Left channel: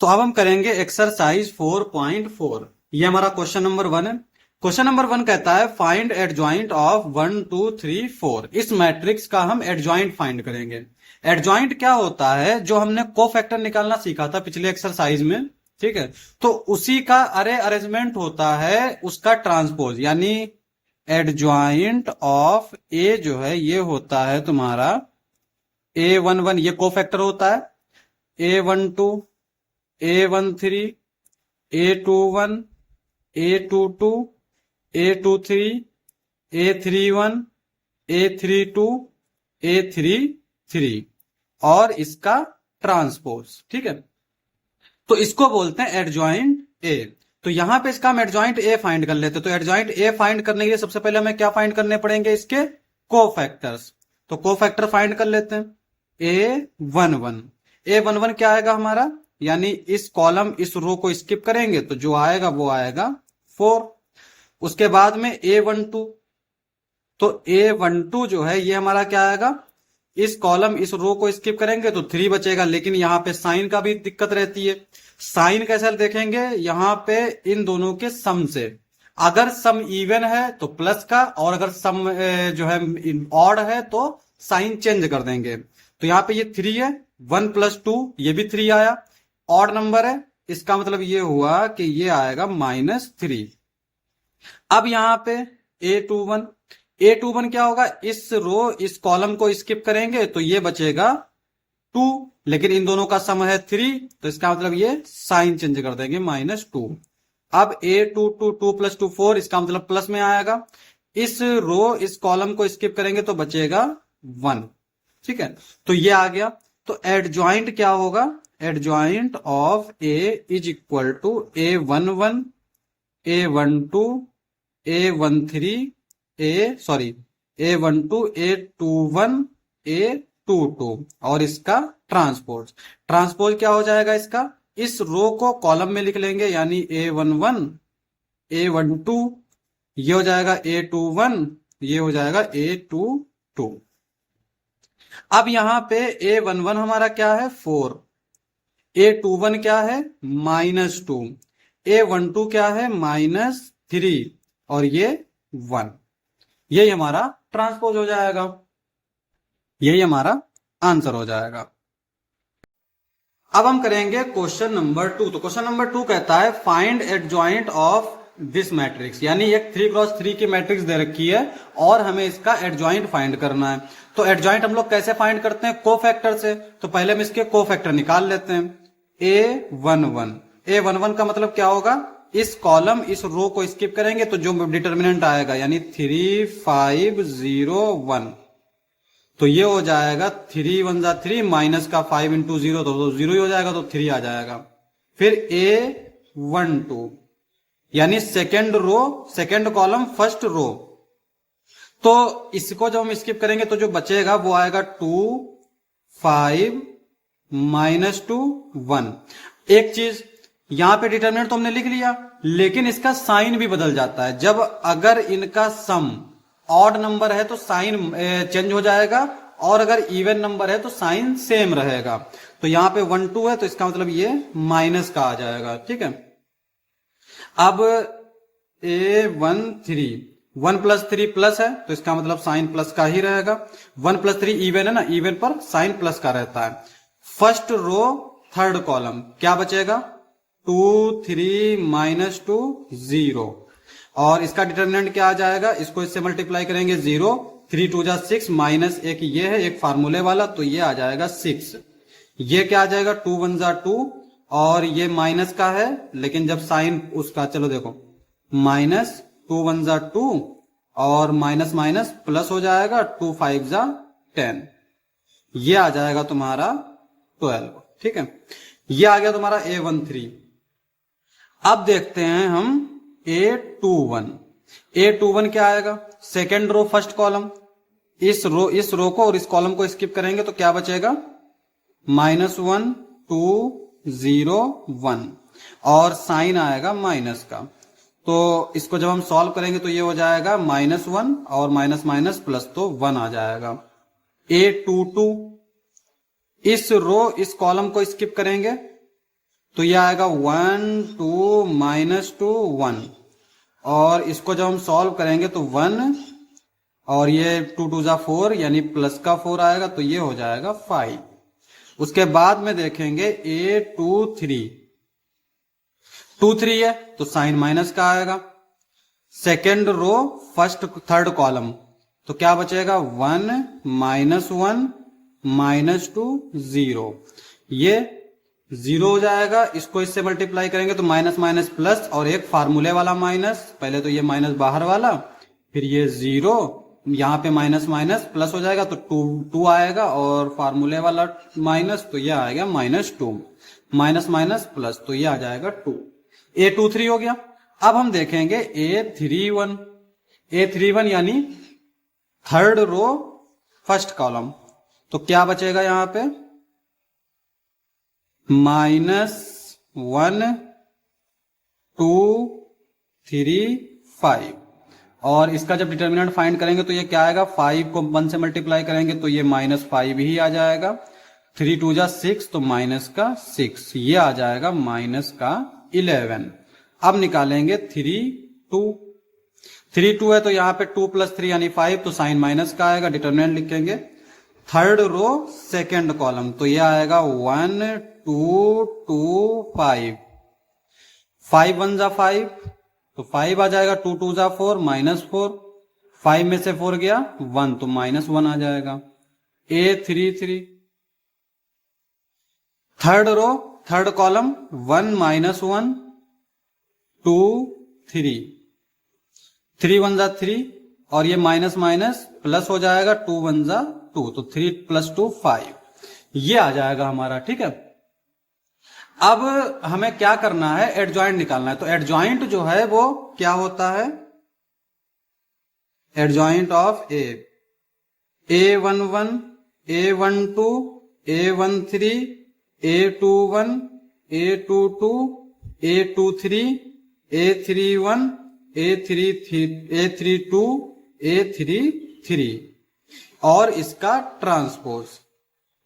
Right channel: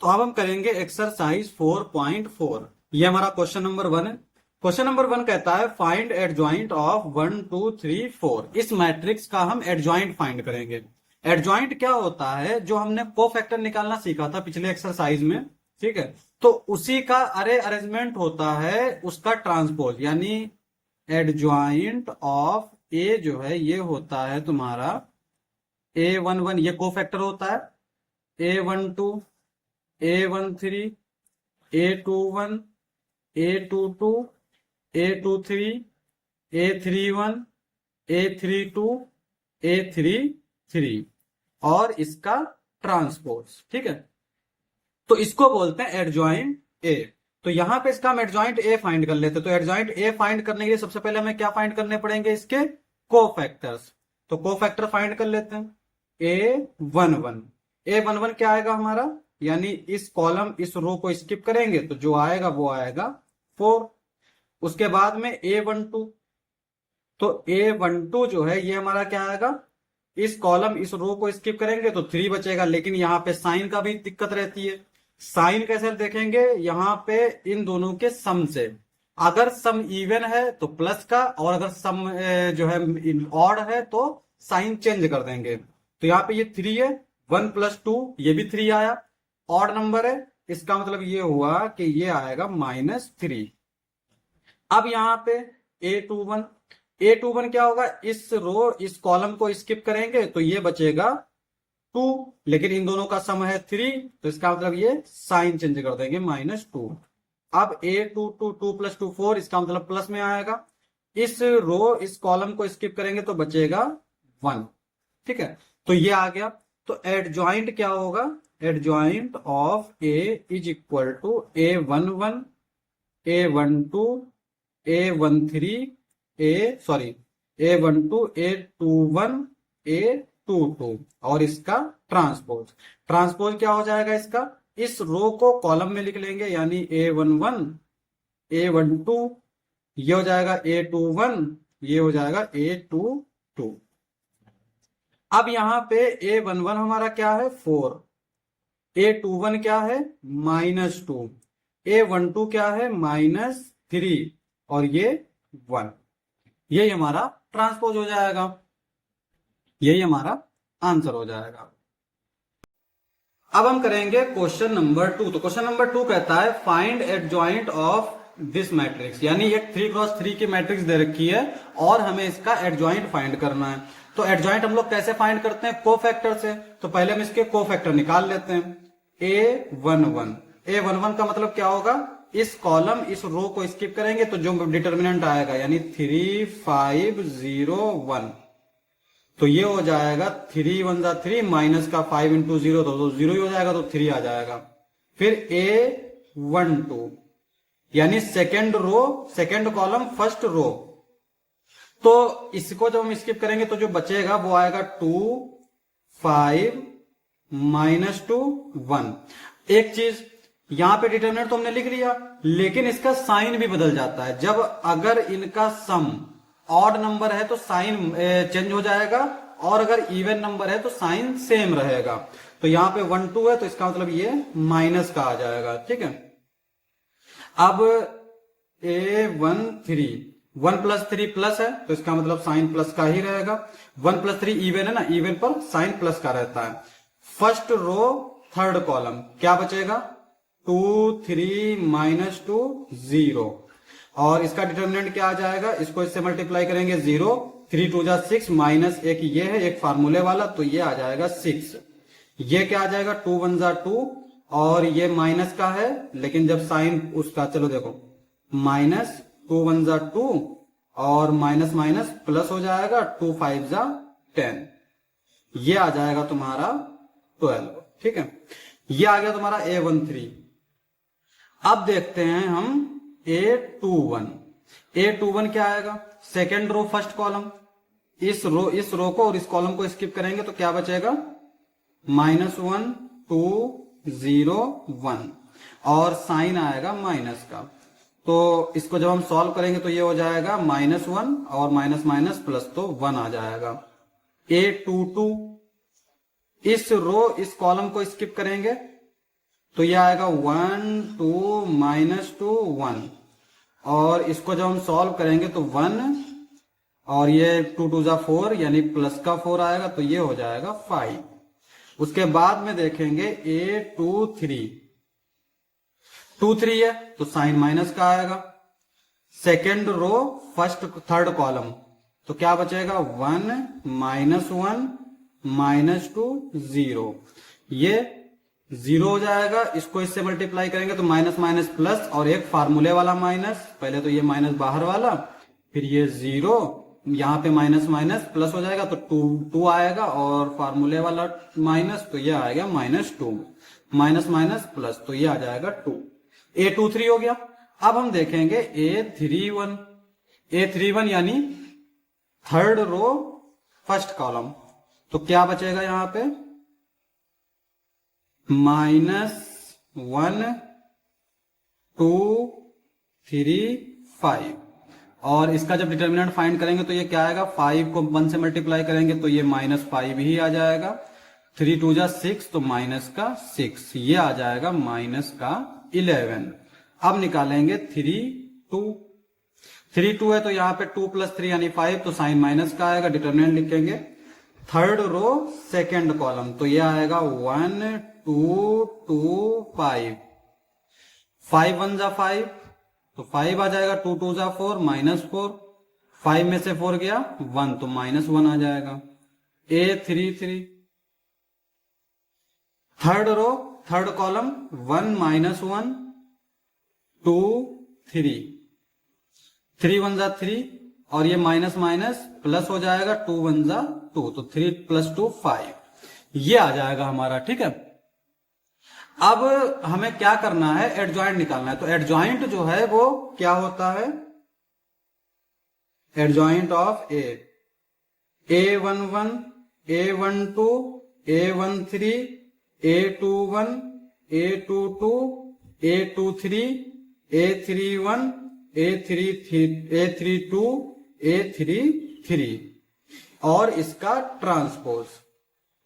तो अब हम करेंगे एक्सरसाइज 4.4। ये हमारा क्वेश्चन नंबर 1 है। क्वेश्चन नंबर 1 कहता है फाइंड एडजॉइंट ऑफ 1 2 3 4। इस मैट्रिक्स का हम एडजॉइंट फाइंड करेंगे। एडजॉइंट क्या होता है, जो हमने कोफैक्टर निकालना सीखा था पिछले एक्सरसाइज में, ठीक है। तो उसी का अरे अरेंजमेंट होता है उसका ट्रांसपोज, यानी एडजॉइंट ऑफ ए जो है ये होता है तुम्हारा A11, ये कोफैक्टर होता है A12, A13, A21, A22, A23, A31, A32, A33 और इसका ट्रांसपोज, ठीक है। तो इसको बोलते हैं एडजॉइंट ए। तो यहां पे इसका हम एडजॉइंट ए फाइंड कर लेते हैं। तो एडजॉइंट ए फाइंड करने के लिए सबसे पहले हमें क्या फाइंड करने पड़ेंगे, इसके कोफैक्टर्स। तो कोफैक्टर फाइंड कर लेते हैं। A11 क्या आएगा हमारा, यानी इस कॉलम इस रो को स्किप करेंगे तो जो आएगा वो आएगा 4। उसके बाद में A12, तो A12 जो है ये हमारा क्या आएगा, इस कॉलम इस रो को स्किप करेंगे तो 3 बचेगा। लेकिन यहाँ पे साइन का भी दिक्कत रहती है। साइन कैसे देखेंगे, यहाँ पे इन दोनों के सम से। अगर सम इवन है तो प्लस का, और अगर सम जो है ऑड है तो साइन चेंज कर देंगे। तो यहाँ पे ये 3 है, 1 + 2 ये भी 3 आया। ऑड नंबर है, इसका मतलब ये हुआ कि ये आएगा -3। अब यहाँ पे A21 क्या होगा, इस रो इस कॉलम को स्किप करेंगे तो ये बचेगा 2, लेकिन इन दोनों का सम है 3, तो इसका मतलब ये साइन चेंज कर देंगे -2। अब A22 2 + 2 4, इसका मतलब प्लस में आएगा। इस रो इस कॉलम को स्किप करेंगे तो बचेगा 1, ठीक है। तो ये आ गया। तो एडजॉइंट क्या होगा, adjoint of A is equal to A11, A12, A13, A12, A21, A22 और इसका ट्रांसपोज। ट्रांसपोज क्या हो जाएगा इसका, इस रो को कॉलम में लिख लेंगे, यानी A11, A12 ये हो जाएगा A21, ये हो जाएगा A22। अब यहां पे A11 हमारा क्या है 4, A21 क्या है -2, A12 क्या है -3 और ये 1। यही हमारा ट्रांसपोज हो जाएगा, यही हमारा आंसर हो जाएगा। अब हम करेंगे क्वेश्चन नंबर 2। तो क्वेश्चन नंबर 2 कहता है find adjoint of this matrix, यानी एक 3x3 की मैट्रिक्स दे रखी है और हमें इसका एडजॉइंट फाइंड करना है। तो एडजॉइंट हम लोग कैसे फाइंड करते हैं, कोफैक्टर से। तो पहले हम इसके कोफैक्टर निकाल लेते हैं। A11 का मतलब क्या होगा, इस कॉलम इस रो को स्किप करेंगे तो जो डिटर्मिनेंट आएगा, यानी 3 5 0 1, तो ये हो जाएगा 3 1 जा 3 माइनस का 5 × 0 तो 0 ही हो जाएगा, तो 3 आ जाएगा। फिर A12 यानी second row second column first row, तो इसको जब हम स्किप करेंगे तो जो बचेगा वो आएगा 2 5 -2 1। एक चीज, यहां पे डिटरमिनेंट तो हमने लिख लिया, लेकिन इसका साइन भी बदल जाता है। जब अगर इनका सम ऑड नंबर है तो साइन चेंज हो जाएगा, और अगर इवन नंबर है तो साइन सेम रहेगा। तो यहां पे 1 2 है तो इसका मतलब ये माइनस का आ जाएगा, ठीक है। अब A13 1 + 3 प्लस है तो इसका मतलब साइन प्लस का ही रहेगा। 1 + 3 इवन है ना, इवन पर साइन प्लस का रहता है। फर्स्ट रो थर्ड कॉलम क्या बचेगा, 2 3 -2 0, और इसका डिटरमिनेंट क्या आ जाएगा, इसको इससे मल्टीप्लाई करेंगे 0 3 2 जा 6 माइनस एक ये है एक फार्मूले वाला, तो ये आ जाएगा 6। ये क्या आ जाएगा 2 1 जा 2, और ये माइनस का है, लेकिन जब साइन उसका, चलो देखो, -2 1 जा 2 और माइनस माइनस प्लस हो जाएगा 2 5 जा 10, ये आ जाएगा तुम्हारा 12, ठीक है। ये आ गया तुम्हारा A13। अब देखते हैं हम A21 क्या आएगा, सेकेंड रो फर्स्ट कॉलम, इस रो को और इस कॉलम को स्किप करेंगे तो क्या बचेगा, -1 2 0 1, और साइन आएगा माइनस का। तो इसको जब हम सॉल्व करेंगे तो ये हो जाएगा -1 और माइनस माइनस प्लस, तो 1 आ जाएगा। A22 इस रो इस कॉलम को स्किप करेंगे तो ये आएगा 1 2 -2 1, और इसको जब हम सॉल्व करेंगे तो 1 और ये 2 2 जा 4 यानी प्लस का 4 आएगा, तो ये हो जाएगा 5। उसके बाद में देखेंगे A23 2 3 है तो साइन माइनस का आएगा। Second row first third column, तो क्या बचेगा 1 -1 -2 0, ये 0 हो जाएगा। इसको इससे मल्टीप्लाई करेंगे तो माइनस माइनस प्लस, और एक फार्मूले वाला माइनस, पहले तो ये माइनस बाहर वाला, फिर ये 0, यहाँ पे माइनस माइनस प्लस हो जाएगा तो 2 आएगा, और फार्मूले वाला माइनस, तो ये आएगा -2, माइनस माइनस प्लस, तो ये आ जाएगा 2। A23 हो गया। अब हम देखेंगे A31 यानी थर्ड रो फर्स्ट कॉलम, तो क्या बचेगा यहां पे -1 2 3 5, और इसका जब डिटर्मिनेंट फाइंड करेंगे तो ये क्या आएगा, 5 को 1 से मल्टीप्लाई करेंगे तो ये -5 ही आ जाएगा, 3 2 जा 6 तो माइनस का 6, ये आ जाएगा माइनस का 11। अब निकालेंगे 3 2 है तो यहाँ पे 2 + 3 यानी 5, तो साइन माइनस का आएगा, डिटर्मिनेंट लिखेंगे थर्ड रो सेकेंड कॉलम, तो ये आएगा 1 2 2 5, 5 1 जा 5 तो 5 आ जाएगा, 2 2 जा 4 -4, 5 में से 4 गया 1 तो -1 आ जाएगा। A33 third row third column 1 -1 2 3, 3 1 जा 3, और ये माइनस माइनस प्लस हो जाएगा, 2 1 जा 2, तो 3 + 2 5, ये आ जाएगा हमारा। ठीक है, अब हमें क्या करना है, एडजॉइंट निकालना है। तो एडजॉइंट जो है वो क्या होता है, adjoint of A11 A12 A13 A21 A22 A23 A31 A32 A33 और इसका ट्रांसपोज।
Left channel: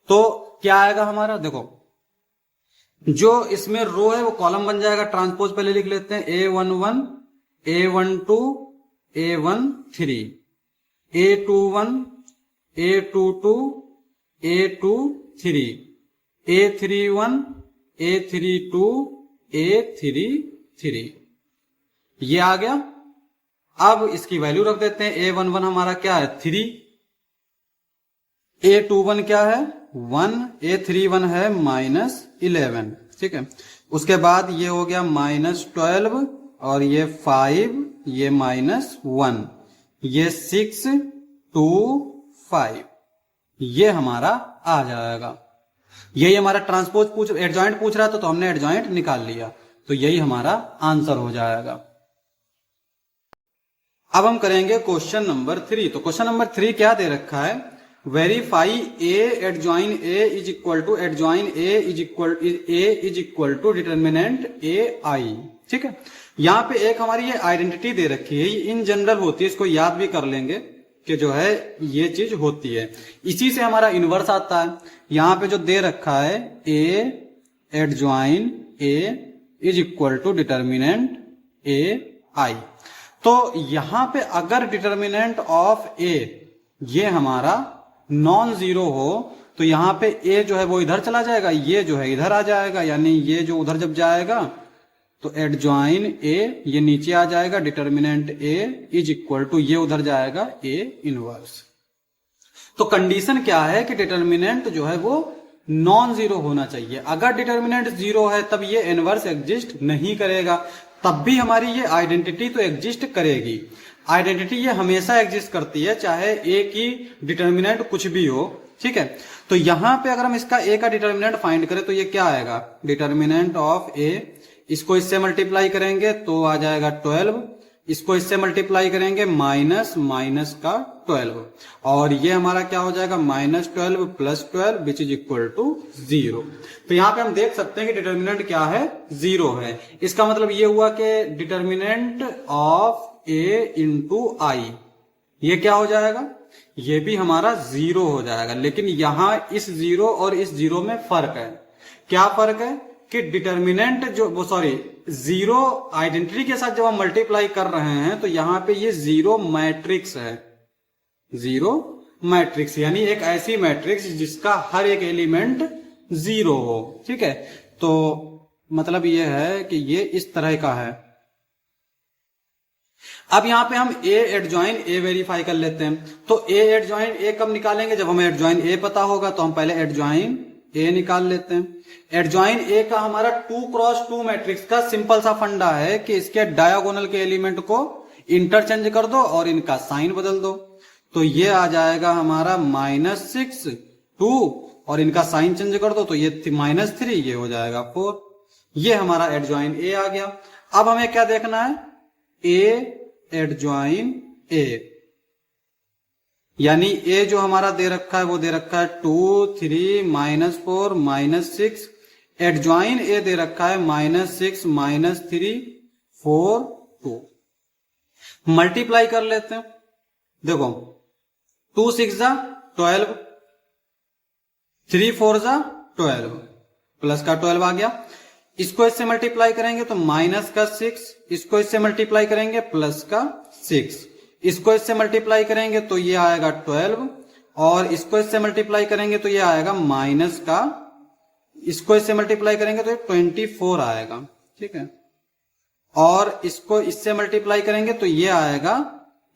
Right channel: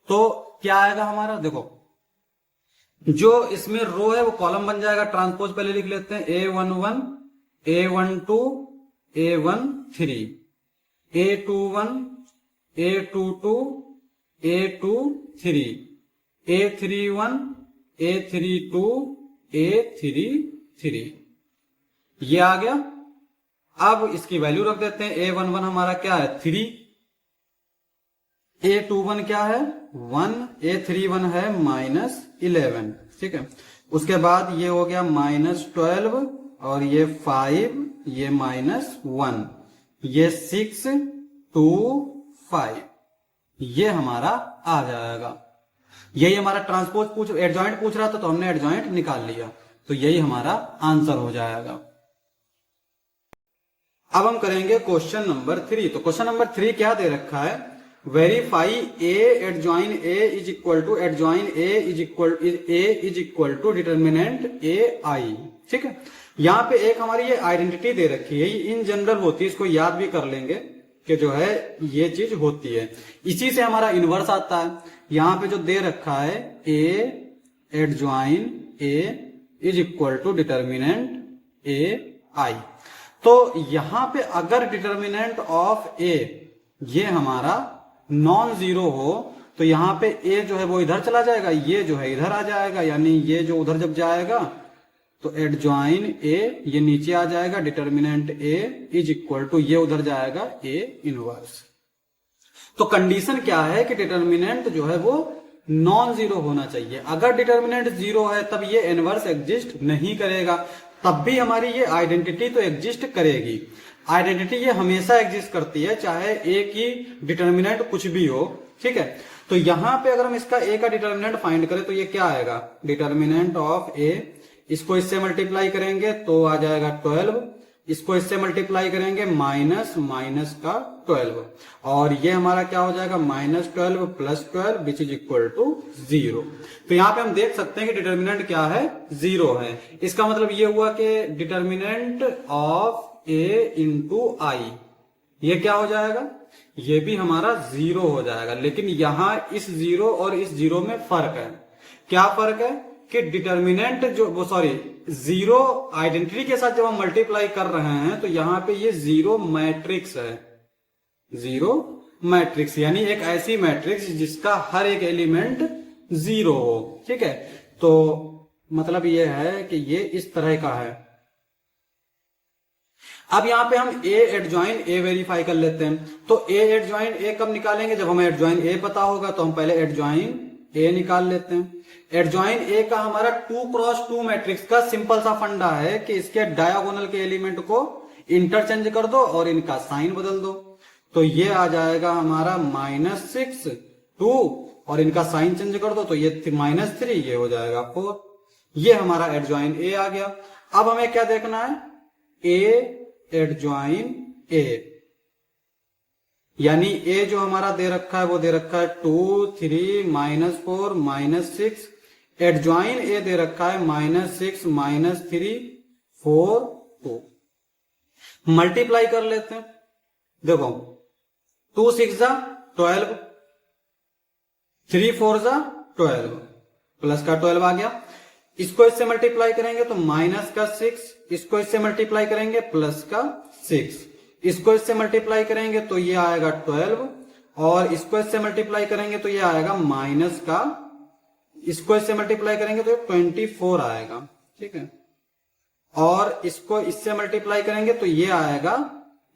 तो क्या आएगा हमारा, देखो जो इसमें रो है वो कॉलम बन जाएगा, ट्रांसपोज पहले लिख लेते हैं, A11 A12 A13 A21 A22 A23 A31 A32 A33, ये आ गया। अब इसकी वैल्यू रख देते हैं, A11 हमारा क्या है 3, A21 क्या है 1, A31 है -11। ठीक है, उसके बाद ये हो गया -12 और ये 5, ये -1, ये 6 2 5, ये हमारा आ जाएगा। यही हमारा ट्रांसपोज एडजॉइंट पूछ रहा था तो हमने एडजॉइंट निकाल लिया, तो यही हमारा आंसर हो जाएगा। अब हम करेंगे क्वेश्चन नंबर 3। तो क्वेश्चन नंबर 3 क्या दे रखा है, verify A adjoin A is equal to adjoin A is equal to determinant AI। ठीक है, यहाँ पे एक हमारी ये आइडेंटिटी दे रखी है, ये इन जनरल होती है, इसको याद भी कर लेंगे कि जो है ये चीज होती है, इसी से हमारा इनवर्स आता है। यहाँ पे जो दे रखा है A adjoin A is equal to determinant AI, तो यहां पे अगर डिटर्मिनेंट ऑफ A ये हमारा नॉन जीरो हो तो यहां पे A जो है वो इधर चला जाएगा, ये जो है इधर आ जाएगा, यानी ये जो उधर जब जाएगा तो एडजॉइन A ये नीचे आ जाएगा, determinant A is equal to ये उधर जाएगा A इनवर्स। तो कंडीशन क्या है कि डिटर्मिनेंट जो है वो नॉन जीरो होना चाहिए। अगर डिटर्मिनेंट जीरो है तब ये इनवर्स एग्जिस्ट नहीं करेगा, तब भी हमारी ये आइडेंटिटी तो एग्जिस्ट करेगी। आइडेंटिटी ये हमेशा एग्जिस्ट करती है, चाहे A की डिटर्मिनेंट कुछ भी हो। ठीक है, तो यहां पे अगर हम इसका A का डिटर्मिनेंट फाइंड करें तो ये क्या आएगा, डिटर्मिनेंट ऑफ A, इसको इससे मल्टीप्लाई करेंगे तो आ जाएगा 12, इसको इससे मल्टीप्लाई करेंगे माइनस माइनस का 12, और ये हमारा क्या हो जाएगा -12 + 12 विच इज इक्वल टू 0। तो यहां पे हम देख सकते हैं कि डिटर्मिनेंट क्या है 0 है। इसका मतलब ये हुआ कि determinant of A into I ये क्या हो जाएगा, ये भी हमारा 0 हो जाएगा। लेकिन यहां इस 0 और इस 0 में फर्क है। क्या फर्क है कि डिटर्मिनेंट जो वो सॉरी जीरो आइडेंटिटी के साथ जब हम मल्टीप्लाई कर रहे हैं तो यहां पे ये जीरो मैट्रिक्स है, जीरो मैट्रिक्स यानी एक ऐसी मैट्रिक्स जिसका हर एक एलिमेंट जीरो हो। ठीक है, तो मतलब ये है कि ये इस तरह का है। अब यहां पे हम ए एडजॉइन ए वेरीफाई कर लेते हैं। तो ए एडजॉइन ए कब निकालेंगे? जब हमें एडजॉइन ए पता होगा। तो हम पहले एडजॉइन ए निकाल लेते हैं। एडजॉइन ए का हमारा 2x2 मैट्रिक्स का सिंपल सा फंडा है कि इसके डायगोनल के एलिमेंट को इंटरचेंज कर दो और इनका साइन बदल दो। तो ये आ जाएगा हमारा -6 2 और इनका साइन चेंज कर दो तो ये -3, ये हो जाएगा 4। ये हमारा एडजॉइन ए आ गया। अब हमें क्या देखना है? ए एडजॉइन ए, यानी ए जो हमारा दे रखा है वो दे रखा है 2 3 -4 -6। एडजॉइन ए दे रखा है -6 -3 4 2। मल्टीप्लाई कर लेते हैं। देखो 2 6 जा 12, 3 4 जा 12, प्लस का 12 आ गया। इसको इससे मल्टीप्लाई करेंगे तो माइनस का 6, इसको इससे मल्टीप्लाई करेंगे प्लस का 6, इसको इससे मल्टीप्लाई करेंगे तो ये आएगा 12 और इसको इससे मल्टीप्लाई करेंगे तो ये आएगा माइनस का, इसको इससे मल्टीप्लाई करेंगे तो 24 आएगा। ठीक है, और इसको इससे मल्टीप्लाई करेंगे तो ये आएगा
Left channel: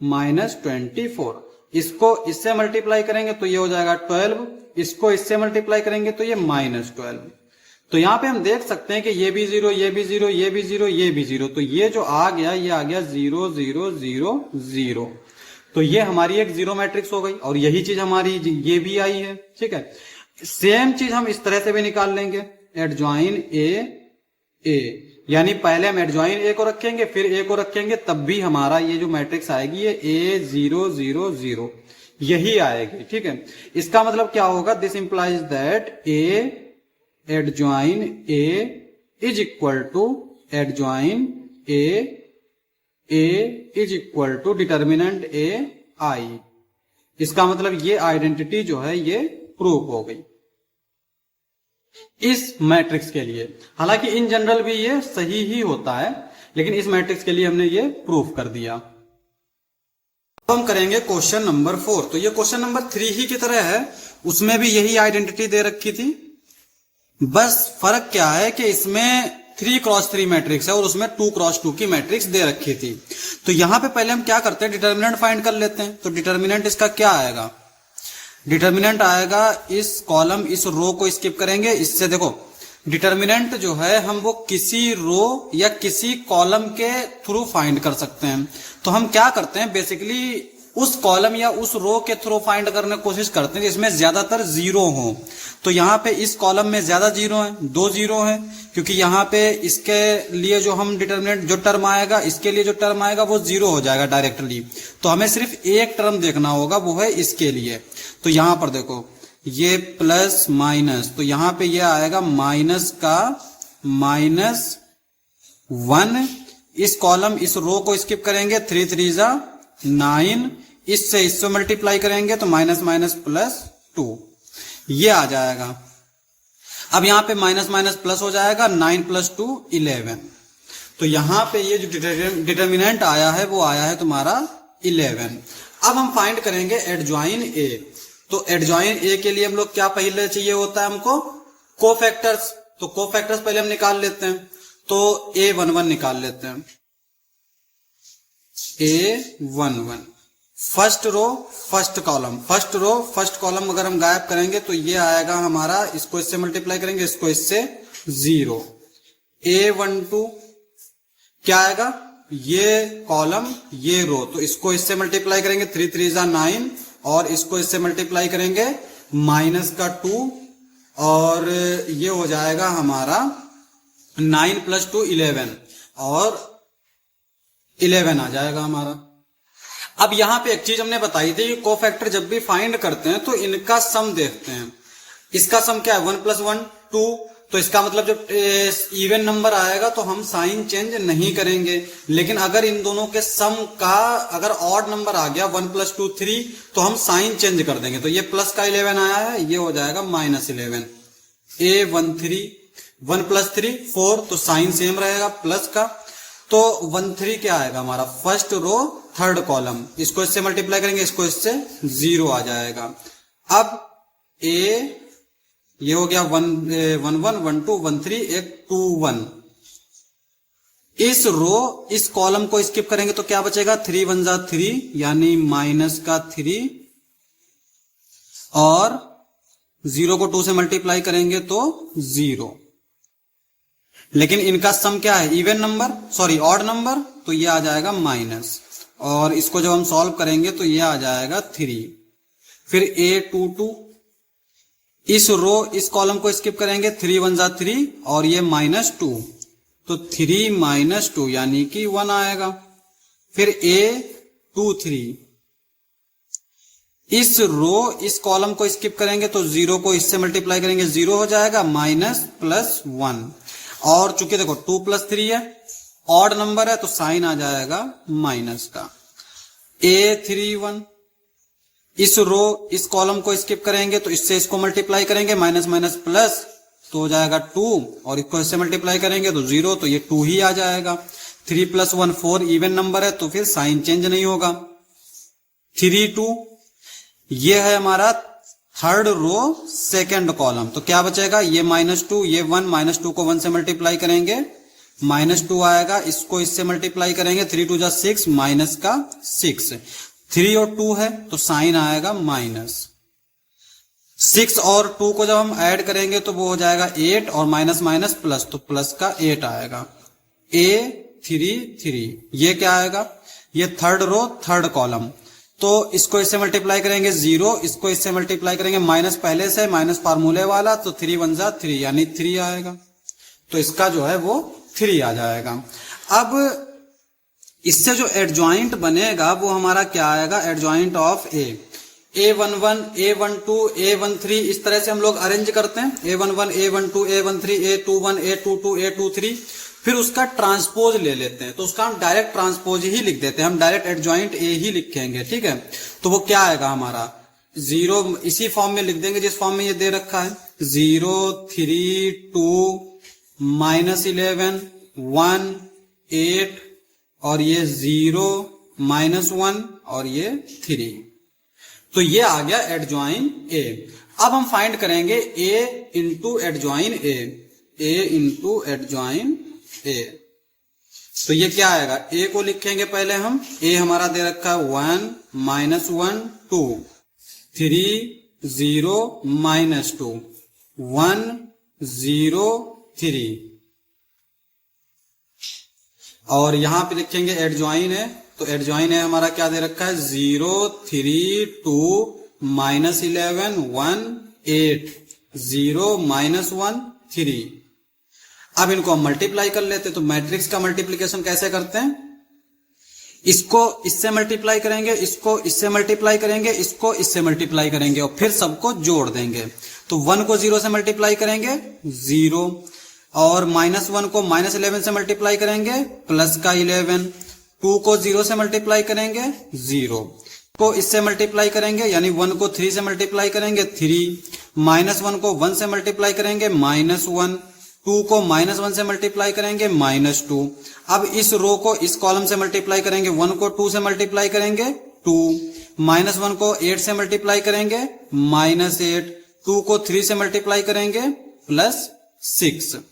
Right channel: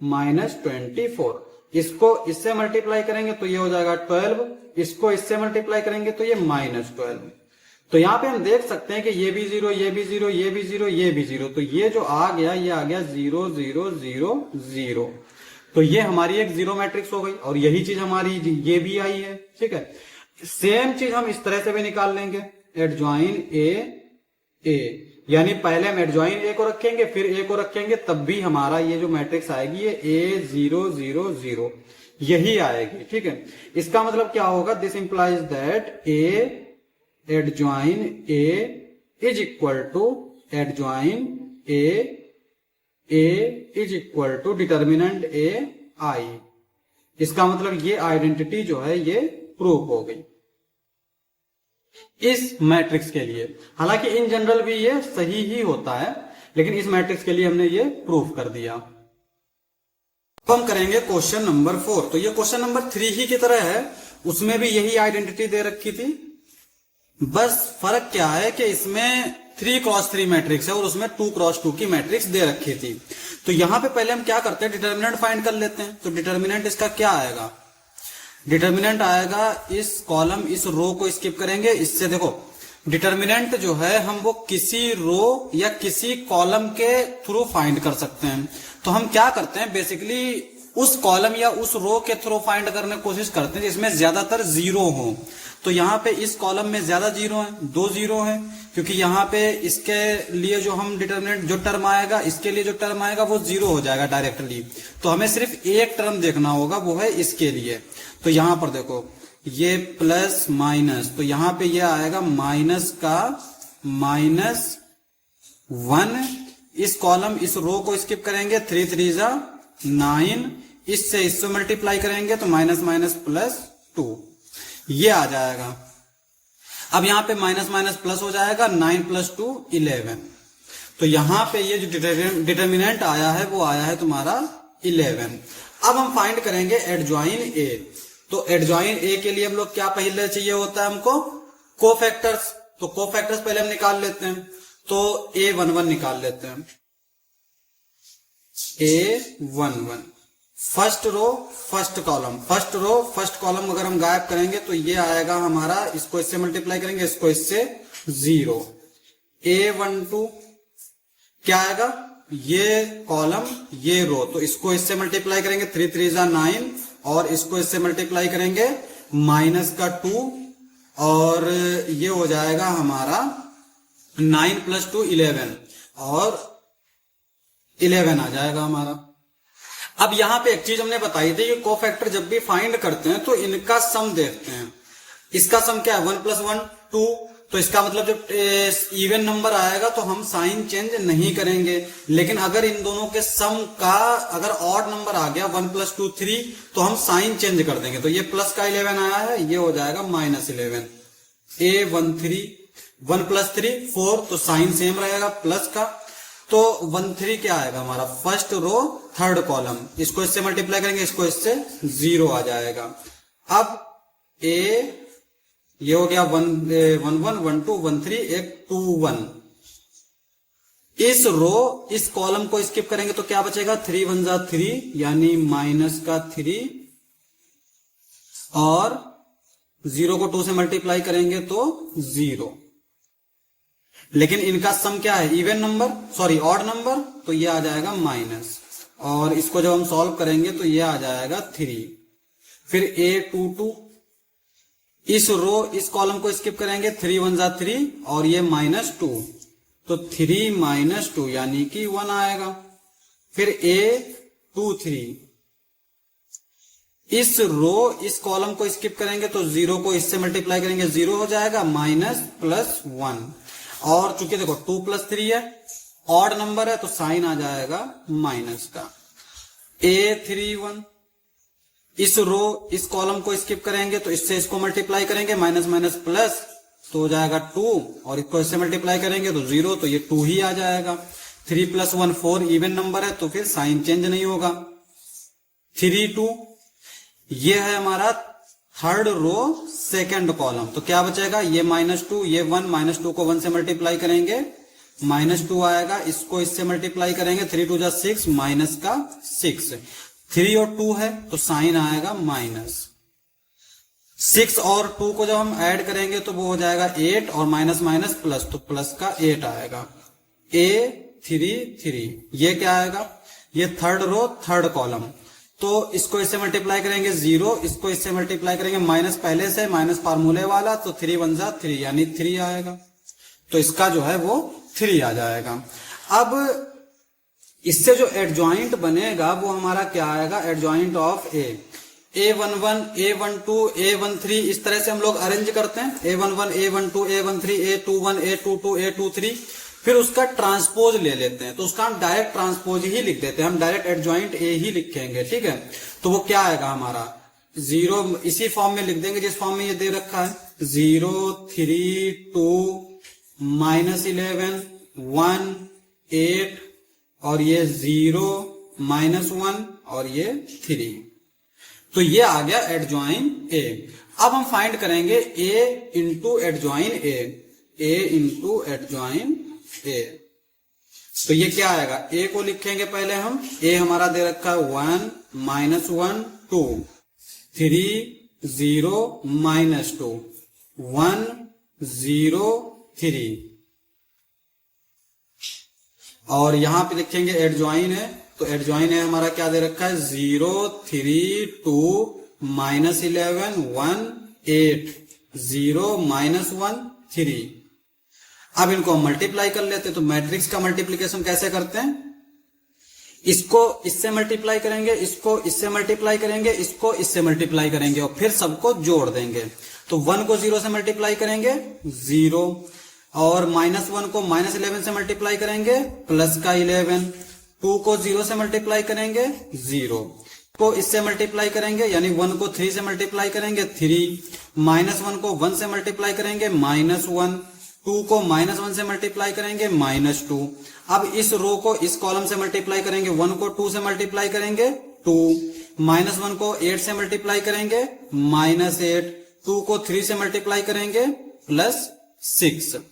-24, इसको इससे मल्टीप्लाई करेंगे तो ये हो जाएगा 12, इसको इससे मल्टीप्लाई करेंगे तो ये -12। तो यहां पे हम देख सकते हैं कि ये भी 0, ये भी 0, ये भी 0, ये भी 0। तो ये जो आ गया ये आ गया 0 0 0 0। तो ये हमारी एक जीरो मैट्रिक्स हो गई और यही चीज हमारी ये भी आई है। ठीक है, सेम चीज हम इस तरह से भी निकाल लेंगे। एडजॉइन ए ए, यानी पहले हम एडजॉइन ए को रखेंगे फिर ए को रखेंगे, तब भी हमारा ये जो मैट्रिक्स आएगी ये A 0 0 0 यही आएगी। ठीक है, इसका मतलब क्या होगा? This implies that A adjoint A is equal to adjoint A is equal to determinant A I. इसका मतलब ये आइडेंटिटी जो है ये प्रूव हो गई इस मैट्रिक्स के लिए। हालांकि इन जनरल भी ये सही ही होता है, लेकिन इस मैट्रिक्स के लिए हमने ये प्रूव कर दिया। तो हम करेंगे क्वेश्चन नंबर 4। तो ये क्वेश्चन नंबर 3 ही की तरह है, उसमें भी यही आइडेंटिटी दे रखी थी। बस फर्क क्या है कि इसमें 3x3 मैट्रिक्स है और उसमें 2x2 की मैट्रिक्स दे रखी थी। तो यहां पे पहले हम क्या करते हैं? डिटर्मिनेंट फाइंड कर लेते हैं। तो डिटर्मिनेंट इसका क्या आएगा? डिटर्मिनेंट आएगा इस कॉलम, इस रो को स्किप करेंगे। इससे देखो डिटर्मिनेंट जो है हम वो किसी रो या किसी कॉलम के थ्रू फाइंड कर सकते हैं। तो हम क्या करते हैं? बेसिकली उस कॉलम या उस रो के थ्रू फाइंड करने की कोशिश करते हैं जिसमें ज्यादातर जीरो हो। तो यहाँ पे इस कॉलम में ज्यादा जीरो है, 2 जीरो है, क्योंकि यहाँ पे इसके लिए जो हम डिटर्मिनेंट जो टर्म आएगा, इसके लिए जो टर्म आएगा वो 0 हो जाएगा डायरेक्टली। तो हमें सिर्फ एक टर्म देखना होगा, वो है इसके लिए। तो यहां पर देखो ये प्लस माइनस, तो यहां पे ये आएगा माइनस का -1। इस कॉलम इस रो को स्किप करेंगे, 3 3 जा 9, इससे मल्टीप्लाई करेंगे तो माइनस माइनस प्लस 2, ये आ जाएगा। अब यहां पे माइनस माइनस प्लस हो जाएगा, 9 + 2 11। तो यहां पे ये जो डिटर्मिनेंट आया है वो आया है तुम्हारा 11। अब हम फाइंड करेंगे एडजॉइन ए। तो एडजॉइन ए के लिए हम लोग क्या पहले चाहिए होता है हमको? कोफैक्टर्स। तो कोफैक्टर्स पहले हम निकाल लेते हैं। तो A11 निकाल लेते हैं। A11 first row first column, first row first column अगर हम गायब करेंगे तो ये आएगा हमारा, इसको इससे मल्टीप्लाई करेंगे, इसको इससे 0। A12 क्या आएगा? ये कॉलम ये रो, तो इसको इससे मल्टीप्लाई करेंगे, 3 3 जा 9 और इसको इससे मल्टीप्लाई करेंगे माइनस का 2 और ये हो जाएगा हमारा 9 + 2 11 और 11 आ जाएगा हमारा। अब यहां पे एक चीज हमने बताई थी कि कोफैक्टर जब भी फाइंड करते हैं तो इनका सम देखते हैं। इसका सम क्या है? 1 + 1 2। तो इसका मतलब जब इवन नंबर आएगा तो हम साइन चेंज नहीं करेंगे, लेकिन अगर इन दोनों के सम का अगर ऑड नंबर आ गया 1 + 2 3 तो हम साइन चेंज कर देंगे। तो ये प्लस का 11 आया है, ये हो जाएगा -11। A13 1 + 3 4, तो साइन सेम रहेगा प्लस का। तो 1 3 क्या आएगा हमारा, फर्स्ट रो थर्ड कॉलम, इसको इससे मल्टीप्लाई करेंगे, इसको इससे 0 आ जाएगा। अब ए ये हो गया 1 1 1 2 1 3, एक 2 1। इस रो इस कॉलम को स्किप करेंगे तो क्या बचेगा, 3 1 जा 3 यानी -3, और 0 को 2 से मल्टीप्लाई करेंगे तो 0। लेकिन इनका सम क्या है, even number, sorry odd number, तो ये आ जाएगा माइनस। और इसको जब हम सॉल्व करेंगे तो ये आ जाएगा 3। फिर A 2 2, इस रो इस कॉलम को स्किप करेंगे, 3 1 जा 3 और ये -2, तो 3 - 2 यानी कि 1 आएगा। फिर A 2 3, इस रो इस कॉलम को स्किप करेंगे तो 0 को इससे मल्टीप्लाई करेंगे, 0 हो जाएगा, माइनस प्लस 1। और चूंकि देखो 2 + 3 है, ऑड नंबर है, तो साइन आ जाएगा माइनस का। A 3 1, इस रो इस कॉलम को स्किप करेंगे तो इससे इसको मल्टीप्लाई करेंगे, माइनस माइनस प्लस, तो हो जाएगा 2, और इसको इससे मल्टीप्लाई करेंगे तो 0, तो ये 2 ही आ जाएगा। 3 + 1 4, इवन नंबर है तो फिर साइन चेंज नहीं होगा। 3 2, ये है हमारा थर्ड रो सेकंड कॉलम, तो क्या बचेगा, ये -2, ये 1, -2 को 1 से मल्टीप्लाई करेंगे, -2 आएगा, इसको इससे मल्टीप्लाई करेंगे, 3 2 जा 6, माइनस का 6, 3 और 2 है तो साइन आएगा माइनस। 6 और 2 को जब हम ऐड करेंगे तो वो हो जाएगा 8, और माइनस माइनस प्लस, तो प्लस का 8 आएगा। A 3 3, ये क्या आएगा, ये थर्ड रो थर्ड कॉलम, तो इसको इससे मल्टीप्लाई करेंगे 0, इसको इससे मल्टीप्लाई करेंगे, माइनस पहले से, माइनस फार्मूले वाला, तो 3 1 जा 3 यानी 3 आएगा। तो इसका जो है वो 3 आ जाएगा। अब इससे जो एडजॉइंट बनेगा वो हमारा क्या आएगा, adjoint of A11 A12 A13, इस तरह से हम लोग अरेंज करते हैं, A11 A12 A13 A21 A22 A23, फिर उसका ट्रांसपोज ले लेते हैं, तो उसका हम डायरेक्ट ट्रांसपोज ही लिख देते हैं, हम डायरेक्ट एडजॉइंट A ही लिखेंगे, ठीक है। तो वो क्या आएगा हमारा, 0 इसी फॉर्म में लिख देंगे जिस फॉर्म में ये दे रखा है, 0 3 2 -11 1 8, और ये 0 -1 और ये 3, तो ये आ गया एडजॉइन A। अब हम फाइंड करेंगे A into adjoin A into adjoin A। तो ये क्या आएगा, A को लिखेंगे पहले हम, A हमारा दे रखा है 1 -1 2 3 0 -2 1 0 3, और यहां पे लिखेंगे एडजॉइन है, तो एडजॉइन है हमारा क्या दे रखा है, 0 3 2 -11 1 8 0 -1 3। अब इनको हम मल्टीप्लाई कर लेते हैं, तो मैट्रिक्स का मल्टीप्लीकेशन कैसे करते हैं, इसको इससे मल्टीप्लाई करेंगे, इसको इससे मल्टीप्लाई करेंगे, इसको इससे मल्टीप्लाई करेंगे, और फिर सबको जोड़ देंगे। तो 1 को 0 से मल्टीप्लाई करेंगे 0, और -1 को -11 से मल्टीप्लाई करेंगे, प्लस का 11, 2 को 0 से मल्टीप्लाई करेंगे 0, को इससे मल्टीप्लाई करेंगे, यानी 1 को 3 से मल्टीप्लाई करेंगे 3, -1 को 1 से मल्टीप्लाई करेंगे -1, 2 को -1 से मल्टीप्लाई करेंगे -2। अब इस रो को इस कॉलम से मल्टीप्लाई करेंगे, 1 को 2 से मल्टीप्लाई करेंगे 2, -1 को 8 से मल्टीप्लाई करेंगे -8, 2 को 3 से मल्टीप्लाई करेंगे +6।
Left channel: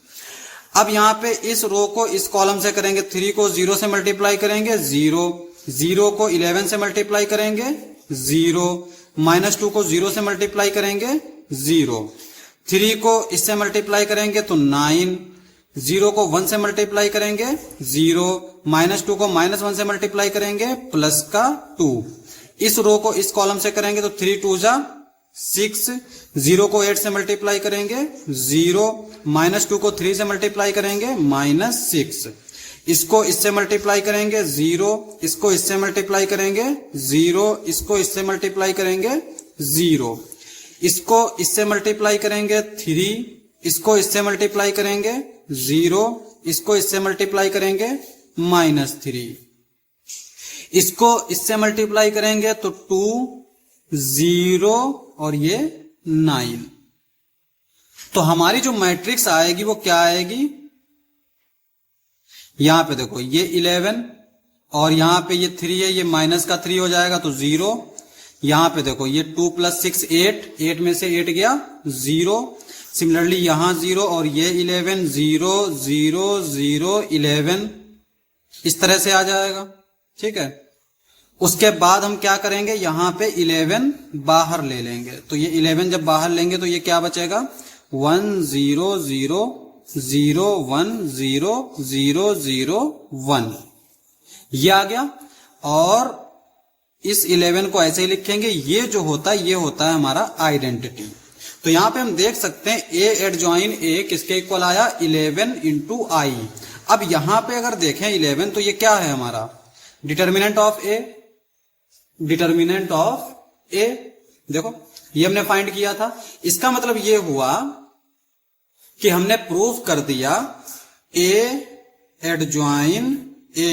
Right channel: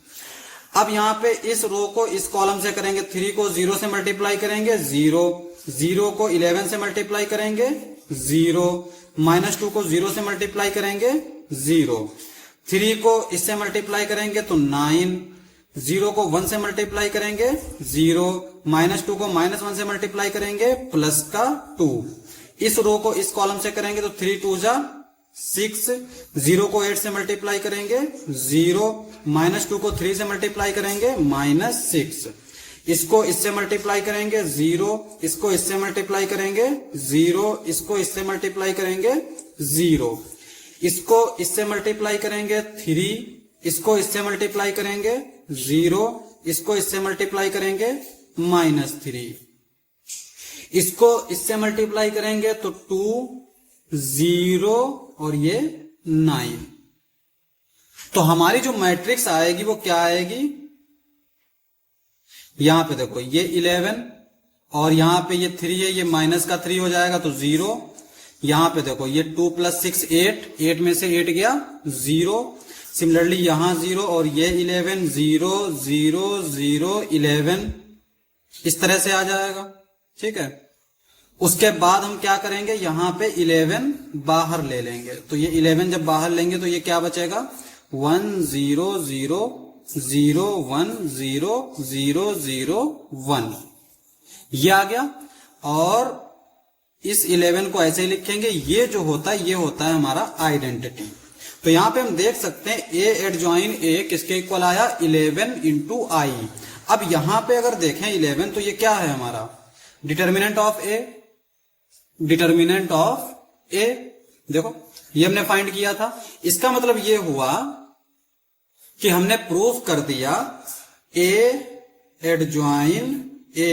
अब यहाँ पे इस रो को इस कॉलम से करेंगे, 3 को 0 से मल्टीप्लाई करेंगे 0, 0 को 11 से मल्टीप्लाई करेंगे 0, -2 को 0 से मल्टीप्लाई करेंगे 0, 3 को इससे मल्टीप्लाई करेंगे तो 9, 0 को 1 से मल्टीप्लाई करेंगे 0, -2 को -1 से मल्टीप्लाई करेंगे प्लस का 2। इस रो को इस कॉलम से करेंगे तो 3 2 जा 6, 0 को 8 से मल्टीप्लाई करेंगे 0, -2 को 3 से मल्टीप्लाई करेंगे -6, इसको इससे मल्टीप्लाई करेंगे 0, इसको इससे मल्टीप्लाई करेंगे 0, इसको इससे मल्टीप्लाई करेंगे 0, इसको इससे मल्टीप्लाई करेंगे 3, इसको इससे मल्टीप्लाई करेंगे 0, इसको इससे मल्टीप्लाई करेंगे -3, इसको इससे मल्टीप्लाई करेंगे तो 2 0 और ये 9। तो हमारी जो मैट्रिक्स आएगी वो क्या आएगी, यहां पे देखो ये 11 और यहां पे ये 3 है, ये माइनस का 3 हो जाएगा तो 0। यहां पे देखो ये 2 + 6 8, 8 में से 8 गया 0। सिमिलरली यहां 0 और ये 11 0 0 0 11 इस तरह से आ जाएगा। ठीक है, उसके बाद हम क्या करेंगे, यहां पे 11 बाहर ले लेंगे, तो ये 11 जब बाहर लेंगे तो ये क्या बचेगा 1 0 0 0 1 0 0 0 1 ये आ गया। और इस 11 को ऐसे ही लिखेंगे, ये जो होता है ये होता है हमारा आइडेंटिटी। तो यहां पे हम देख सकते हैं ए एडजॉइन ए किसके इक्वल आया 11 इंटू आई। अब यहां पे अगर देखें 11 तो ये क्या है हमारा determinant of A, determinant of A देखो ये हमने फाइंड किया था। इसका मतलब ये हुआ कि हमने प्रूफ कर दिया A adjoint A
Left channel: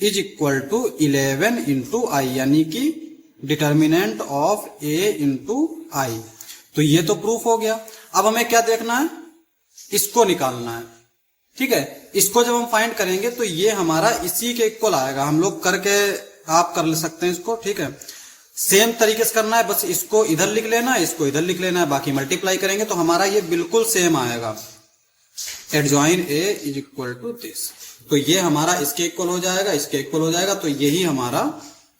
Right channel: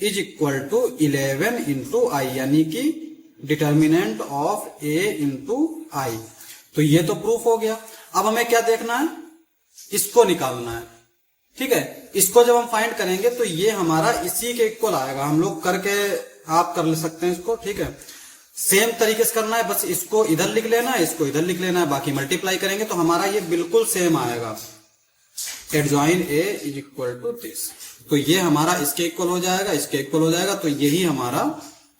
is equal to 11 into I, यानी कि determinant of A into I. तो ये तो प्रूफ हो गया। अब हमें क्या देखना है, इसको निकालना है। ठीक है, इसको जब हम फाइंड करेंगे तो ये हमारा इसी के इक्वल आएगा। हम लोग करके आप कर ले सकते हैं इसको। ठीक है, सेम तरीके से करना है, बस इसको इधर लिख लेना है, इसको इधर लिख लेना है, बाकी मल्टीप्लाई करेंगे तो हमारा ये बिल्कुल सेम आएगा। Adjoin A is equal to this, तो ये हमारा इसके इक्वल हो जाएगा, इसके इक्वल हो जाएगा, तो यही हमारा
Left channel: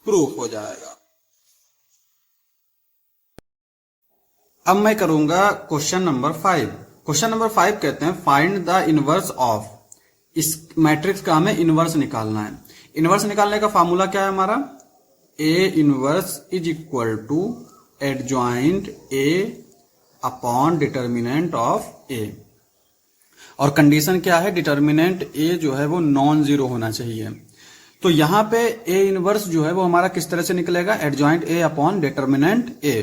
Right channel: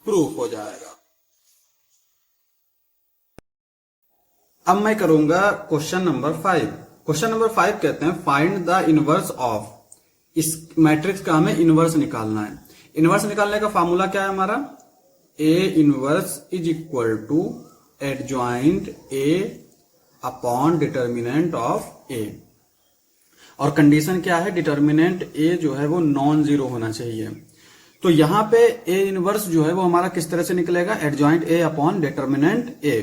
प्रूफ हो जाएगा। अब मैं करूंगा क्वेश्चन नंबर 5। क्वेश्चन नंबर 5 कहते हैं फाइंड द इनवर्स ऑफ, इस मैट्रिक्स का हमें इनवर्स निकालना है। इनवर्स निकालने का फॉर्मूला क्या है हमारा, A inverse is equal to adjoint A upon determinant of A. और कंडीशन क्या है, डिटर्मिनेंट ए जो है वो नॉन जीरो होना चाहिए। तो यहां पे ए इनवर्स जो है वो हमारा किस तरह से निकलेगा, एडजॉइंट ए अपॉन डिटर्मिनेंट ए।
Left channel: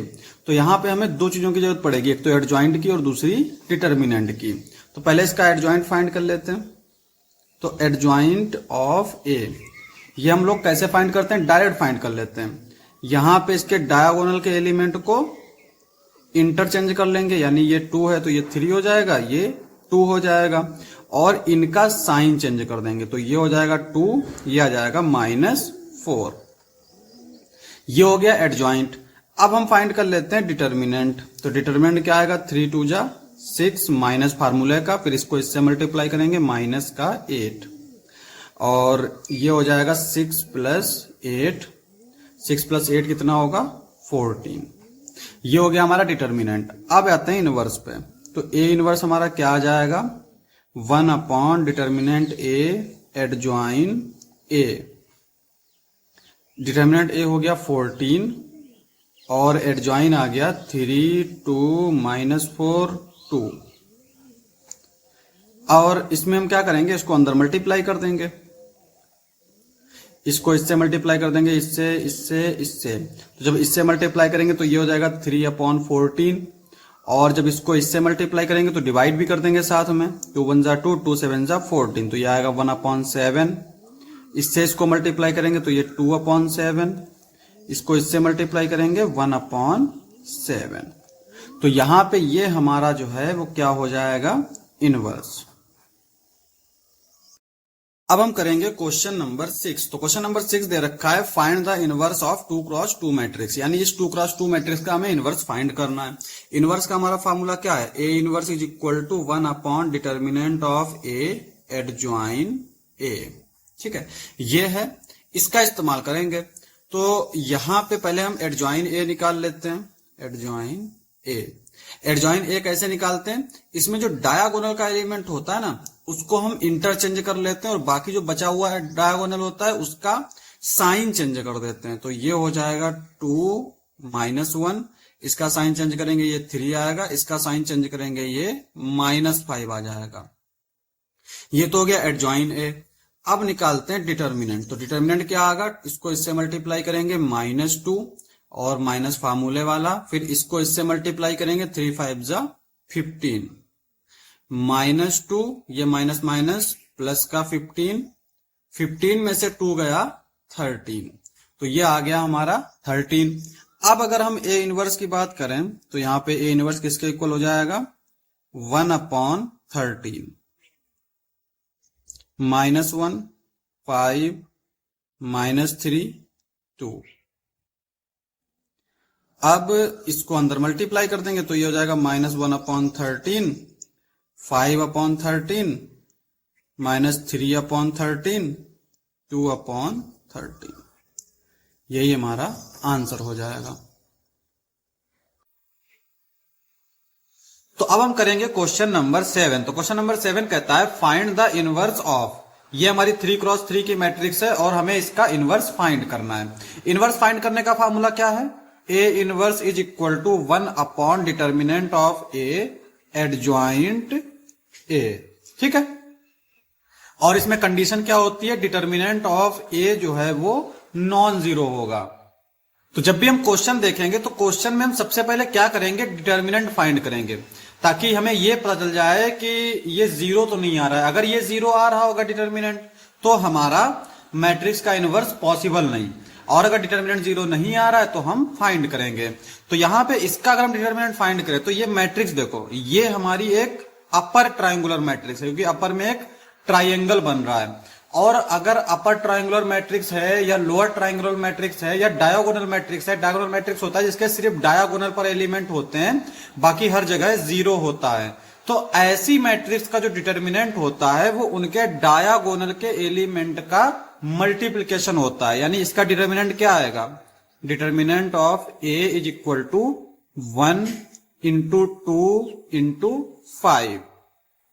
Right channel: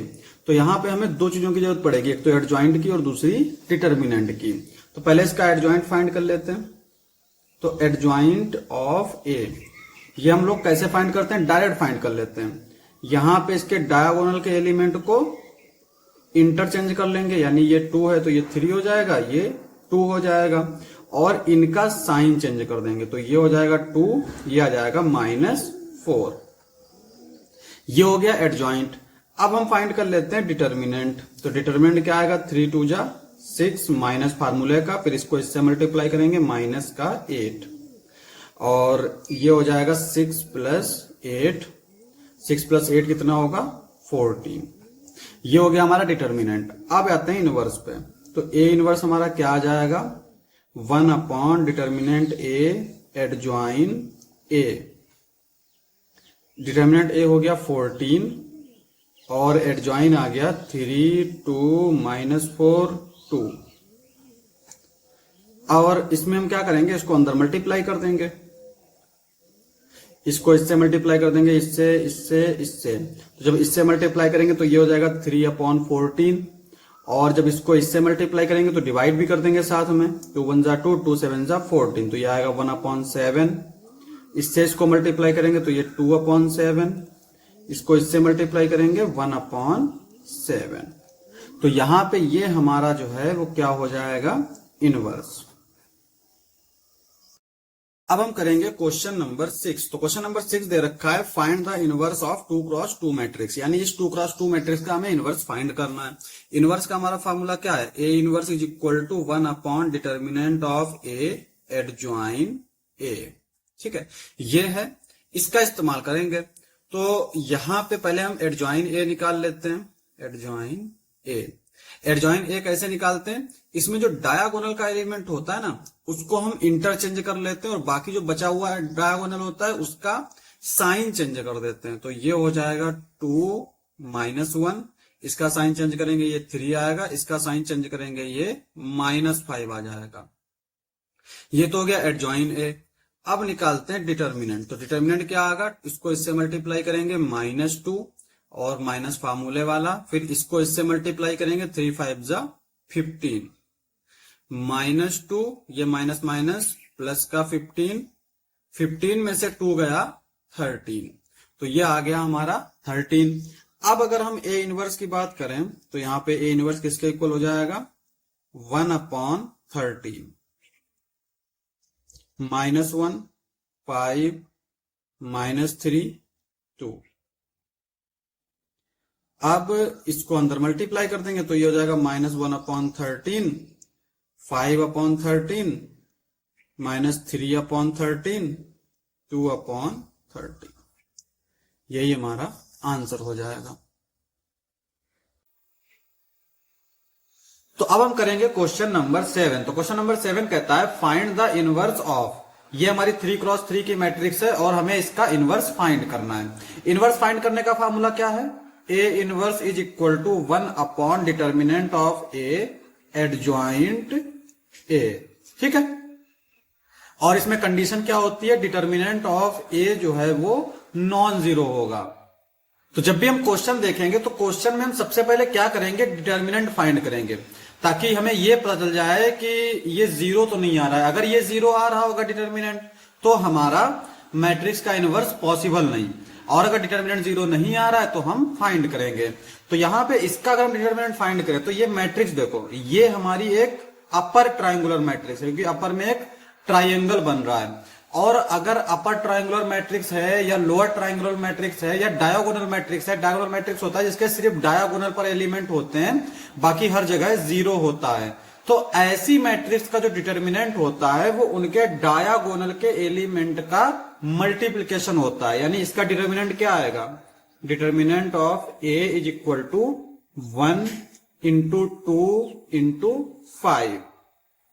तो यहां पे हमें दो चीजों की जरूरत पड़ेगी, एक तो एडजॉइंट की और दूसरी डिटर्मिनेंट की। तो पहले इसका एडजॉइंट फाइंड कर लेते हैं। तो एडजॉइंट ऑफ ए ये हम लोग कैसे फाइंड करते हैं, डायरेक्ट फाइंड कर लेते हैं। यहां पे इसके डायगोनल के एलिमेंट को इंटरचेंज कर लेंगे, यानी ये 2 है तो ये 3 हो जाएगा, ये 2 हो जाएगा, और इनका साइन चेंज कर देंगे तो ये हो जाएगा 2, ये आ जाएगा -4। ये हो गया एडजॉइंट। अब हम फाइंड कर लेते हैं डिटर्मिनेंट। तो डिटर्मिनेंट क्या आएगा, 3 2 जा 6 माइनस फार्मूले का, फिर इसको इससे मल्टीप्लाई करेंगे माइनस का 8, और ये हो जाएगा 6 + 8, 6 + 8 कितना होगा 14। ये हो गया हमारा डिटर्मिनेंट। अब आते हैं इनवर्स पे। तो ए इनवर्स हमारा क्या आ जाएगा, 1 upon determinant A adjoint A. Determinant ए हो गया 14 और एडजॉइन आ गया 3 2 -4 2। और इसमें हम क्या करेंगे, इसको अंदर मल्टीप्लाई कर देंगे, इसको इससे मल्टीप्लाई कर देंगे, इससे इससे इससे। तो जब इससे मल्टीप्लाई करेंगे तो ये हो जाएगा 3/14, और जब इसको इससे मल्टीप्लाई करेंगे तो डिवाइड भी कर देंगे साथ में, 2 1 जा 2 2 7 जा 14, तो ये आएगा 1/7। इससे इसको मल्टीप्लाई करेंगे तो ये 2/7, इसको इससे मल्टीप्लाई करेंगे 1/7। तो यहां पे ये हमारा जो है वो क्या हो जाएगा, इनवर्स। अब हम करेंगे क्वेश्चन नंबर 6। तो क्वेश्चन नंबर 6 दे रखा है find the inverse of 2 × 2 matrix, यानी इस 2 × 2 मैट्रिक्स का हमें इनवर्स फाइंड करना है। इनवर्स का हमारा फॉर्मूला क्या है, A inverse is equal to 1 upon determinant of A adjoint A. ठीक है, ये है, इसका इस्तेमाल करेंगे। तो यहां पे पहले हम एडजॉइन ए निकाल लेते हैं। एडजॉइन ए, एडजॉइन ए कैसे निकालते हैं, इसमें जो डायगोनल का एलिमेंट होता है ना उसको हम इंटरचेंज कर लेते हैं, और बाकी जो बचा हुआ है डायगोनल होता है उसका साइन चेंज कर देते हैं। तो ये हो जाएगा 2 -1, इसका साइन चेंज करेंगे ये 3 आएगा, इसका साइन चेंज करेंगे ये -5 आ जाएगा। ये तो हो गया एडजॉइन ए। अब निकालते हैं डिटर्मिनेंट। तो डिटर्मिनेंट क्या आएगा, इसको इससे मल्टीप्लाई करेंगे -2 और माइनस फार्मूले वाला, फिर इसको इससे मल्टीप्लाई करेंगे 3 5 जा 15, -2 ये माइनस माइनस प्लस का 15, 15 में से 2 गया 13, तो ये आ गया हमारा 13। अब अगर हम ए इनवर्स की बात करें तो यहाँ पे ए इनवर्स किसके इक्वल हो जाएगा, 1/13 -1 5 -3 2। अब इसको अंदर मल्टीप्लाई कर देंगे तो ये हो जाएगा -1/13 5/13 -3/13 2/13। यही हमारा आंसर हो जाएगा। तो अब हम करेंगे क्वेश्चन नंबर 7। तो क्वेश्चन नंबर 7 कहता है फाइंड द इनवर्स ऑफ, ये हमारी 3x3 की मैट्रिक्स है और हमें इसका इनवर्स फाइंड करना है। इनवर्स फाइंड करने का फार्मूला क्या है? A inverse is equal to 1 determinant of A adjoint A. ठीक है, और इसमें कंडीशन क्या होती है? डिटर्मिनेंट ऑफ ए जो है वो नॉन जीरो होगा। तो जब भी हम क्वेश्चन देखेंगे तो क्वेश्चन में हम सबसे पहले क्या करेंगे? डिटर्मिनेंट फाइंड करेंगे, ताकि हमें यह पता चल जाए कि ये जीरो तो नहीं आ रहा है। अगर ये जीरो आ रहा होगा डिटर्मिनेंट, तो हमारा मैट्रिक्स का इनवर्स पॉसिबल नहीं, और अगर डिटर्मिनेंट जीरो नहीं आ रहा है तो हम फाइंड करेंगे। तो यहां पे इसका अगर हम डिटर्मिनेंट फाइंड करें तो ये मैट्रिक्स देखो, ये हमारी एक अपर ट्राइंगुलर मैट्रिक्स है, क्योंकि अपर में एक ट्राइंगल बन रहा है। और अगर अपर ट्राइंगुलर मैट्रिक्स है या लोअर ट्राइंगुलर मैट्रिक्स है या डायगोनल मैट्रिक्स है, डायगोनल मैट्रिक्स होता है जिसके सिर्फ डायगोनल पर एलिमेंट होते हैं, बाकी हर जगह जीरो होता है। तो ऐसी मैट्रिक्स का जो डिटर्मिनेंट होता है वो उनके डायगोनल के एलिमेंट का मल्टीप्लीकेशन होता है। यानी इसका डिटर्मिनेंट क्या आएगा? Determinant of A is equal to 1 into 2 into 5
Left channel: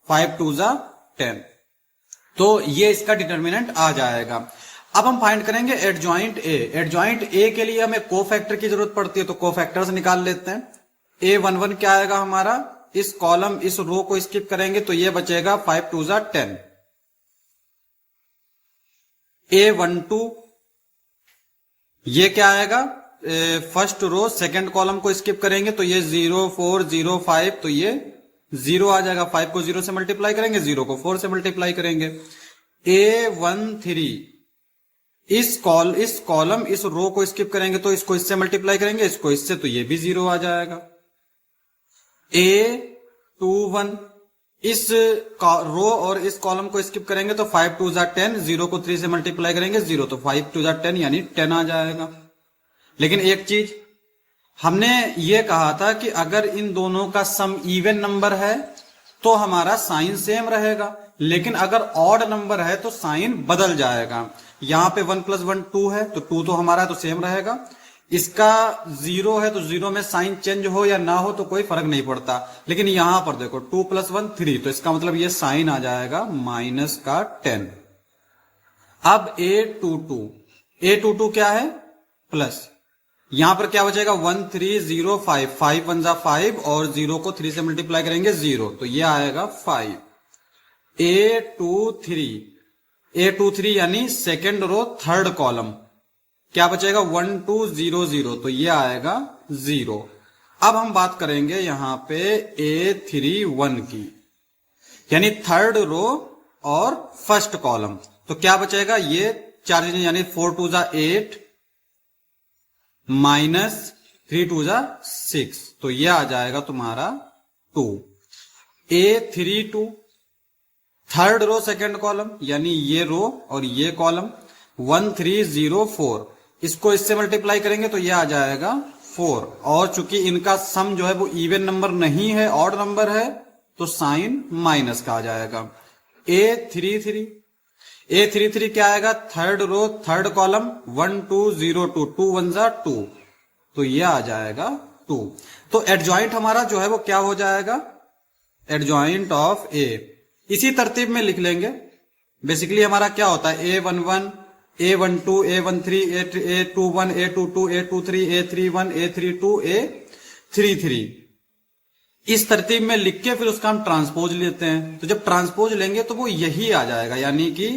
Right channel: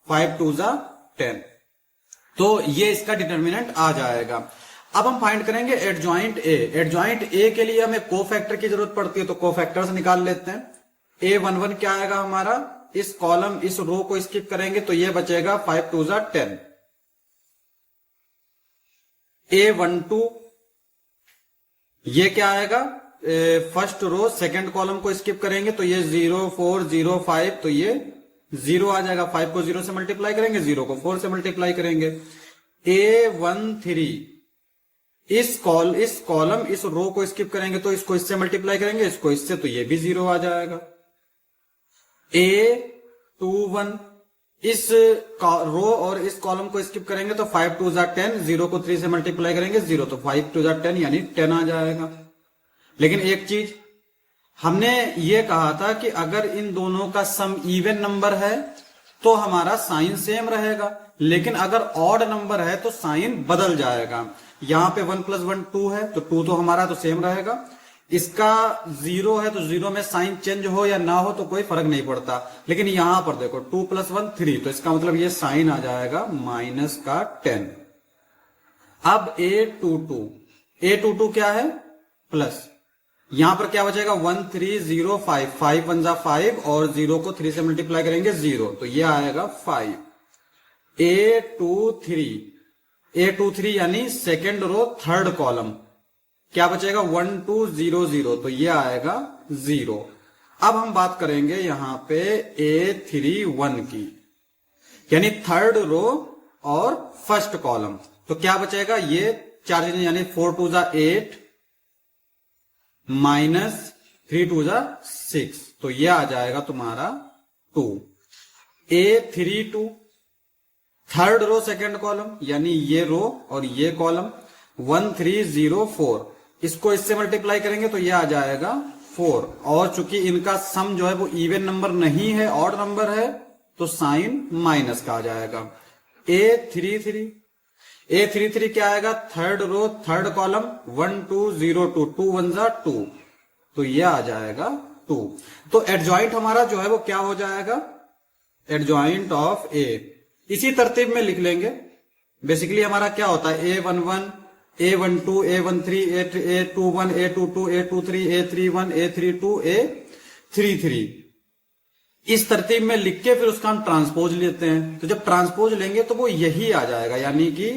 5 2 जा 10। तो ये इसका डिटर्मिनेंट आ जाएगा। अब हम फाइंड करेंगे एडजॉइंट ए। एडजॉइंट ए के लिए हमें कोफैक्टर की जरूरत पड़ती है, तो कोफैक्टर्स निकाल लेते हैं। A11 क्या आएगा हमारा? इस कॉलम इस रो को स्किप करेंगे तो ये बचेगा 5 2 जा 10। A12 ये क्या आएगा? फर्स्ट रो सेकंड कॉलम को स्किप करेंगे तो ये 0 4 0 5, तो ये 0 आ जाएगा। 5 को 0 से मल्टीप्लाई करेंगे, 0 को 4 से मल्टीप्लाई करेंगे। A13 इस कॉलम इस रो को स्किप करेंगे तो इसको इससे मल्टीप्लाई करेंगे, इसको इससे, तो ये भी 0 आ जाएगा। A21 इस रो और इस कॉलम को स्किप करेंगे तो 5 2 जा 10, 0 को 3 से मल्टीप्लाई करेंगे 0, तो 5 2 जा 10 यानी 10 आ जाएगा। लेकिन एक चीज हमने ये कहा था कि अगर इन दोनों का सम इवन नंबर है तो हमारा साइन सेम रहेगा, लेकिन अगर ऑड नंबर है तो साइन बदल जाएगा। यहां पे 1 + 1 2 है, तो 2 तो हमारा तो सेम रहेगा। इसका 0 है तो 0 में साइन चेंज हो या ना हो तो कोई फर्क नहीं पड़ता। लेकिन यहां पर देखो 2 + 1 3, तो इसका मतलब ये साइन आ जाएगा -10। अब A22 क्या है? प्लस। यहां पर क्या बचेगा? 1 3 0 5 5 1 जा 5 और 0 को 3 से मल्टीप्लाई करेंगे 0, तो ये आएगा 5। A23 यानी सेकेंड रो थर्ड कॉलम क्या बचेगा? 1 2 0 0, तो ये आएगा 0। अब हम बात करेंगे यहां पे A31 की, यानी थर्ड रो और फर्स्ट कॉलम, तो क्या बचेगा? ये 4 चीजें, यानी 4 2 जा 8 -3 2 जा 6, तो ये आ जाएगा तुम्हारा 2। A32 third row second column, यानी ये रो और ये कॉलम 1 3 0 4, इसको इससे मल्टीप्लाई करेंगे तो ये आ जाएगा 4। और चूंकि इनका सम जो है वो इवन नंबर नहीं है, ऑड नंबर है, तो साइन माइनस का आ जाएगा। A33 क्या आएगा? थर्ड रो थर्ड कॉलम 1 2 0 2 2 1 जा 2, तो ये आ जाएगा 2। तो एडजॉइंट हमारा जो है वो क्या हो जाएगा? एडजॉइंट ऑफ ए। इसी तरतीब में लिख लेंगे। बेसिकली हमारा क्या होता है? A11 A12 A13 A21 A22 A23 A31 A32 A33, इस तरतीब में लिख के फिर उसका हम ट्रांसपोज लेते हैं। तो जब ट्रांसपोज लेंगे तो वो यही आ जाएगा, यानी कि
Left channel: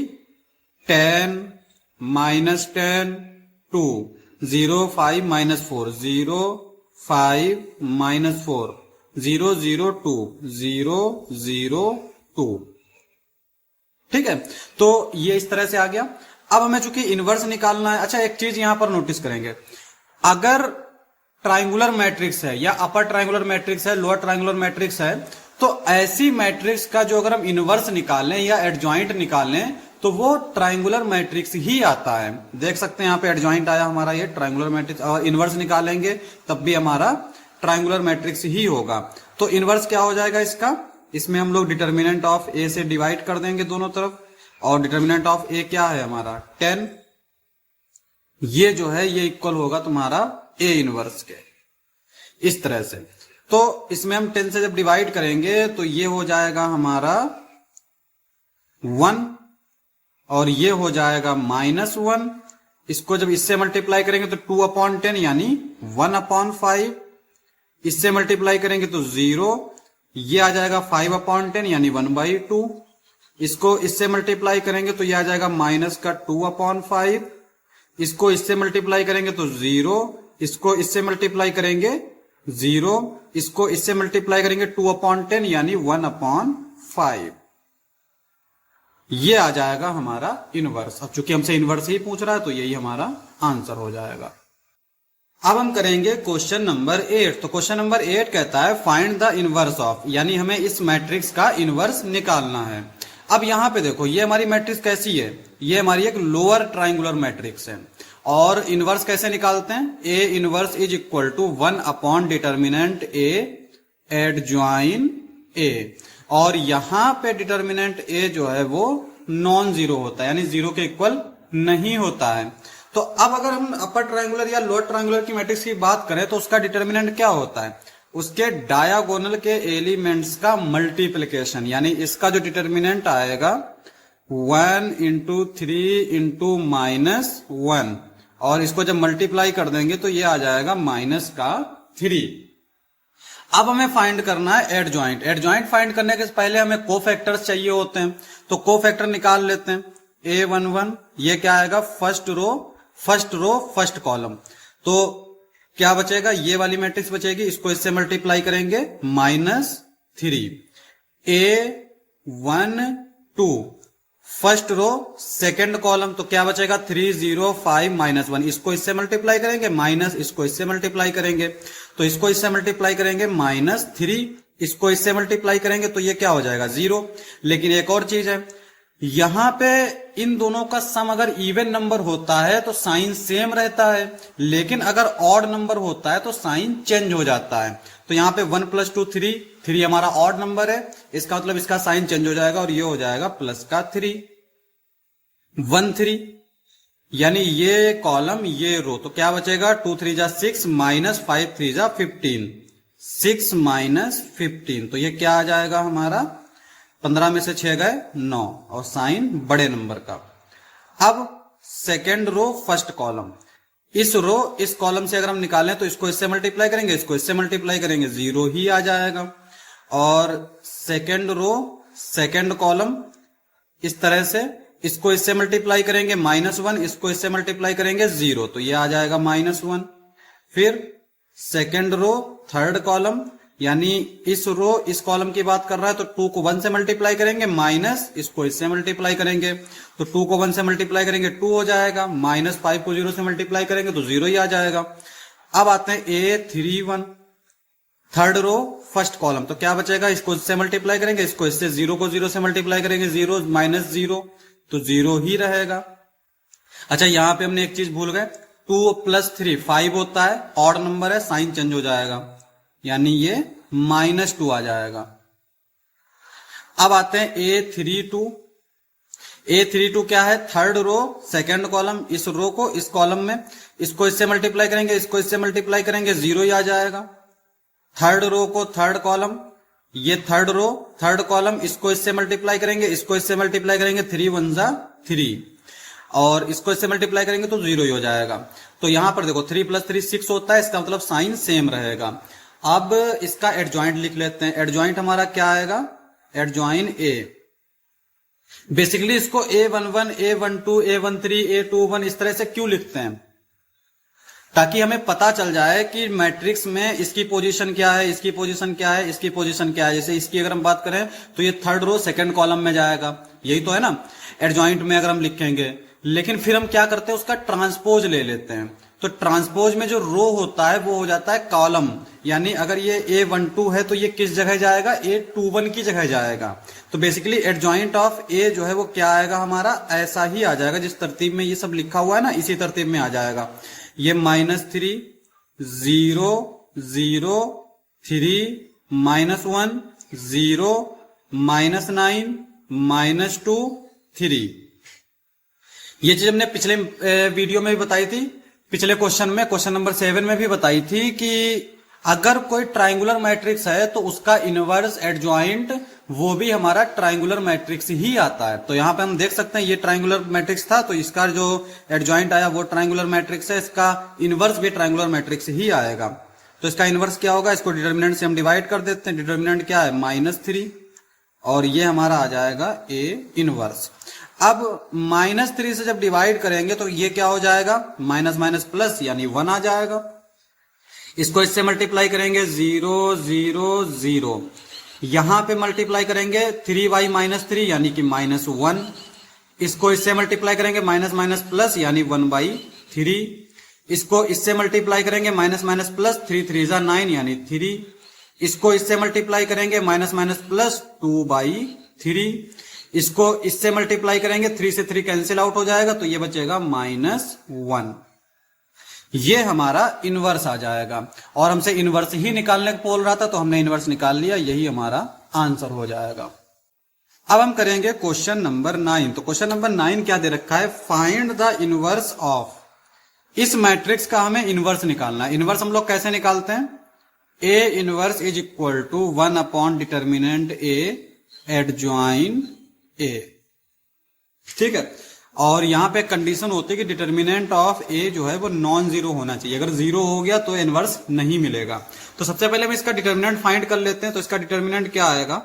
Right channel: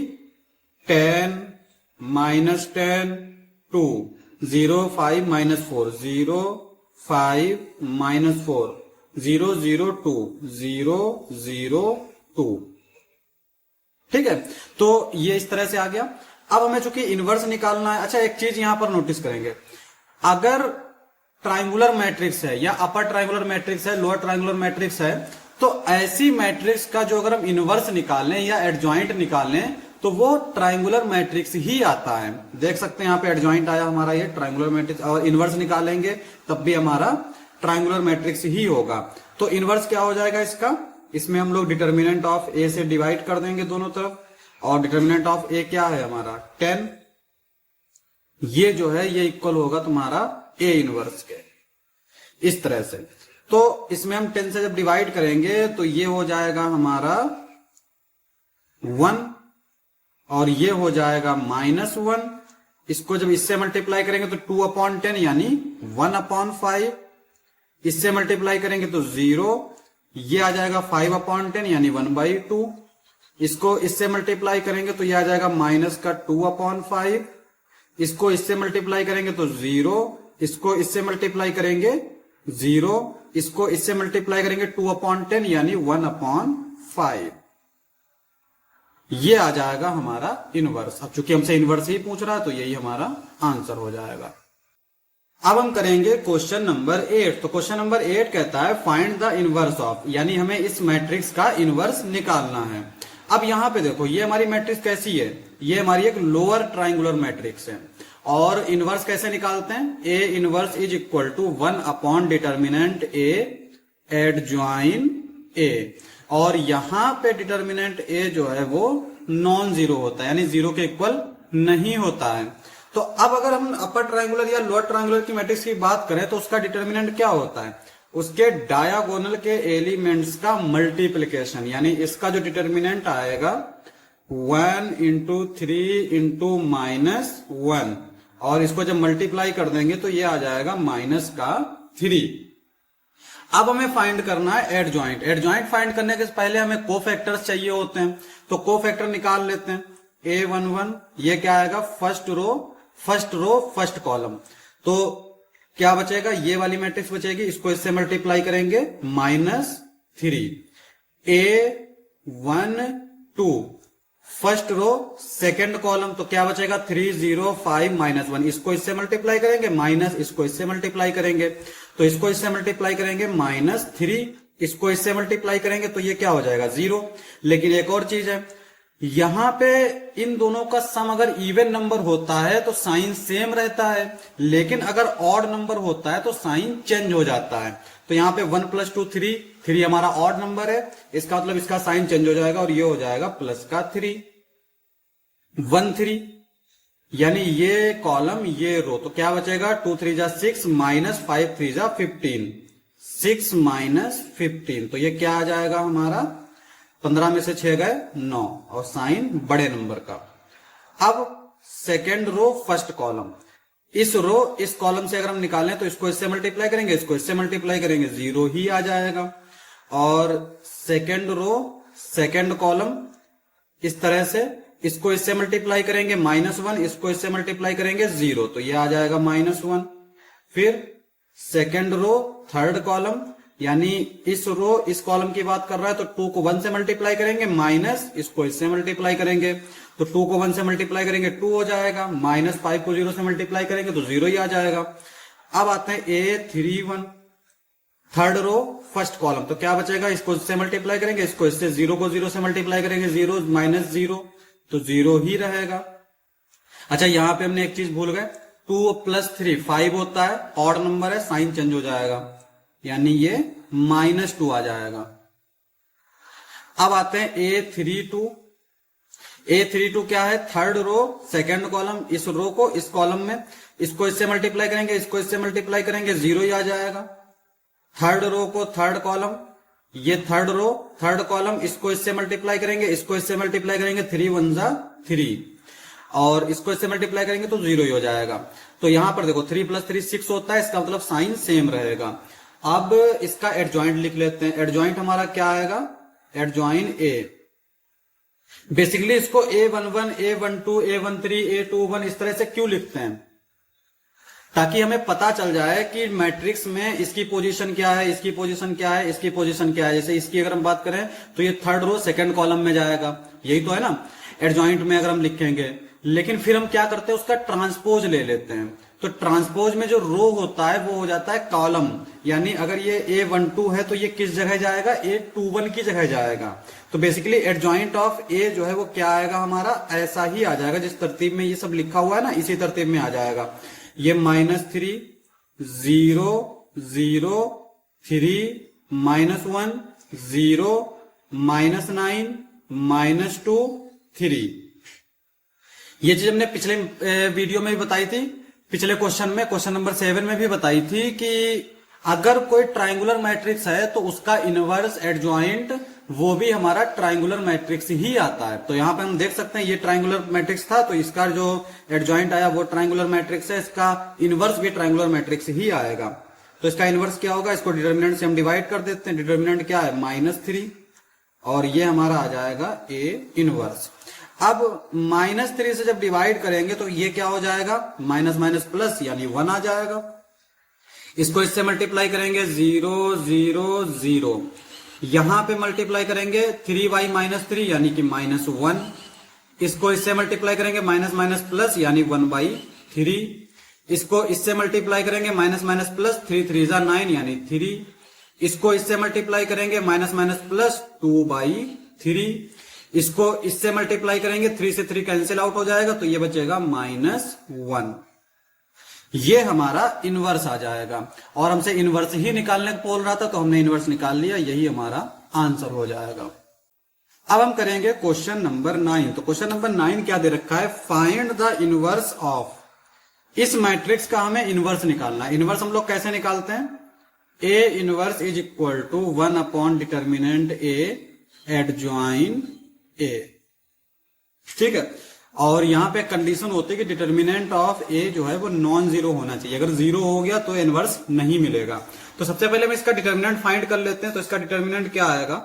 10 -10 2 0 5 -4 0 5 -4 0 0 2 0 0 2। ठीक है, तो ये इस तरह से आ गया। अब हमें चूंकि इनवर्स निकालना है। अच्छा, एक चीज यहां पर नोटिस करेंगे, अगर ट्राइंगुलर मैट्रिक्स है या अपर ट्राइंगुलर मैट्रिक्स है, लोअर ट्राइंगुलर मैट्रिक्स है, तो ऐसी मैट्रिक्स का जो अगर हम इनवर्स निकालें या एडजॉइंट निकालें तो वो ट्रायंगुलर मैट्रिक्स ही आता है। देख सकते हैं यहाँ पे एडजॉइंट आया हमारा, ये ट्रायंगुलर मैट्रिक्स, और इनवर्स निकालेंगे तब भी हमारा ट्रायंगुलर मैट्रिक्स ही होगा। तो इनवर्स क्या हो जाएगा इसका, इसमें हम लोग डिटर्मिनेंट ऑफ ए से डिवाइड कर देंगे दोनों तरफ, और डिटर्मिनेंट ऑफ ए क्या है हमारा 10, ये जो है ये इक्वल होगा तुम्हारा ए इनवर्स के, इस तरह से। तो इसमें हम 10 से जब डिवाइड करेंगे तो ये हो जाएगा हमारा 1 और ये हो जाएगा -1। इसको जब इससे मल्टीप्लाई करेंगे तो 2/10 यानी 1/5, इससे मल्टीप्लाई करेंगे तो 0, ये आ जाएगा 5/10 यानी 1/2, इसको इससे मल्टीप्लाई करेंगे तो ये आ जाएगा -2/5, इसको इससे मल्टीप्लाई करेंगे तो 0, इसको इससे मल्टीप्लाई करेंगे 0, इसको इससे मल्टीप्लाई करेंगे 2/10 यानी 1/5, ये आ जाएगा हमारा इनवर्स। अब चूंकि हमसे इनवर्स ही पूछ रहा है तो यही हमारा आंसर हो जाएगा। अब हम करेंगे क्वेश्चन नंबर 8। तो क्वेश्चन नंबर 8 कहता है फाइंड द इनवर्स ऑफ, यानी हमें इस मैट्रिक्स का इनवर्स निकालना है। अब यहां पे देखो ये हमारी मैट्रिक्स कैसी है, ये हमारी एक लोअर ट्राइंगुलर मैट्रिक्स है, और इनवर्स कैसे निकालते हैं, A inverse is equal to 1 determinant A adjoint A, और यहां पे डिटर्मिनेंट ए जो है वो नॉन जीरो होता है, यानी जीरो के इक्वल नहीं होता है। तो अब अगर हम अपर ट्रायंगुलर या लोअर ट्रायंगुलर की मैट्रिक्स की बात करें तो उसका डिटर्मिनेंट क्या होता है, उसके डायगोनल के एलिमेंट्स का मल्टीप्लिकेशन, यानी इसका जो डिटर्मिनेंट आएगा 1 × 3 × -1, और इसको जब मल्टीप्लाई कर देंगे तो ये आ जाएगा -3। अब हमें फाइंड करना है एडजॉइंट। एडजॉइंट फाइंड करने के पहले हमें कोफैक्टर्स चाहिए होते हैं, तो कोफैक्टर निकाल लेते हैं। A11 ये क्या आएगा, फर्स्ट रो फर्स्ट कॉलम, तो क्या बचेगा, ये वाली मैट्रिक्स बचेगी, इसको इससे मल्टीप्लाई करेंगे -3। A12 first row second column, तो क्या बचेगा 3 0 5 -1, इसको इससे मल्टीप्लाई करेंगे, माइनस इसको इससे मल्टीप्लाई करेंगे, तो इसको इससे मल्टीप्लाई करेंगे -3, इसको इससे मल्टीप्लाई करेंगे तो ये क्या हो जाएगा 0। लेकिन एक और चीज है, यहां पे इन दोनों का सम अगर इवन नंबर होता है तो साइन सेम रहता है, लेकिन अगर ऑड नंबर होता है तो साइन चेंज हो जाता है। तो यहां पे 1 + 2 3 हमारा ऑड नंबर है, इसका मतलब इसका साइन चेंज हो जाएगा और ये हो जाएगा +3 1 3, यानी ये कॉलम ये रो, तो क्या बचेगा 2 3 जा 6 -5 3 जा 15, 6 -15, तो ये क्या आ जाएगा हमारा 15 में से 6 गए 9, और साइन बड़े नंबर का। अब सेकेंड रो फर्स्ट कॉलम, इस रो इस कॉलम से अगर हम निकालें तो इसको इससे मल्टीप्लाई करेंगे, इसको इससे मल्टीप्लाई करेंगे, 0 ही आ जाएगा। और सेकेंड रो सेकेंड कॉलम इस तरह से, इसको इससे मल्टीप्लाई करेंगे -1, इसको इससे मल्टीप्लाई करेंगे 0, तो ये आ जाएगा -1। फिर सेकेंड रो थर्ड कॉलम, यानी इस रो इस कॉलम की बात कर रहा है तो 2 को 1 से मल्टीप्लाई करेंगे, माइनस इसको इससे मल्टीप्लाई करेंगे, तो 2 को 1 से मल्टीप्लाई करेंगे 2 हो जाएगा, -5 को 0 से मल्टीप्लाई करेंगे तो 0 ही आ जाएगा। अब आते हैं A31 third row first column, तो क्या बचेगा, इसको इससे मल्टीप्लाई करेंगे, इसको इससे 0 को 0 से मल्टीप्लाई करेंगे, 0 -0 तो 0 ही रहेगा। अच्छा यहां पे हमने एक चीज भूल गए, 2 + 3 5 होता है, ऑड नंबर है, साइन चेंज हो जाएगा, यानी ये -2 आ जाएगा। अब आते हैं A32 क्या है, थर्ड रो सेकंड कॉलम, इस रो को इस कॉलम में, इसको इससे मल्टीप्लाई करेंगे, इसको इससे मल्टीप्लाई करेंगे, 0 ही आ जाएगा। थर्ड रो को थर्ड कॉलम, ये थर्ड रो थर्ड कॉलम, इसको इससे मल्टीप्लाई करेंगे, इसको इससे मल्टीप्लाई करेंगे, 3 1 जा 3, और इसको इससे मल्टीप्लाई करेंगे तो 0 ही हो जाएगा। तो यहां पर देखो 3 + 3 6 होता है, इसका मतलब साइन सेम रहेगा। अब इसका एडजॉइंट लिख लेते हैं। एडजॉइंट हमारा क्या आएगा, एडजॉइन ए, बेसिकली इसको A11 A12 A13 A21 इस तरह से क्यों लिखते हैं, ताकि हमें पता चल जाए कि मैट्रिक्स में इसकी पोजीशन क्या है, इसकी पोजीशन क्या है, इसकी पोजीशन क्या है। जैसे इसकी अगर हम बात करें तो ये थर्ड रो सेकंड कॉलम में जाएगा, यही तो है ना एडजॉइंट में अगर हम लिखेंगे। लेकिन फिर हम क्या करते हैं, उसका ट्रांसपोज ले लेते हैं, तो ट्रांसपोज में जो रो होता है वो हो जाता है कॉलम, यानी अगर ये A12 है तो ये किस जगह जाएगा, A21 की जगह जाएगा। तो बेसिकली एडजॉइंट ऑफ A जो है वो क्या आएगा हमारा, ऐसा ही आ जाएगा जिस तरतीब में ये सब लिखा हुआ है ना, इसी तरतीब में आ जाएगा। ये -3 0 0 3 -1 0 -9 -2 3। ये चीज हमने पिछले वीडियो में भी बताई थी, पिछले क्वेश्चन में, क्वेश्चन नंबर 7 में भी बताई थी कि अगर कोई ट्राइंगुलर मैट्रिक्स है तो उसका इनवर्स एडजॉइंट वो भी हमारा ट्राइंगुलर मैट्रिक्स ही आता है। तो यहां पे हम देख सकते हैं ये ट्राइंगुलर मैट्रिक्स था, तो इसका जो एडजॉइंट आया वो ट्राइंगुलर मैट्रिक्स है, इसका इनवर्स भी ट्राइंगुलर मैट्रिक्स ही आएगा। तो इसका इनवर्स क्या होगा, इसको डिटर्मिनेंट से हम डिवाइड कर देते हैं। डिटर्मिनेंट क्या है, -3, और ये हमारा आ जाएगा A इनवर्स। अब -3 से जब डिवाइड करेंगे तो ये क्या हो जाएगा, माइनस माइनस प्लस यानी 1 आ जाएगा। इसको इससे मल्टीप्लाई करेंगे 0 0 0, यहां पे मल्टीप्लाई करेंगे 3y -3 यानी कि -1। इसको इससे मल्टीप्लाई करेंगे माइनस माइनस प्लस यानी 1/3। इसको इससे मल्टीप्लाई करेंगे माइनस माइनस प्लस 3 3 9 यानी 3। इसको इससे मल्टीप्लाई करेंगे माइनस माइनस प्लस 2/3। इसको इससे मल्टीप्लाई करेंगे 3 से 3 कैंसिल आउट हो जाएगा तो ये बचेगा -1। ये हमारा इनवर्स आ जाएगा, और हमसे इनवर्स ही निकालने को बोल रहा था तो हमने इनवर्स निकाल लिया, यही हमारा आंसर हो जाएगा। अब हम करेंगे क्वेश्चन नंबर 9। तो क्वेश्चन नंबर 9 क्या दे रखा है, फाइंड द इनवर्स ऑफ। इस मैट्रिक्स का हमें इनवर्स निकालना है। इनवर्स हम लोग कैसे निकालते हैं, A inverse is equal to 1 upon determinant A adjoin A, ठीक है। और यहां पे कंडीशन होती है कि डिटर्मिनेंट ऑफ A जो है वो नॉन जीरो होना चाहिए, अगर जीरो हो गया तो इनवर्स नहीं मिलेगा। तो सबसे पहले हम इसका डिटर्मिनेंट फाइंड कर लेते हैं। तो इसका डिटर्मिनेंट क्या आएगा,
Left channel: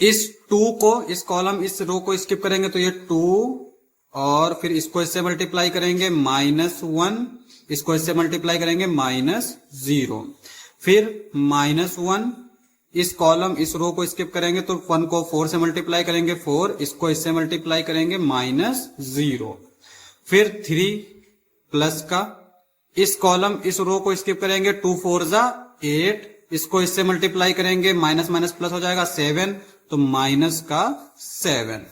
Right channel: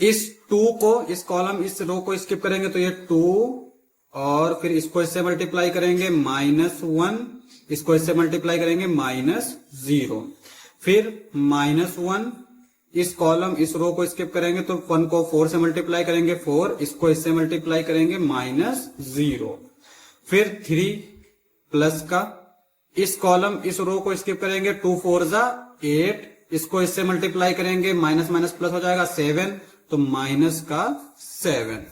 इस 2 को, इस कॉलम, इस रो को स्किप करेंगे तो ये 2, और फिर इसको इससे मल्टीप्लाई करेंगे -1, इसको इससे मल्टीप्लाई करेंगे -0, फिर -1, इस कॉलम, इस रो को स्किप करेंगे तो 1 को 4 से मल्टीप्लाई करेंगे 4, इसको इससे मल्टीप्लाई करेंगे -0, फिर 3 प्लस का, इस कॉलम, इस रो को स्किप करेंगे 2 4 8, इसको इससे मल्टीप्लाई करेंगे माइनस माइनस प्लस हो जाएगा 7, तो -7।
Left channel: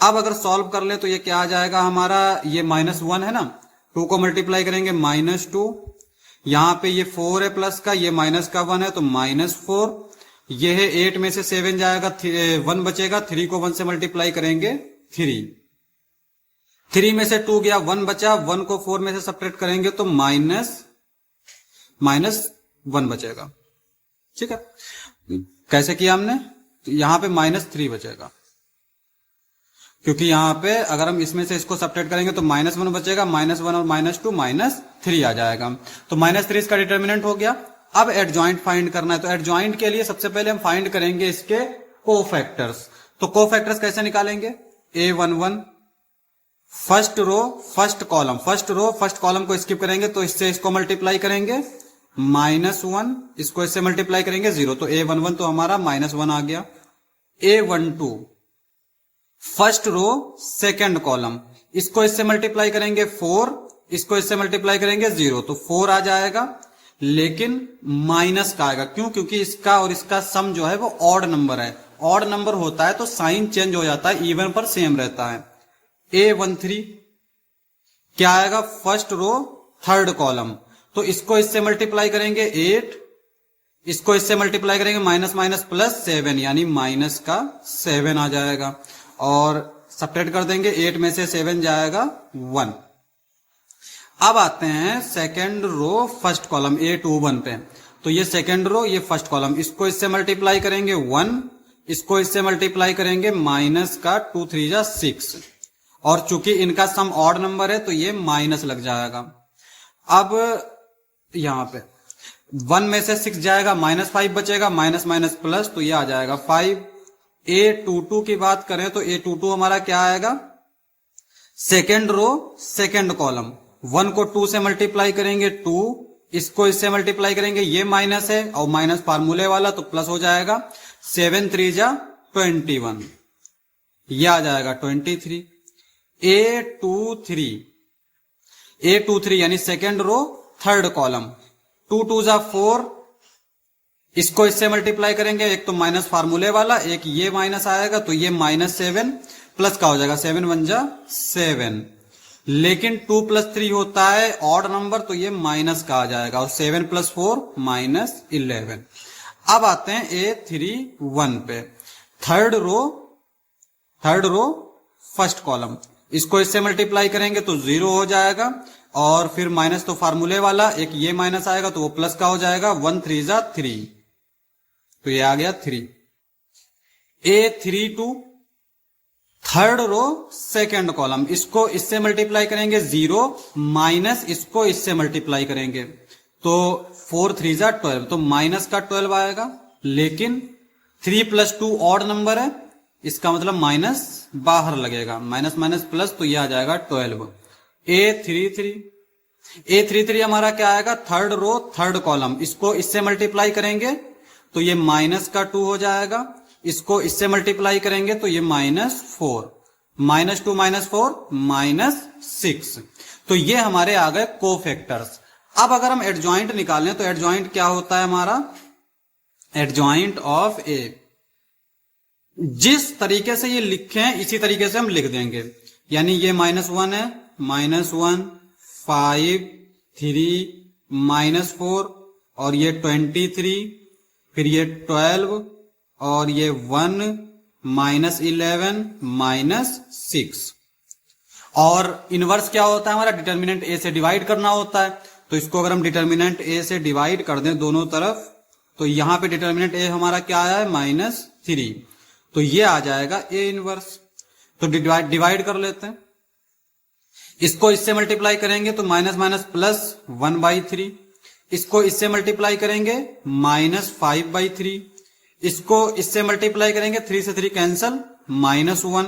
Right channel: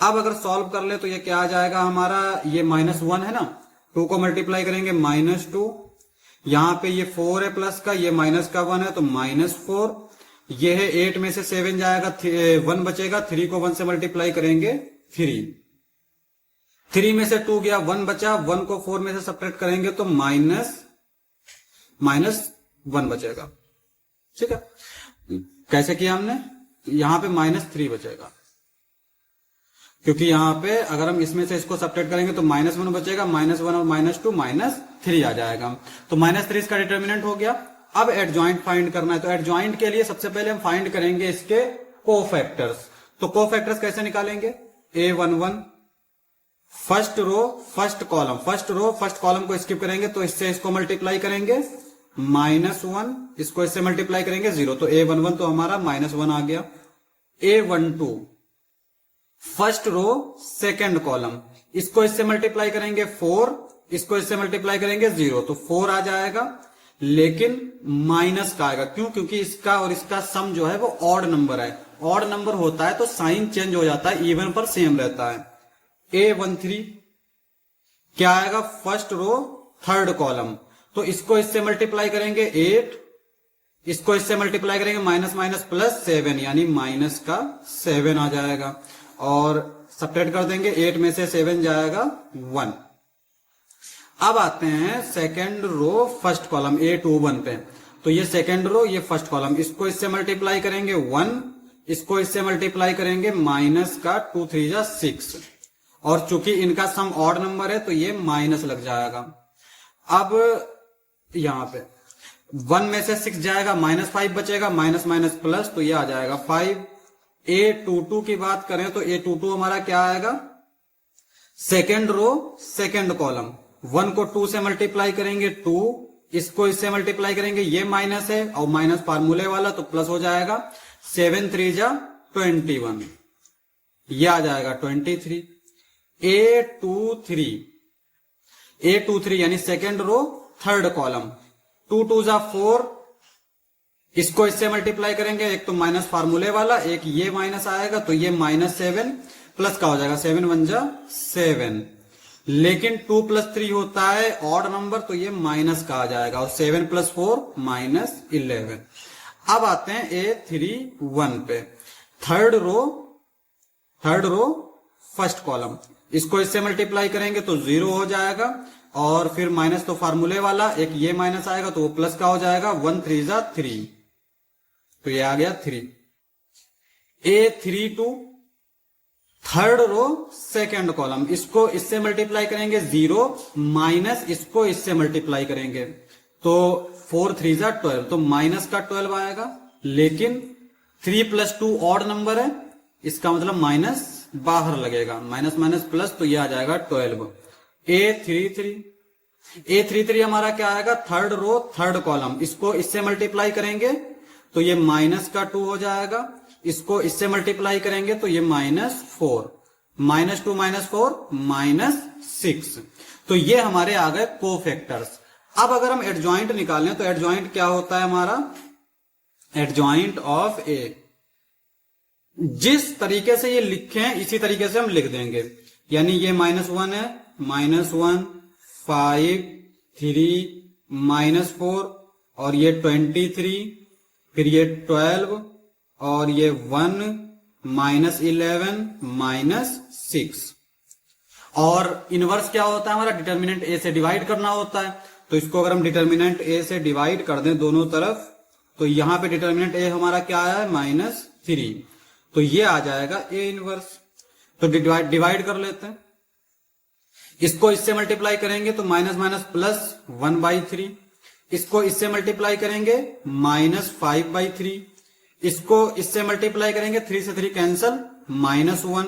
अब अगर सॉल्व कर ले तो ये क्या आ जाएगा हमारा, ये -1 है ना, 2 को मल्टीप्लाई करेंगे -2, यहां पे ये 4 है प्लस का, ये माइनस का 1 है तो -4, ये है 8 में से 7 जाएगा, 1 बचेगा, 3 को 1 से मल्टीप्लाई करेंगे 3 में से 2 गया, 1 बचा, 1 को 4 में से सब्ट्रैक्ट करेंगे तो -1 बचेगा, ठीक है। कैसे किया हमने, यहां पे -3 बचेगा, क्योंकि यहां पे अगर हम इसमें से इसको सब्ट्रैक्ट करेंगे तो -1 बचेगा, -1 और -2 -3 आ जाएगा। तो -3 इसका डिटर्मिनेंट हो गया। अब एडजॉइंट फाइंड करना है। तो एडजॉइंट के लिए सबसे पहले हम फाइंड करेंगे इसके कोफैक्टर्स। तो कोफैक्टर्स कैसे निकालेंगे, A11 first row first column, first row first column को स्किप करेंगे तो इससे इसको मल्टीप्लाई करेंगे -1, इसको इससे मल्टीप्लाई करेंगे 0, तो A11 तो हमारा -1 आ गया। A12 first row second column, इसको इससे मल्टीप्लाई करेंगे 4, इसको इससे मल्टीप्लाई करेंगे 0, तो 4 आ जाएगा, लेकिन माइनस का आएगा। क्यों, क्योंकि इसका और इसका सम जो है वो ऑड नंबर है। ऑड नंबर होता है तो साइन चेंज हो जाता है, इवन पर सेम रहता है। A13 क्या आएगा, फर्स्ट रो थर्ड कॉलम, तो इसको इससे मल्टीप्लाई करेंगे 8, इसको इससे मल्टीप्लाई करेंगे माइनस माइनस प्लस 7 यानी -7 आ जाएगा, और सब्ट्रैक्ट कर देंगे, 8 में से 7 जाएगा 1। अब आते हैं second row first column A21 पे। तो ये सेकंड रो, ये फर्स्ट कॉलम, इसको इससे मल्टीप्लाई करेंगे 1, इसको इससे मल्टीप्लाई करेंगे -2 3 6, और चूंकि इनका सम ऑड नंबर है तो ये माइनस लग जाएगा। अब यहां पे 1 में से 6 जाएगा, -5 बचेगा, माइनस माइनस प्लस, तो ये आ जाएगा 5। A22 की बात करें तो A22 हमारा क्या आएगा, सेकेंड रो सेकेंड कॉलम, 1 को 2 से मल्टीप्लाई करेंगे 2, इसको इससे मल्टीप्लाई करेंगे, ये माइनस है और माइनस फार्मूले वाला तो प्लस हो जाएगा, 7 3 21, ये आ जाएगा 23। A23 A23 यानी सेकेंड रो थर्ड कॉलम, 2 2 जा 4, इसको इससे मल्टीप्लाई करेंगे, एक तो माइनस फार्मूले वाला, एक ये माइनस आएगा तो ये -7 प्लस का हो जाएगा 7 1 जा 7, लेकिन 2 + 3 होता है ऑड नंबर तो ये माइनस का आ जाएगा, और 7 + 4 -11। अब आते हैं A31 पे, थर्ड रो फर्स्ट कॉलम, इसको इससे मल्टीप्लाई करेंगे तो 0 हो जाएगा, और फिर माइनस तो फार्मूले वाला, एक ये माइनस आएगा तो वो प्लस का हो जाएगा, 1 3 जा 3, तो ये आ गया 3। A32 third row second column, इसको इससे मल्टीप्लाई करेंगे 0 माइनस इसको इससे मल्टीप्लाई करेंगे तो 4 3 जा 12, तो माइनस का 12 आएगा, लेकिन 3 + 2 ऑड नंबर है, इसका मतलब माइनस बाहर लगेगा, माइनस माइनस प्लस, तो यह आ जाएगा 12। A33 हमारा क्या आएगा, थर्ड रो थर्ड कॉलम, इसको इससे मल्टीप्लाई करेंगे तो ये -2 हो जाएगा, इसको इससे मल्टीप्लाई करेंगे तो ये -4, -2 -4 -6, तो ये हमारे आ गए कोफैक्टर्स। अब अगर हम एडजॉइंट निकालें तो एडजॉइंट क्या होता है हमारा, एडजॉइंट ऑफ ए, जिस तरीके से ये लिखे हैं इसी तरीके से हम लिख देंगे, यानी ये -1 है, -1 5 3 -4, और ये 23, फिर ये 12, और ये 1 -11 -6। और इनवर्स क्या होता है हमारा, डिटर्मिनेंट ए से डिवाइड करना होता है, तो इसको अगर हम डिटर्मिनेंट ए से डिवाइड कर दें दोनों तरफ, तो यहां पे डिटर्मिनेंट ए हमारा क्या आया है, -3, तो ये आ जाएगा ए इनवर्स। तो डिवाइड कर लेते हैं, इसको इससे मल्टीप्लाई करेंगे तो माइनस माइनस प्लस 1/3, इसको इससे मल्टीप्लाई करेंगे -5/3, इसको इससे मल्टीप्लाई करेंगे 3 से 3 कैंसल -1,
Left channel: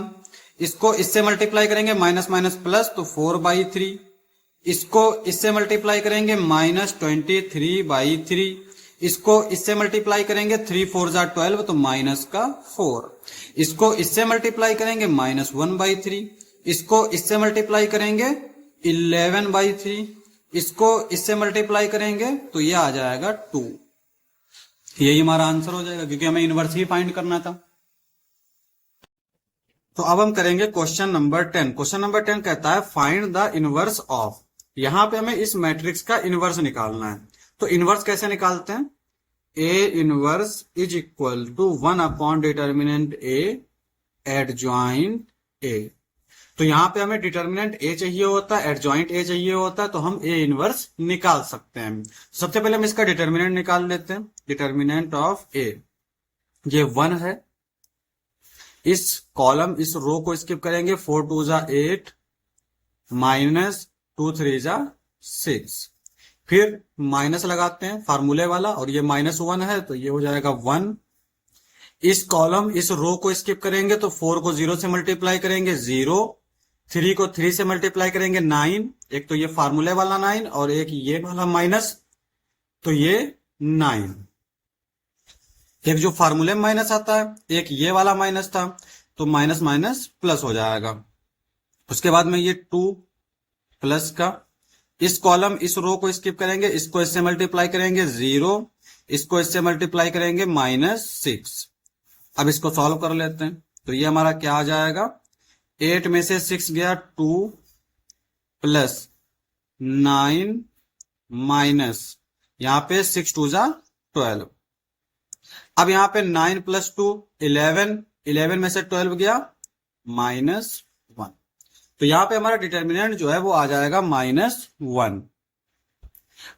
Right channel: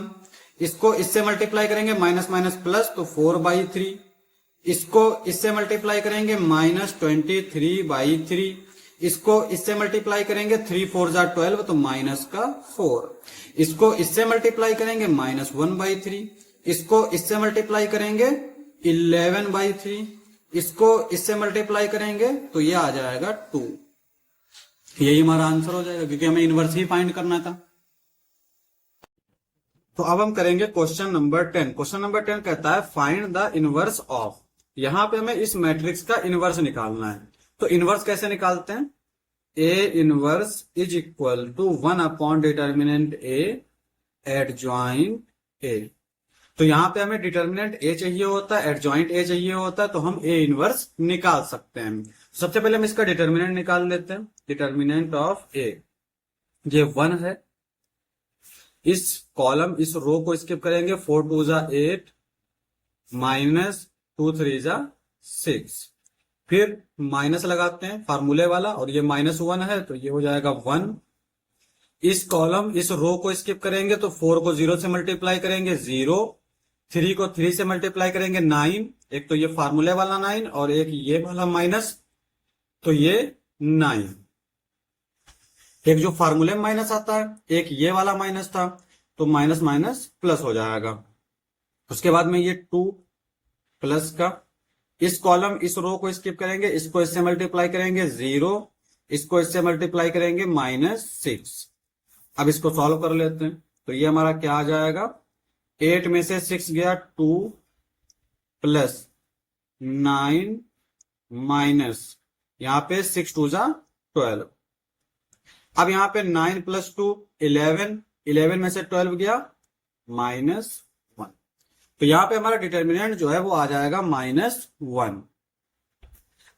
इसको इससे मल्टीप्लाई करेंगे माइनस माइनस प्लस तो 4/3, इसको इससे मल्टीप्लाई करेंगे -23/3, इसको इससे मल्टीप्लाई करेंगे 3 4 जा 12 तो -4, इसको इससे मल्टीप्लाई करेंगे -1/3, इसको इससे मल्टीप्लाई करेंगे 11/3, इसको इससे मल्टीप्लाई करेंगे तो ये आ जाएगा 2। यही हमारा आंसर हो जाएगा, क्योंकि हमें इनवर्स ही फाइंड करना था। तो अब हम करेंगे क्वेश्चन नंबर 10। क्वेश्चन नंबर 10 कहता है फाइंड द इनवर्स ऑफ, यहां पे हमें इस मैट्रिक्स का इनवर्स निकालना है। तो इनवर्स कैसे निकालते हैं, A inverse is equal to 1 determinant A adjoint A. तो यहां पे हमें डिटर्मिनेंट ए चाहिए होता है, एडजॉइंट ए चाहिए होता है, तो हम ए इनवर्स निकाल सकते हैं। सबसे पहले हम इसका डिटर्मिनेंट निकाल लेते हैं। डिटर्मिनेंट ऑफ ए ये 1 है, इस कॉलम इस रो को स्किप करेंगे, 4 2 जा 8 -2 3 जा 6, फिर माइनस लगाते हैं फार्मूले वाला, और ये -1 है तो ये हो जाएगा 1। इस कॉलम इस रो को स्किप करेंगे तो 4 को 0 से मल्टीप्लाई करेंगे 0, 3 को 3 से मल्टीप्लाई करेंगे 9, एक तो ये फार्मूले वाला 9 और एक ये वाला माइनस, तो ये 9, एक जो फार्मूले में माइनस आता है, एक ये वाला माइनस था, तो माइनस माइनस प्लस हो जाएगा। उसके बाद में ये 2 प्लस का, इस कॉलम इस रो को स्किप करेंगे, इसको इससे मल्टीप्लाई करेंगे 0, इसको इससे मल्टीप्लाई करेंगे -6। अब इसको सॉल्व कर लेते हैं, तो ये हमारा क्या आ जाएगा, 8 में से 6 गया 2 प्लस 9 माइनस यहां पे 6 2 जा 12। अब यहां पे 9 + 2 11, 11 में से 12 गया -1, तो यहां पे हमारा डिटर्मिनेंट जो है वो आ जाएगा -1।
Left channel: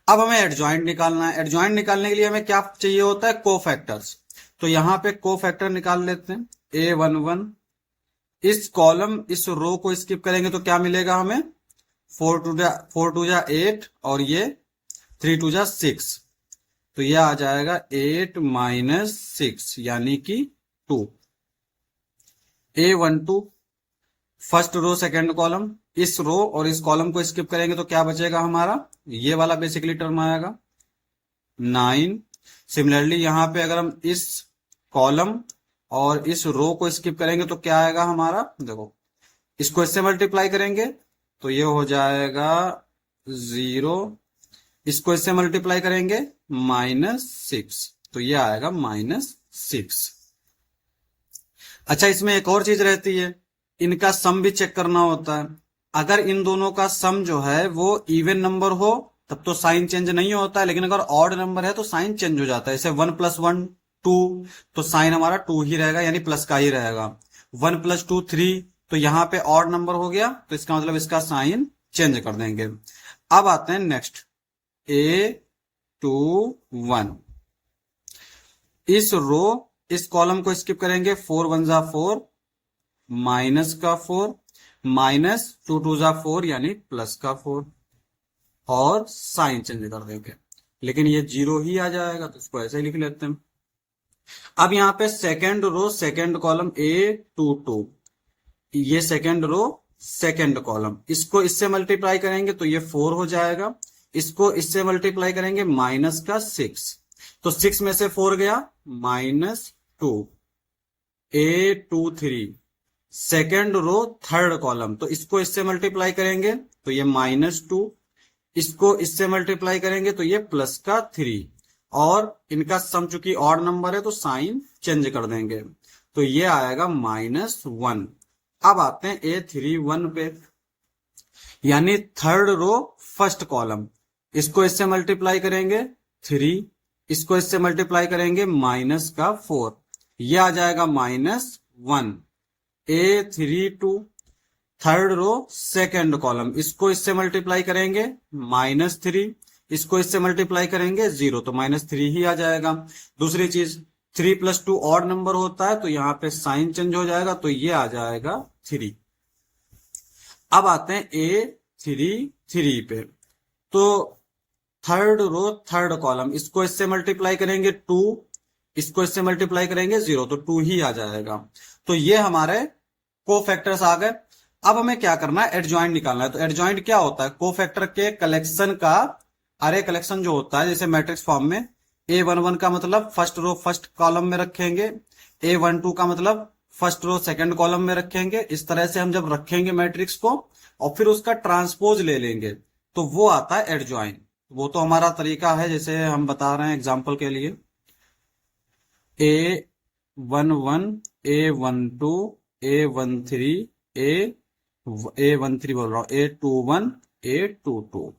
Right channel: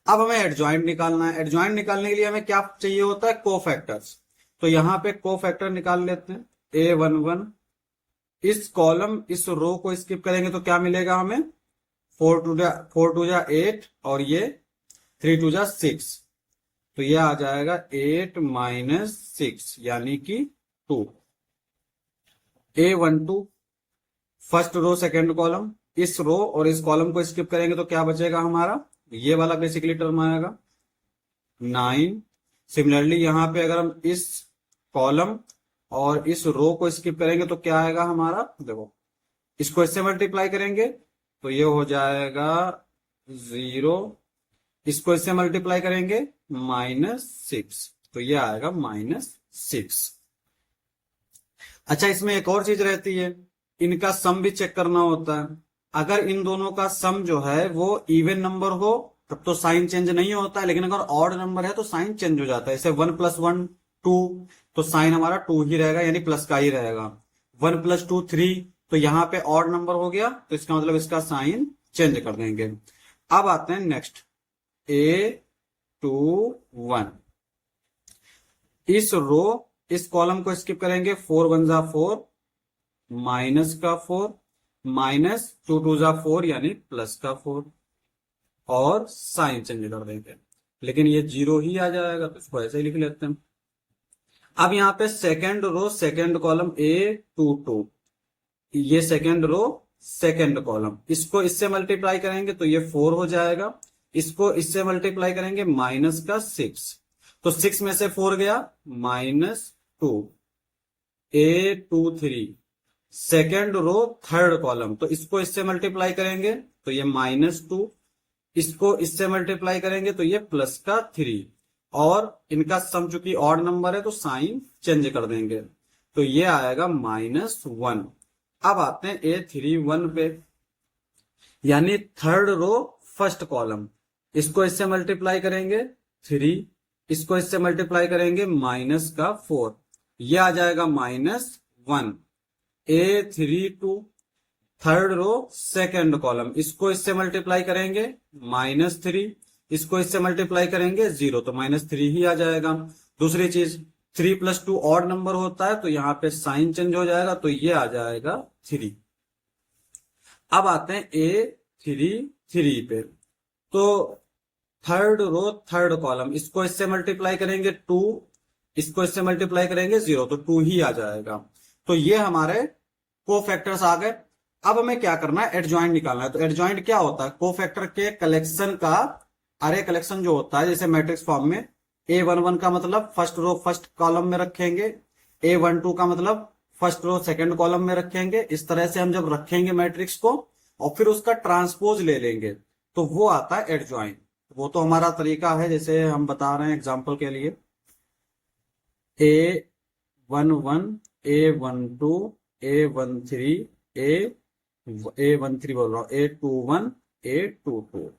अब हमें एडजॉइंट निकालना है। एडजॉइंट निकालने के लिए हमें क्या चाहिए होता है, कोफैक्टर्स। तो यहां पे कोफैक्टर निकाल लेते हैं, A11, इस कॉलम इस रो को स्किप करेंगे तो क्या मिलेगा हमें, 4 2 जा 8 और ये 3 2 जा 6, तो यह आ जाएगा 8 - 6 यानी कि 2। A12 first row second column, इस रो और इस कॉलम को स्किप करेंगे तो क्या बचेगा हमारा, ये वाला बेसिकली टर्म आएगा 9। सिमिलरली यहां पे अगर हम इस कॉलम और इस रो को स्किप करेंगे तो क्या आएगा हमारा, देखो इसको इससे मल्टीप्लाई करेंगे तो ये हो जाएगा 0, इसको इससे मल्टीप्लाई करेंगे -6, तो ये आएगा -6। अच्छा, इसमें एक और चीज रहती है, इनका सम भी चेक करना होता है। अगर इन दोनों का सम जो है वो इवन नंबर हो तब तो साइन चेंज नहीं होता है, लेकिन अगर ऑड नंबर है तो साइन चेंज हो जाता है। जैसे 1 + 1 2, तो साइन हमारा 2 ही रहेगा, यानी प्लस का ही रहेगा। 1 + 2 3, तो यहाँ पे ऑड नंबर हो गया, तो इसका मतलब इसका साइन चेंज कर देंगे। अब आते हैं नेक्स्ट, A21। इस रो इस कॉलम को स्किप करेंगे, 4 1 जा 4, माइनस का 4, -2 2 जा 4 यानी प्लस का 4, और साइन चेंज कर देंगे, लेकिन ये 0 ही आ जाएगा, तो इसको ऐसे ही लिख लेते हैं। अब यहाँ पे second row second column A22, ये सेकेंड रो सेकेंड कॉलम, इसको इससे मल्टीप्लाई करेंगे तो ये 4 हो जाएगा, इसको इससे मल्टीप्लाई करेंगे -6, तो 6 में से 4 गया -2। A23 second row third column, तो इसको इससे मल्टीप्लाई करेंगे तो ये -2, इसको इससे मल्टीप्लाई करेंगे तो ये +3, और इनका सम चूंकि ऑड नंबर है तो साइन चेंज कर देंगे, तो ये आएगा -1। अब आते हैं A31 पे, यानी थर्ड रो फर्स्ट कॉलम, इसको इससे मल्टीप्लाई करेंगे 3, इसको इससे मल्टीप्लाई करेंगे -4, ये आ जाएगा -1। A32 third row second column, इसको इससे मल्टीप्लाई करेंगे -3, इसको इससे मल्टीप्लाई करेंगे 0, तो -3 ही आ जाएगा। दूसरी चीज, 3 + 2 ऑड नंबर होता है, तो यहाँ पे साइन चेंज हो जाएगा, तो ये आ जाएगा 3। अब आते हैं A33 पे, तो थर्ड रो थर्ड कॉलम, इसको इससे मल्टीप्लाई करेंगे 2, इसको इससे मल्टीप्लाई करेंगे 0, तो 2 ही आ जाएगा। तो ये हमारे कोफैक्टर्स आ गए। अब हमें क्या करना है, एडजॉइंट निकालना है। तो एडजॉइंट क्या होता है, कोफैक्टर के कलेक्शन का अरे कलेक्शन जो होता है, जैसे मैट्रिक्स फॉर्म में A11 का मतलब फर्स्ट रो फर्स्ट कॉलम में रखेंगे, A12 का मतलब फर्स्ट रो सेकंड कॉलम में रखेंगे। इस तरह से हम जब रखेंगे मैट्रिक्स को और फिर उसका ट्रांसपोज ले लेंगे तो वो आता है एडजॉइंट। वो तो हमारा तरीका है, जैसे हम बता रहे हैं एग्जाम्पल के लिए, A11 A12 A13 A13 बोल रहा हूं, A21 A22,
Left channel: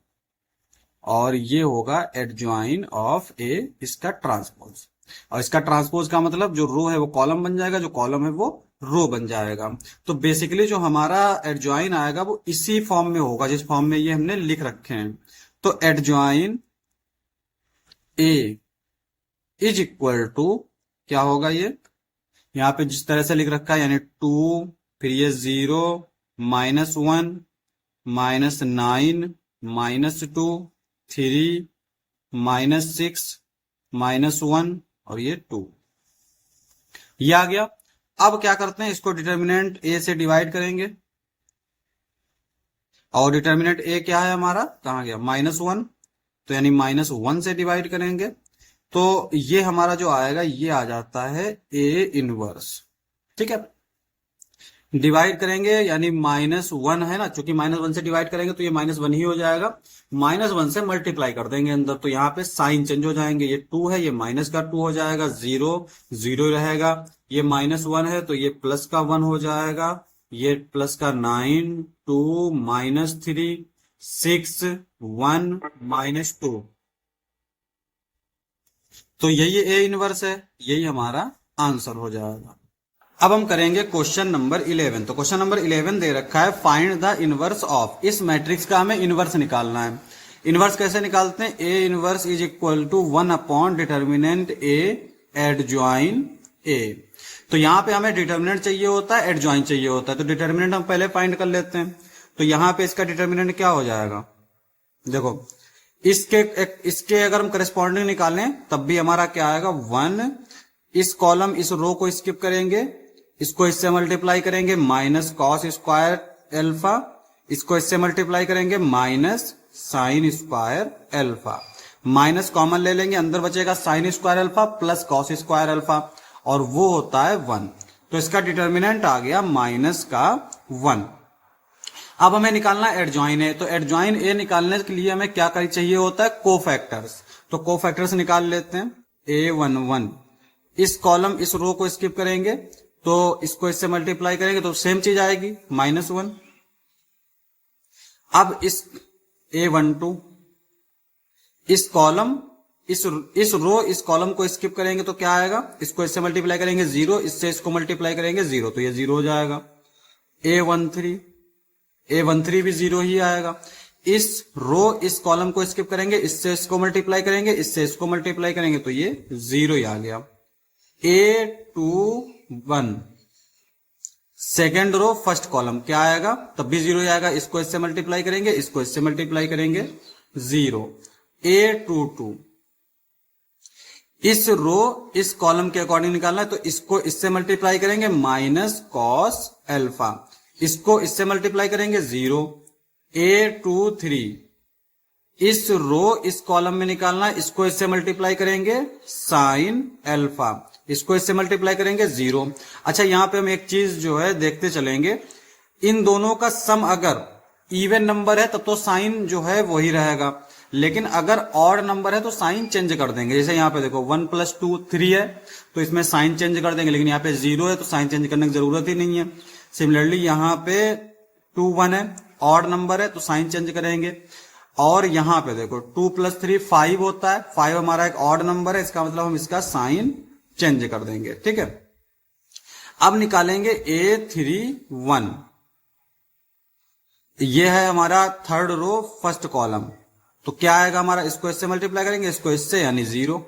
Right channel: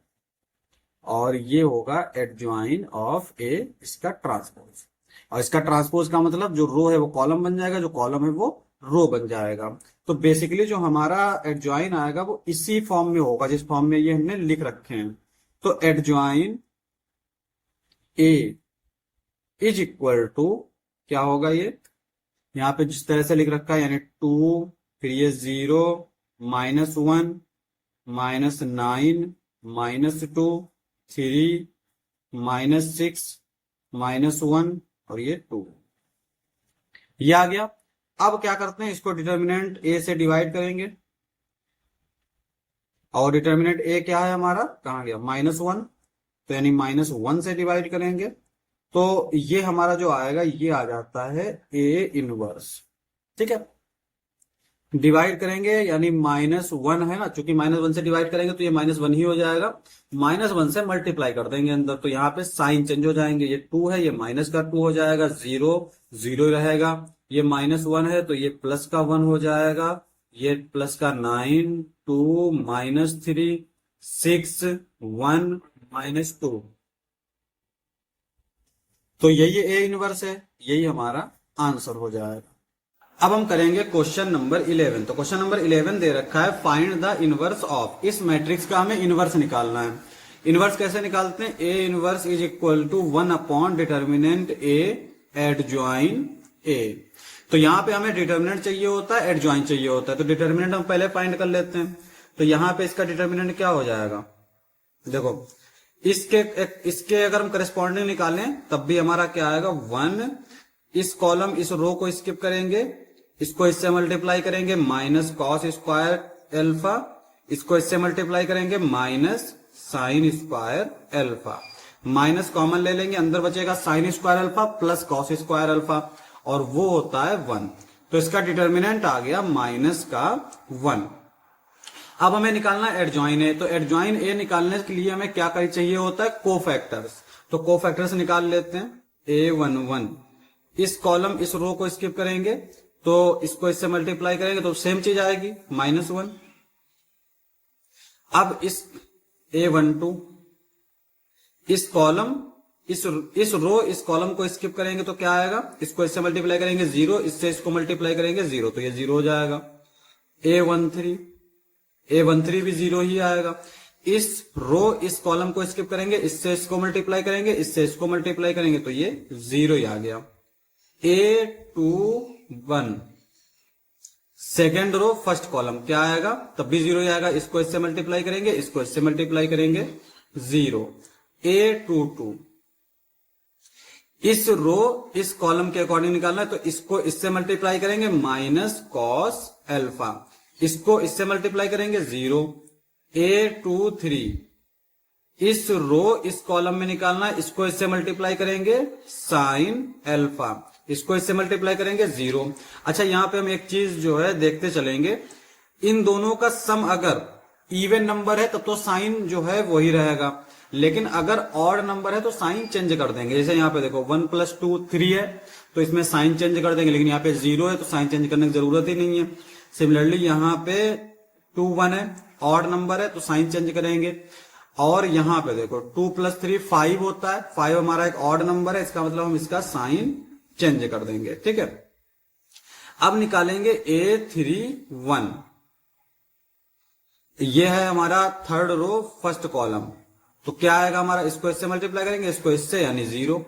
और ये होगा एडजॉइन ऑफ A, इसका ट्रांसपोज। और इसका ट्रांसपोज का मतलब जो रो है वो कॉलम बन जाएगा, जो कॉलम है वो रो बन जाएगा। तो बेसिकली जो हमारा एडजॉइन आएगा वो इसी फॉर्म में होगा जिस फॉर्म में ये हमने लिख रखे हैं। तो adjoint A is equal to क्या होगा, ये यहाँ पे जिस तरह से लिख रखा है, यानी 2, फिर ये 0, -1, -9, -2, 3, -6, -1 और ये 2, ये आ गया। अब क्या करते हैं, इसको डिटर्मिनेंट A से डिवाइड करेंगे, और डिटर्मिनेंट A क्या है हमारा, कहाँ गया, -1, तो यानी -1 से डिवाइड करेंगे, तो ये हमारा जो आएगा ये आ जाता है A इनवर्स। ठीक है, डिवाइड करेंगे यानी -1 है ना, चूंकि -1 से डिवाइड करेंगे तो ये -1 ही हो जाएगा, -1 से मल्टीप्लाई कर देंगे अंदर, तो यहाँ पे साइन चेंज हो जाएंगे, ये 2 है, ये माइनस का 2 हो जाएगा, 0 0 रहेगा, ये -1 है तो ये प्लस का 1 हो जाएगा, ये प्लस का 9 2 -3 6 1 -2, तो यही A इनवर्स है, यही हमारा आंसर हो जाएगा। अब हम करेंगे क्वेश्चन नंबर 11। तो क्वेश्चन नंबर 11 दे रखा है, फाइंड द इनवर्स ऑफ, इस मैट्रिक्स का हमें इनवर्स निकालना है। इनवर्स कैसे निकालते हैं, A inverse is equal to 1 determinant A adjoin A। तो यहाँ पे हमें डिटर्मिनेंट चाहिए होता है, एडजॉइन चाहिए होता है, तो डिटर्मिनेंट हम पहले फाइंड कर लेते हैं। तो यहाँ पे इसका डिटर्मिनेंट क्या हो जाएगा, देखो इसके अगर हम करस्पॉन्डिंग निकालें तब भी हमारा क्या आएगा, 1, इस कॉलम इस रो को स्किप करेंगे, इसको इससे मल्टीप्लाई करेंगे -cos² अल्फा, इसको इससे मल्टीप्लाई करेंगे -sin² अल्फा, माइनस कॉमन ले लेंगे, अंदर बचेगा sin² alpha plus cos² alpha, और वो होता है 1। तो इसका डिटर्मिनेंट आ गया -1। अब हमें निकालना है एडजॉइन ए, तो एडजॉइन ए निकालने के लिए हमें क्या चाहिए होता है, कोफैक्टर्स। तो कोफैक्टर्स निकाल लेते हैं। A11, इस कॉलम इस रो को स्किप करेंगे तो इसको इससे मल्टीप्लाई करेंगे तो सेम चीज आएगी, -1। अब इस A12, इस कॉलम इस रो इस कॉलम को स्किप करेंगे तो क्या आएगा, इसको इससे मल्टीप्लाई करेंगे 0, इससे इसको मल्टीप्लाई करेंगे 0, तो ये 0 हो जाएगा। A13 भी 0 ही आएगा। इस रो इस कॉलम को स्किप करेंगे, इससे इसको मल्टीप्लाई करेंगे, इससे इसको मल्टीप्लाई करेंगे तो ये 0 ही आ गया। A21, second row first column क्या आएगा, तब भी 0 ही आएगा। इसको इससे मल्टीप्लाई करेंगे, इसको इससे मल्टीप्लाई करेंगे 0। A22, इस रो इस कॉलम के अकॉर्डिंग निकालना है तो इसको इससे मल्टीप्लाई करेंगे -cos अल्फा, इसको इससे मल्टीप्लाई करेंगे 0। A23, इस रो इस कॉलम में निकालना है, इसको इससे मल्टीप्लाई करेंगे sin अल्फा, इसको इससे मल्टीप्लाई करेंगे 0। अच्छा, यहां पे हम एक चीज जो है देखते चलेंगे, इन दोनों का सम अगर इवन नंबर है तब तो साइन जो है वही रहेगा, लेकिन अगर ऑड नंबर है तो साइन चेंज कर देंगे। जैसे यहाँ पे देखो 1 + 2 3 है तो इसमें साइन चेंज कर देंगे, लेकिन यहाँ पे 0 है तो साइन चेंज करने की जरूरत ही नहीं है। सिमिलरली यहाँ पे 2 1 है, ऑड नंबर है तो साइन चेंज करेंगे। और यहाँ पे देखो 2 + 3 5 होता है, 5 हमारा एक ऑड नंबर है, इसका मतलब हम इसका साइन चेंज कर देंगे। ठीक है, अब निकालेंगे A31, ये है हमारा थर्ड रो फर्स्ट कॉलम, तो क्या आएगा हमारा, इसको इससे मल्टीप्लाई करेंगे, इसको इससे, यानी 0।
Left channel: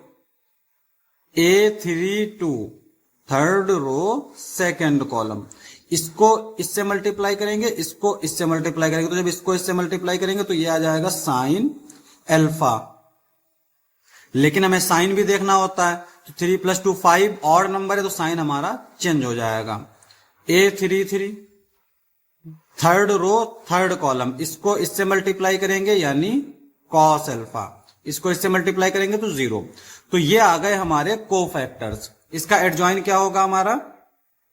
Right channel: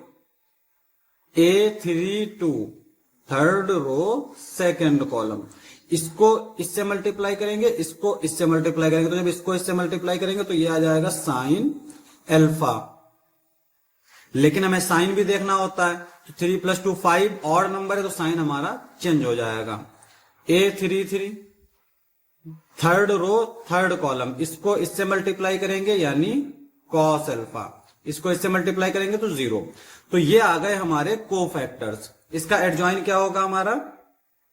A32, third row second column, इसको इससे मल्टीप्लाई करेंगे, इसको इससे मल्टीप्लाई करेंगे, तो जब इसको इससे मल्टीप्लाई करेंगे तो ये आ जाएगा sin अल्फा। लेकिन हमें साइन भी देखना होता है, तो 3 + 2 5 ऑड नंबर है तो साइन हमारा चेंज हो जाएगा। A33, third row third column, इसको इससे मल्टीप्लाई करेंगे यानी cos अल्फा, इसको इससे मल्टीप्लाई करेंगे तो 0। तो ये आ गए हमारे कोफैक्टर्स। इसका एडजॉइन क्या होगा हमारा,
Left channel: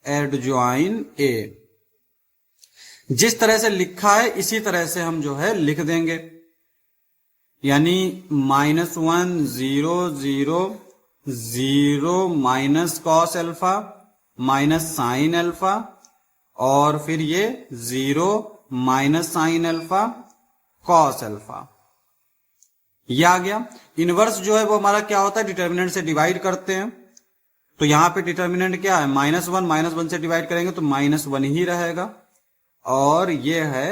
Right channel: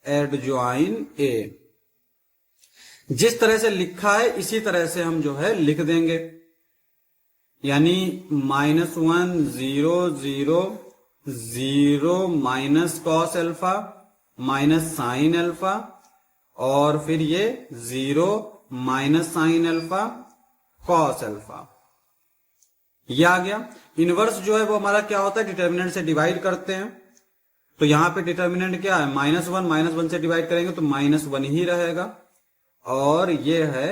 एडजॉइन ए। जिस तरह से लिखा है इसी तरह से हम जो है लिख देंगे, यानी -1 0 0 0 -cos अल्फा -sin अल्फा, और फिर ये 0 -sin अल्फा cos अल्फा, ये आ गया। इनवर्स जो है वो हमारा क्या होता है, डिटर्मिनेंट से डिवाइड करते हैं, तो यहां पे डिटर्मिनेंट क्या है, -1 से डिवाइड करेंगे तो -1 ही रहेगा, और ये है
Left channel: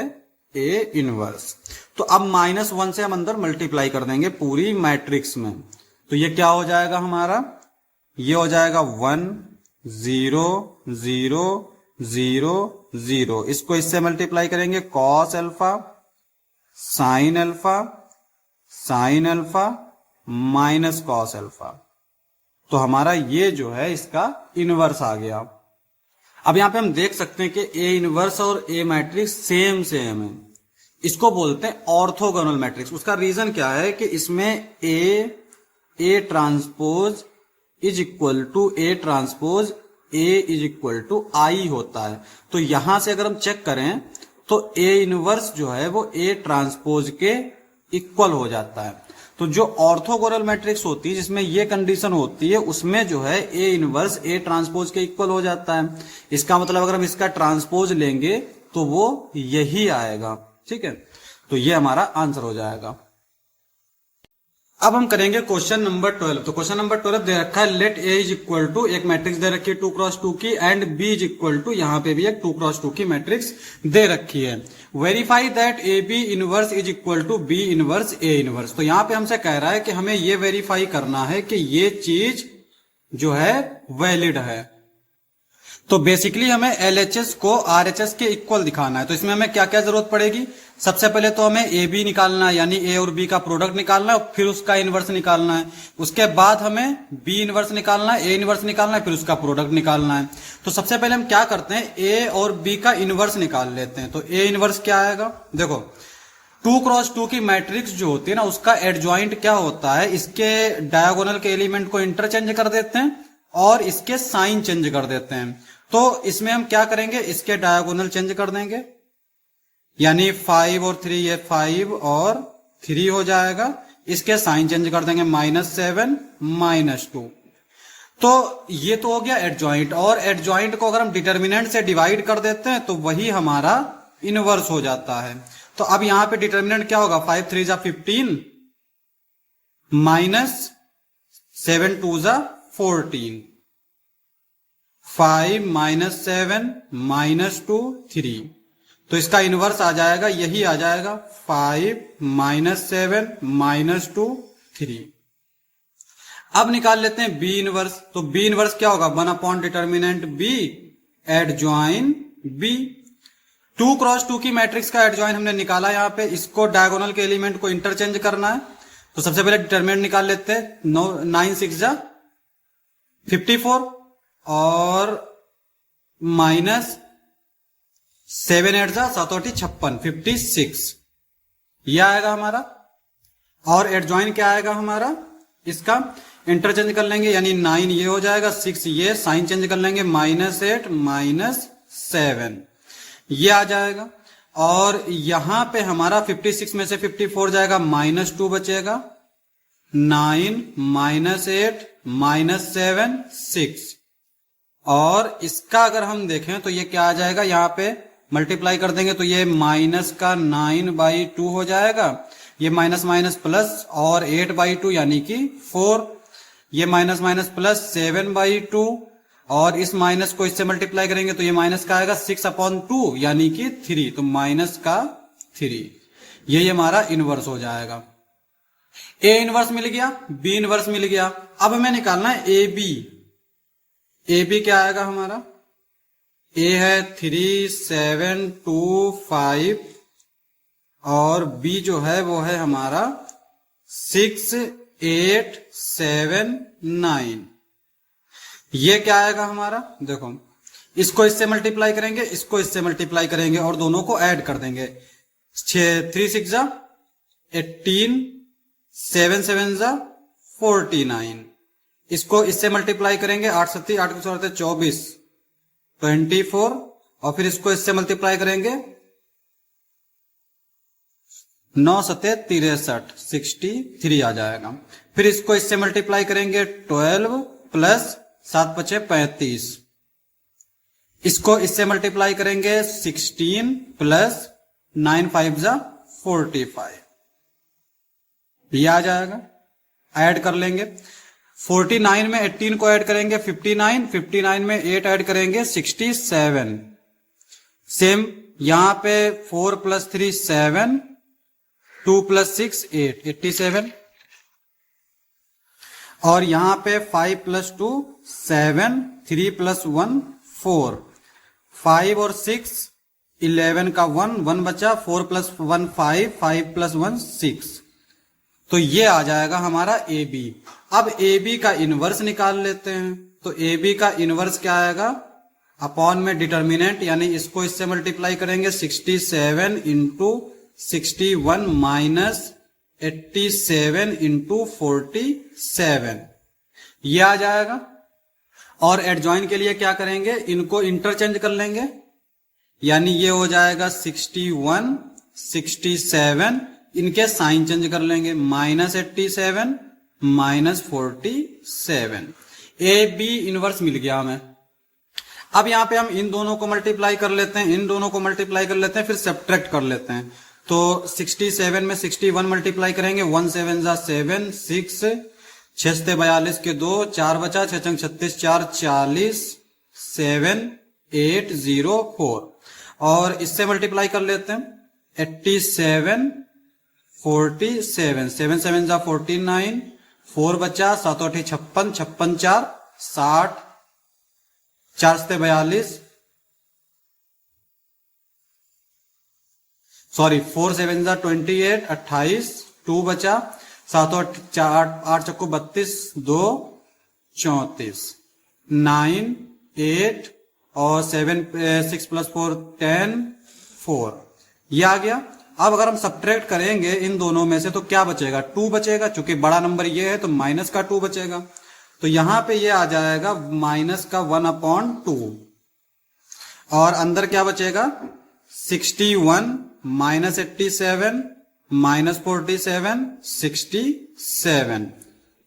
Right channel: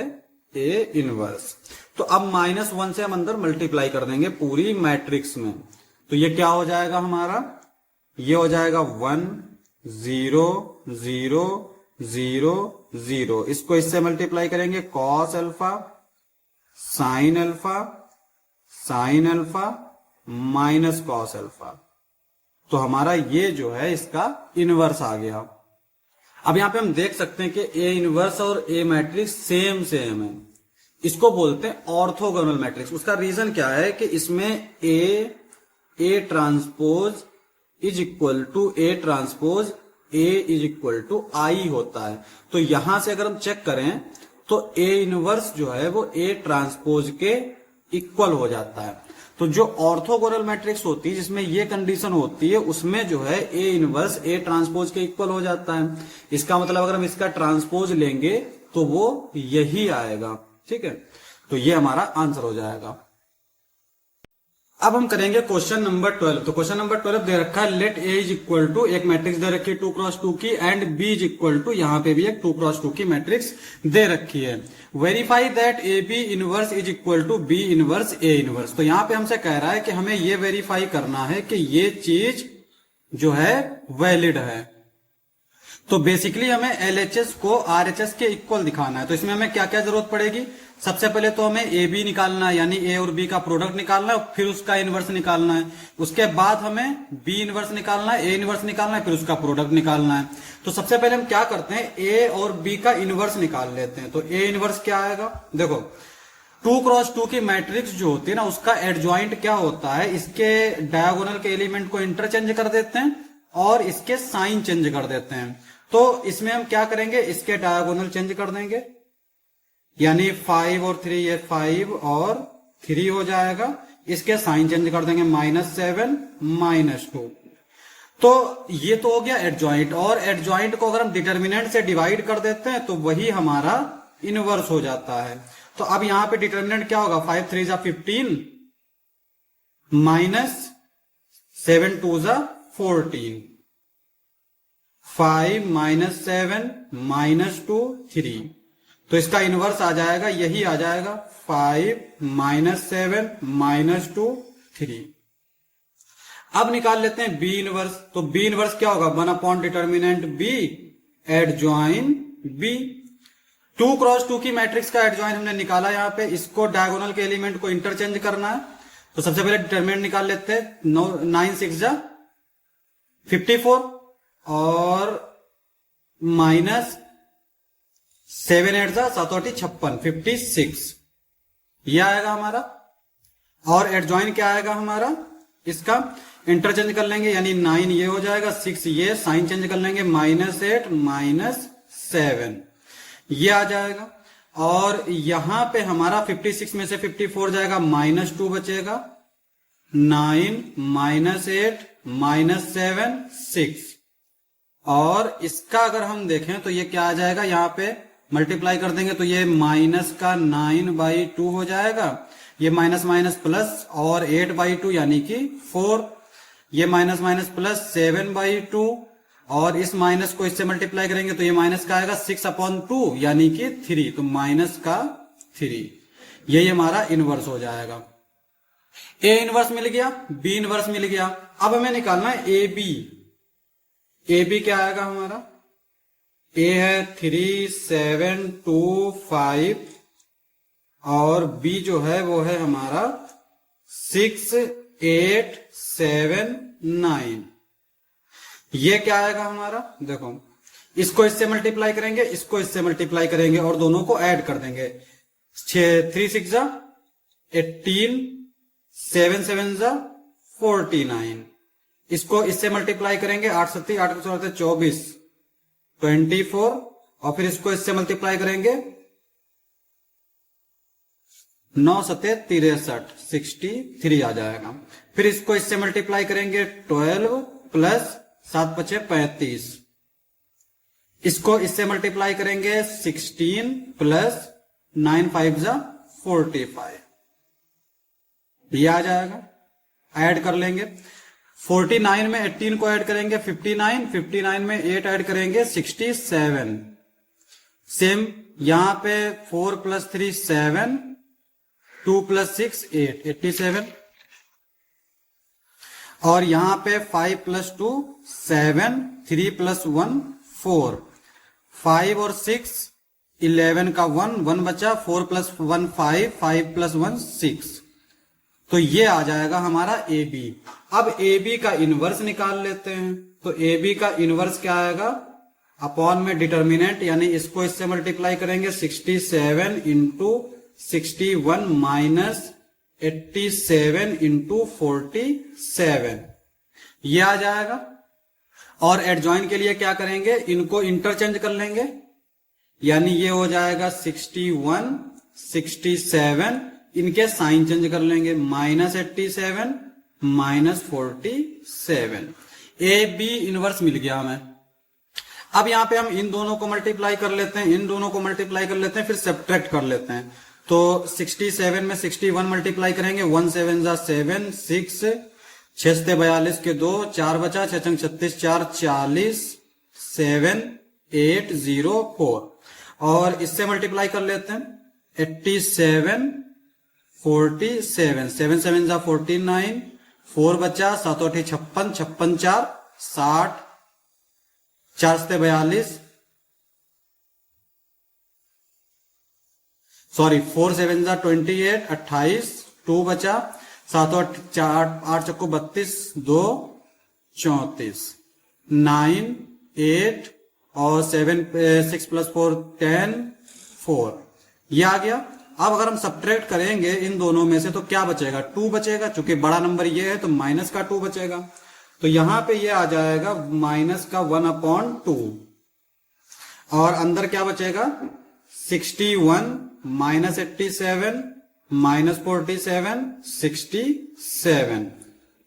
A इनवर्स। तो अब -1 से हम अंदर मल्टीप्लाई कर देंगे पूरी मैट्रिक्स में, तो ये क्या हो जाएगा हमारा, ये हो जाएगा 1 0 0 0 0, इसको इससे मल्टीप्लाई करेंगे cos alpha sin alpha -cos alpha, तो हमारा ये जो है इसका इनवर्स आ गया। अब यहां पे हम देख सकते हैं कि A इनवर्स और A मैट्रिक्स सेम है, इसको बोलते हैं ऑर्थोगोनल मैट्रिक्स। उसका रीजन क्या है कि इसमें A transpose is equal to A transpose A is equal to I होता है। तो यहां से अगर हम चेक करें तो A इनवर्स जो है वो A ट्रांसपोज के इक्वल हो जाता है। तो जो ऑर्थोगोनल मैट्रिक्स होती है जिसमें ये कंडीशन होती है उसमें जो है A इनवर्स A ट्रांसपोज के इक्वल हो जाता है। इसका मतलब अगर हम इसका ट्रांसपोज लेंगे तो वो यही आएगा। ठीक है, तो ये हमारा आंसर हो जाएगा। अब हम करेंगे क्वेश्चन नंबर 12। तो क्वेश्चन नंबर 12 दे रखा है let A is equal to, एक मैट्रिक्स दे रखी है 2 क्रॉस 2 की, and B is equal to, यहां पे भी एक 2 क्रॉस 2 की मैट्रिक्स दे रखी है। Verify that AB inverse is equal to B inverse A inverse. तो यहां पे हमसे कह रहा है कि हमें ये वेरीफाई करना है कि ये चीज जो है वैलिड है। तो बेसिकली हमें LHS को RHS के इक्वल दिखाना है। तो इसमें हमें क्या क्या जरूरत पड़ेगी, सबसे पहले तो हमें AB निकालना है, यानी A और B का प्रोडक्ट निकालना है, फिर उसका इनवर्स निकालना है। उसके बाद हमें B इनवर्स निकालना है, A इनवर्स निकालना है, फिर उसका प्रोडक्ट निकालना है। तो सबसे पहले हम क्या करते हैं, A और B का इनवर्स निकाल लेते हैं। तो A इनवर्स क्या आएगा, देखो 2 क्रॉस 2 की मैट्रिक्स जो होती है ना उसका एडजॉइंट क्या होता है, इसके डायगोनल के एलिमेंट को इंटरचेंज कर देते हैं और इसके साइन चेंज कर देते हैं। तो इसमें हम क्या करेंगे, इसके डायगोनल चेंज कर देंगे, यानी 5 और 3, ये 5 और 3 हो जाएगा। इसके साइन चेंज कर देंगे, -7 -2। तो ये तो हो गया एडजॉइंट, और एडजॉइंट को अगर हम डिटर्मिनेंट से डिवाइड कर देते हैं तो वही हमारा इनवर्स हो जाता है। तो अब यहां पे डिटर्मिनेंट क्या होगा, 5 3 जा 15 -7 2 जा 14, 5 -7 -2 3। तो इसका इनवर्स आ जाएगा, यही आ जाएगा 5 -7 -2 3। अब निकाल लेते हैं बी इनवर्स। तो बी इनवर्स क्या होगा, 1 upon determinant B adjoint B. 2 cross 2 की मैट्रिक्स का एडजॉइन हमने निकाला, यहां पे इसको डायगोनल के एलिमेंट को इंटरचेंज करना है। तो सबसे पहले डिटर्मिनेंट निकाल लेते हैं, 9 6 जा 54 और -7 8 जा 7 8 56 56, यह आएगा हमारा। और एडजॉइन क्या आएगा हमारा, इसका इंटरचेंज कर लेंगे, यानी 9 ये हो जाएगा, 6 ये, साइन चेंज कर लेंगे, -8 -7 ये आ जाएगा। और यहां पे हमारा 56 में से 54 जाएगा, -2 बचेगा, 9 -8 -7 6। और इसका अगर हम देखें तो ये क्या आ जाएगा, यहां पे मल्टीप्लाई कर देंगे तो ये -9/2 हो जाएगा, ये माइनस माइनस प्लस और 8/2 यानी कि 4, ये माइनस माइनस प्लस 7/2 और इस माइनस को इससे मल्टीप्लाई करेंगे तो ये माइनस का आएगा 6/2 यानी कि 3, तो माइनस का 3, ये हमारा इनवर्स हो जाएगा। ए इनवर्स मिल गया, बी इनवर्स मिल गया। अब हमें निकालना है ए बी। ए बी क्या आएगा हमारा, ए है 3 7 2 5 और बी जो है वो है हमारा 6 8 7 9। ये क्या आएगा हमारा, देखो इसको इससे मल्टीप्लाई करेंगे, इसको इससे मल्टीप्लाई करेंगे और दोनों को ऐड कर देंगे। 3 6 जा 18, 7 7 जा 49, इसको इससे मल्टीप्लाई करेंगे, 8 7 8 24 24 और फिर इसको इससे मल्टीप्लाई करेंगे, 9 7 63 63 आ जाएगा। फिर इसको इससे मल्टीप्लाई करेंगे 12 प्लस 7 5 35, इसको इससे मल्टीप्लाई करेंगे 16 प्लस 9 5 जा 45, ये आ जाएगा। ऐड कर लेंगे, 49 में 18 को ऐड करेंगे 59, 59 में 8 ऐड करेंगे 67। सेम यहां पे 4 प्लस 3 7, 2 प्लस 6 8 87 और यहां पे 5 प्लस 2 7, 3 प्लस 1 4, 5 और 6 11 का 1 1 बचा, 4 प्लस 1 5, 5 प्लस 1 6, तो ये आ जाएगा हमारा ए बी। अब ए बी का इनवर्स निकाल लेते हैं। तो ए बी का इनवर्स क्या आएगा, अपॉन में डिटर्मिनेंट यानी इसको इससे मल्टीप्लाई करेंगे 67 इंटू 61 माइनस 87 इंटू 47, ये आ जाएगा। और एडजॉइन के लिए क्या करेंगे, इनको इंटरचेंज कर लेंगे, यानी ये हो जाएगा 61 67, इनके साइन चेंज कर लेंगे, -87 -47। ए बी इनवर्स मिल गया हमें। अब यहां पे हम इन दोनों को मल्टीप्लाई कर लेते हैं, इन दोनों को मल्टीप्लाई कर लेते हैं, फिर सब्ट्रैक्ट कर लेते हैं। तो 67 में 61 मल्टीप्लाई करेंगे, 1 7 जा 7, 6 6 से 42 के 2, 4 बचा, 6 6 36 4 40, 7 8 0 4 और इससे मल्टीप्लाई कर लेते हैं 87 47, 7 7 जा 49, 4 बचा, 7 8 56, 56 4 60, 4 से 42, सॉरी 4 7 जा 28 28, 2 बचा, 7 8 4 8 चक्को 32, 2 34, 9 8 और 7 6 प्लस 4 10 4, ये आ गया। अब अगर हम सब्ट्रैक्ट करेंगे इन दोनों में से तो क्या बचेगा, 2 बचेगा, चूंकि बड़ा नंबर ये है तो माइनस का 2 बचेगा, तो यहां पे ये आ जाएगा माइनस का 1/2 और अंदर क्या बचेगा 61 माइनस 87 माइनस 47 67।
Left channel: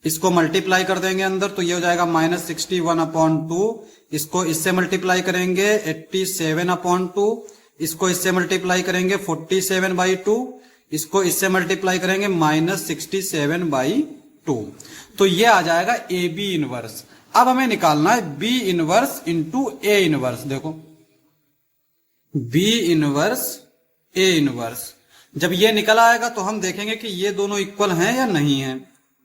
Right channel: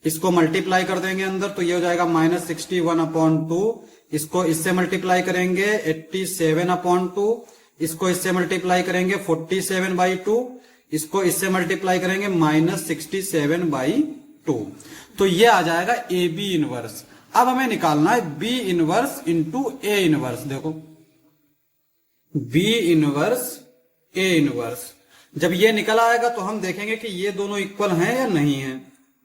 इसको मल्टीप्लाई कर देंगे अंदर तो ये हो जाएगा माइनस 61/2। इसको इससे मल्टीप्लाई करेंगे 87/2। इसको इससे मल्टीप्लाई करेंगे 47/2। इसको इससे मल्टीप्लाई करेंगे माइनस 67/2। तो ये आ जाएगा ए बी इनवर्स। अब हमें निकालना है B inverse into A inverse. देखो बी इनवर्स ए इनवर्स, जब ये निकल आएगा तो हम देखेंगे कि ये दोनों इक्वल हैं या नहीं है।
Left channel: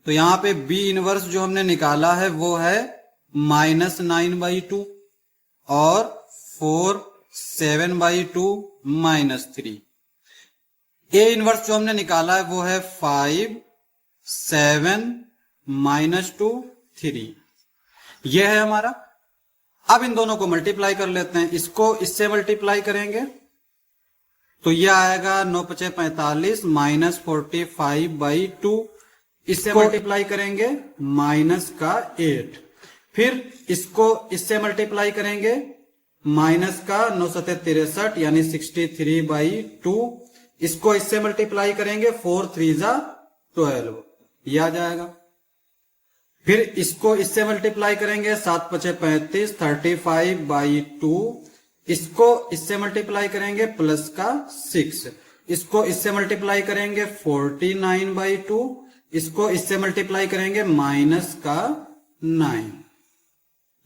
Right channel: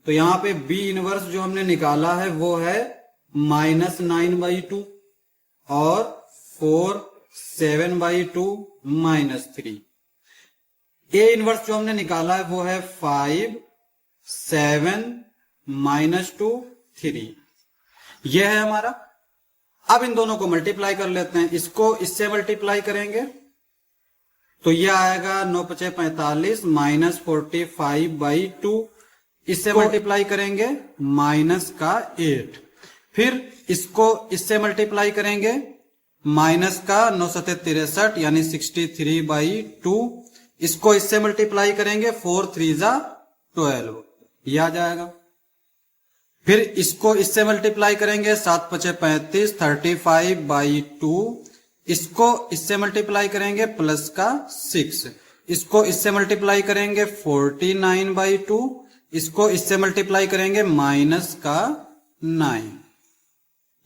तो यहां पे बी इनवर्स जो हमने निकाला है वो है -9/2 और 4 7/2 -3। ए इनवर्स जो हमने निकाला है वो है 5 7 -2 3। ये है हमारा। अब इन दोनों को मल्टीप्लाई कर लेते हैं। इसको इससे मल्टीप्लाई करेंगे तो ये आएगा 9 × 5 = 45 माइनस 45/2। इससे मल्टीप्लाई करेंगे -8। फिर इसको इससे मल्टीप्लाई करेंगे -9 × 7 = 63 यानी 63/2। इसको इससे मल्टीप्लाई करेंगे 4 3 = 12, ये आ जाएगा। फिर इसको इससे मल्टीप्लाई करेंगे 7 × 5 = 35 35/2। इसको इससे मल्टीप्लाई करेंगे +6। इसको इससे मल्टीप्लाई करेंगे 49/2। इसको इससे मल्टीप्लाई करेंगे -9,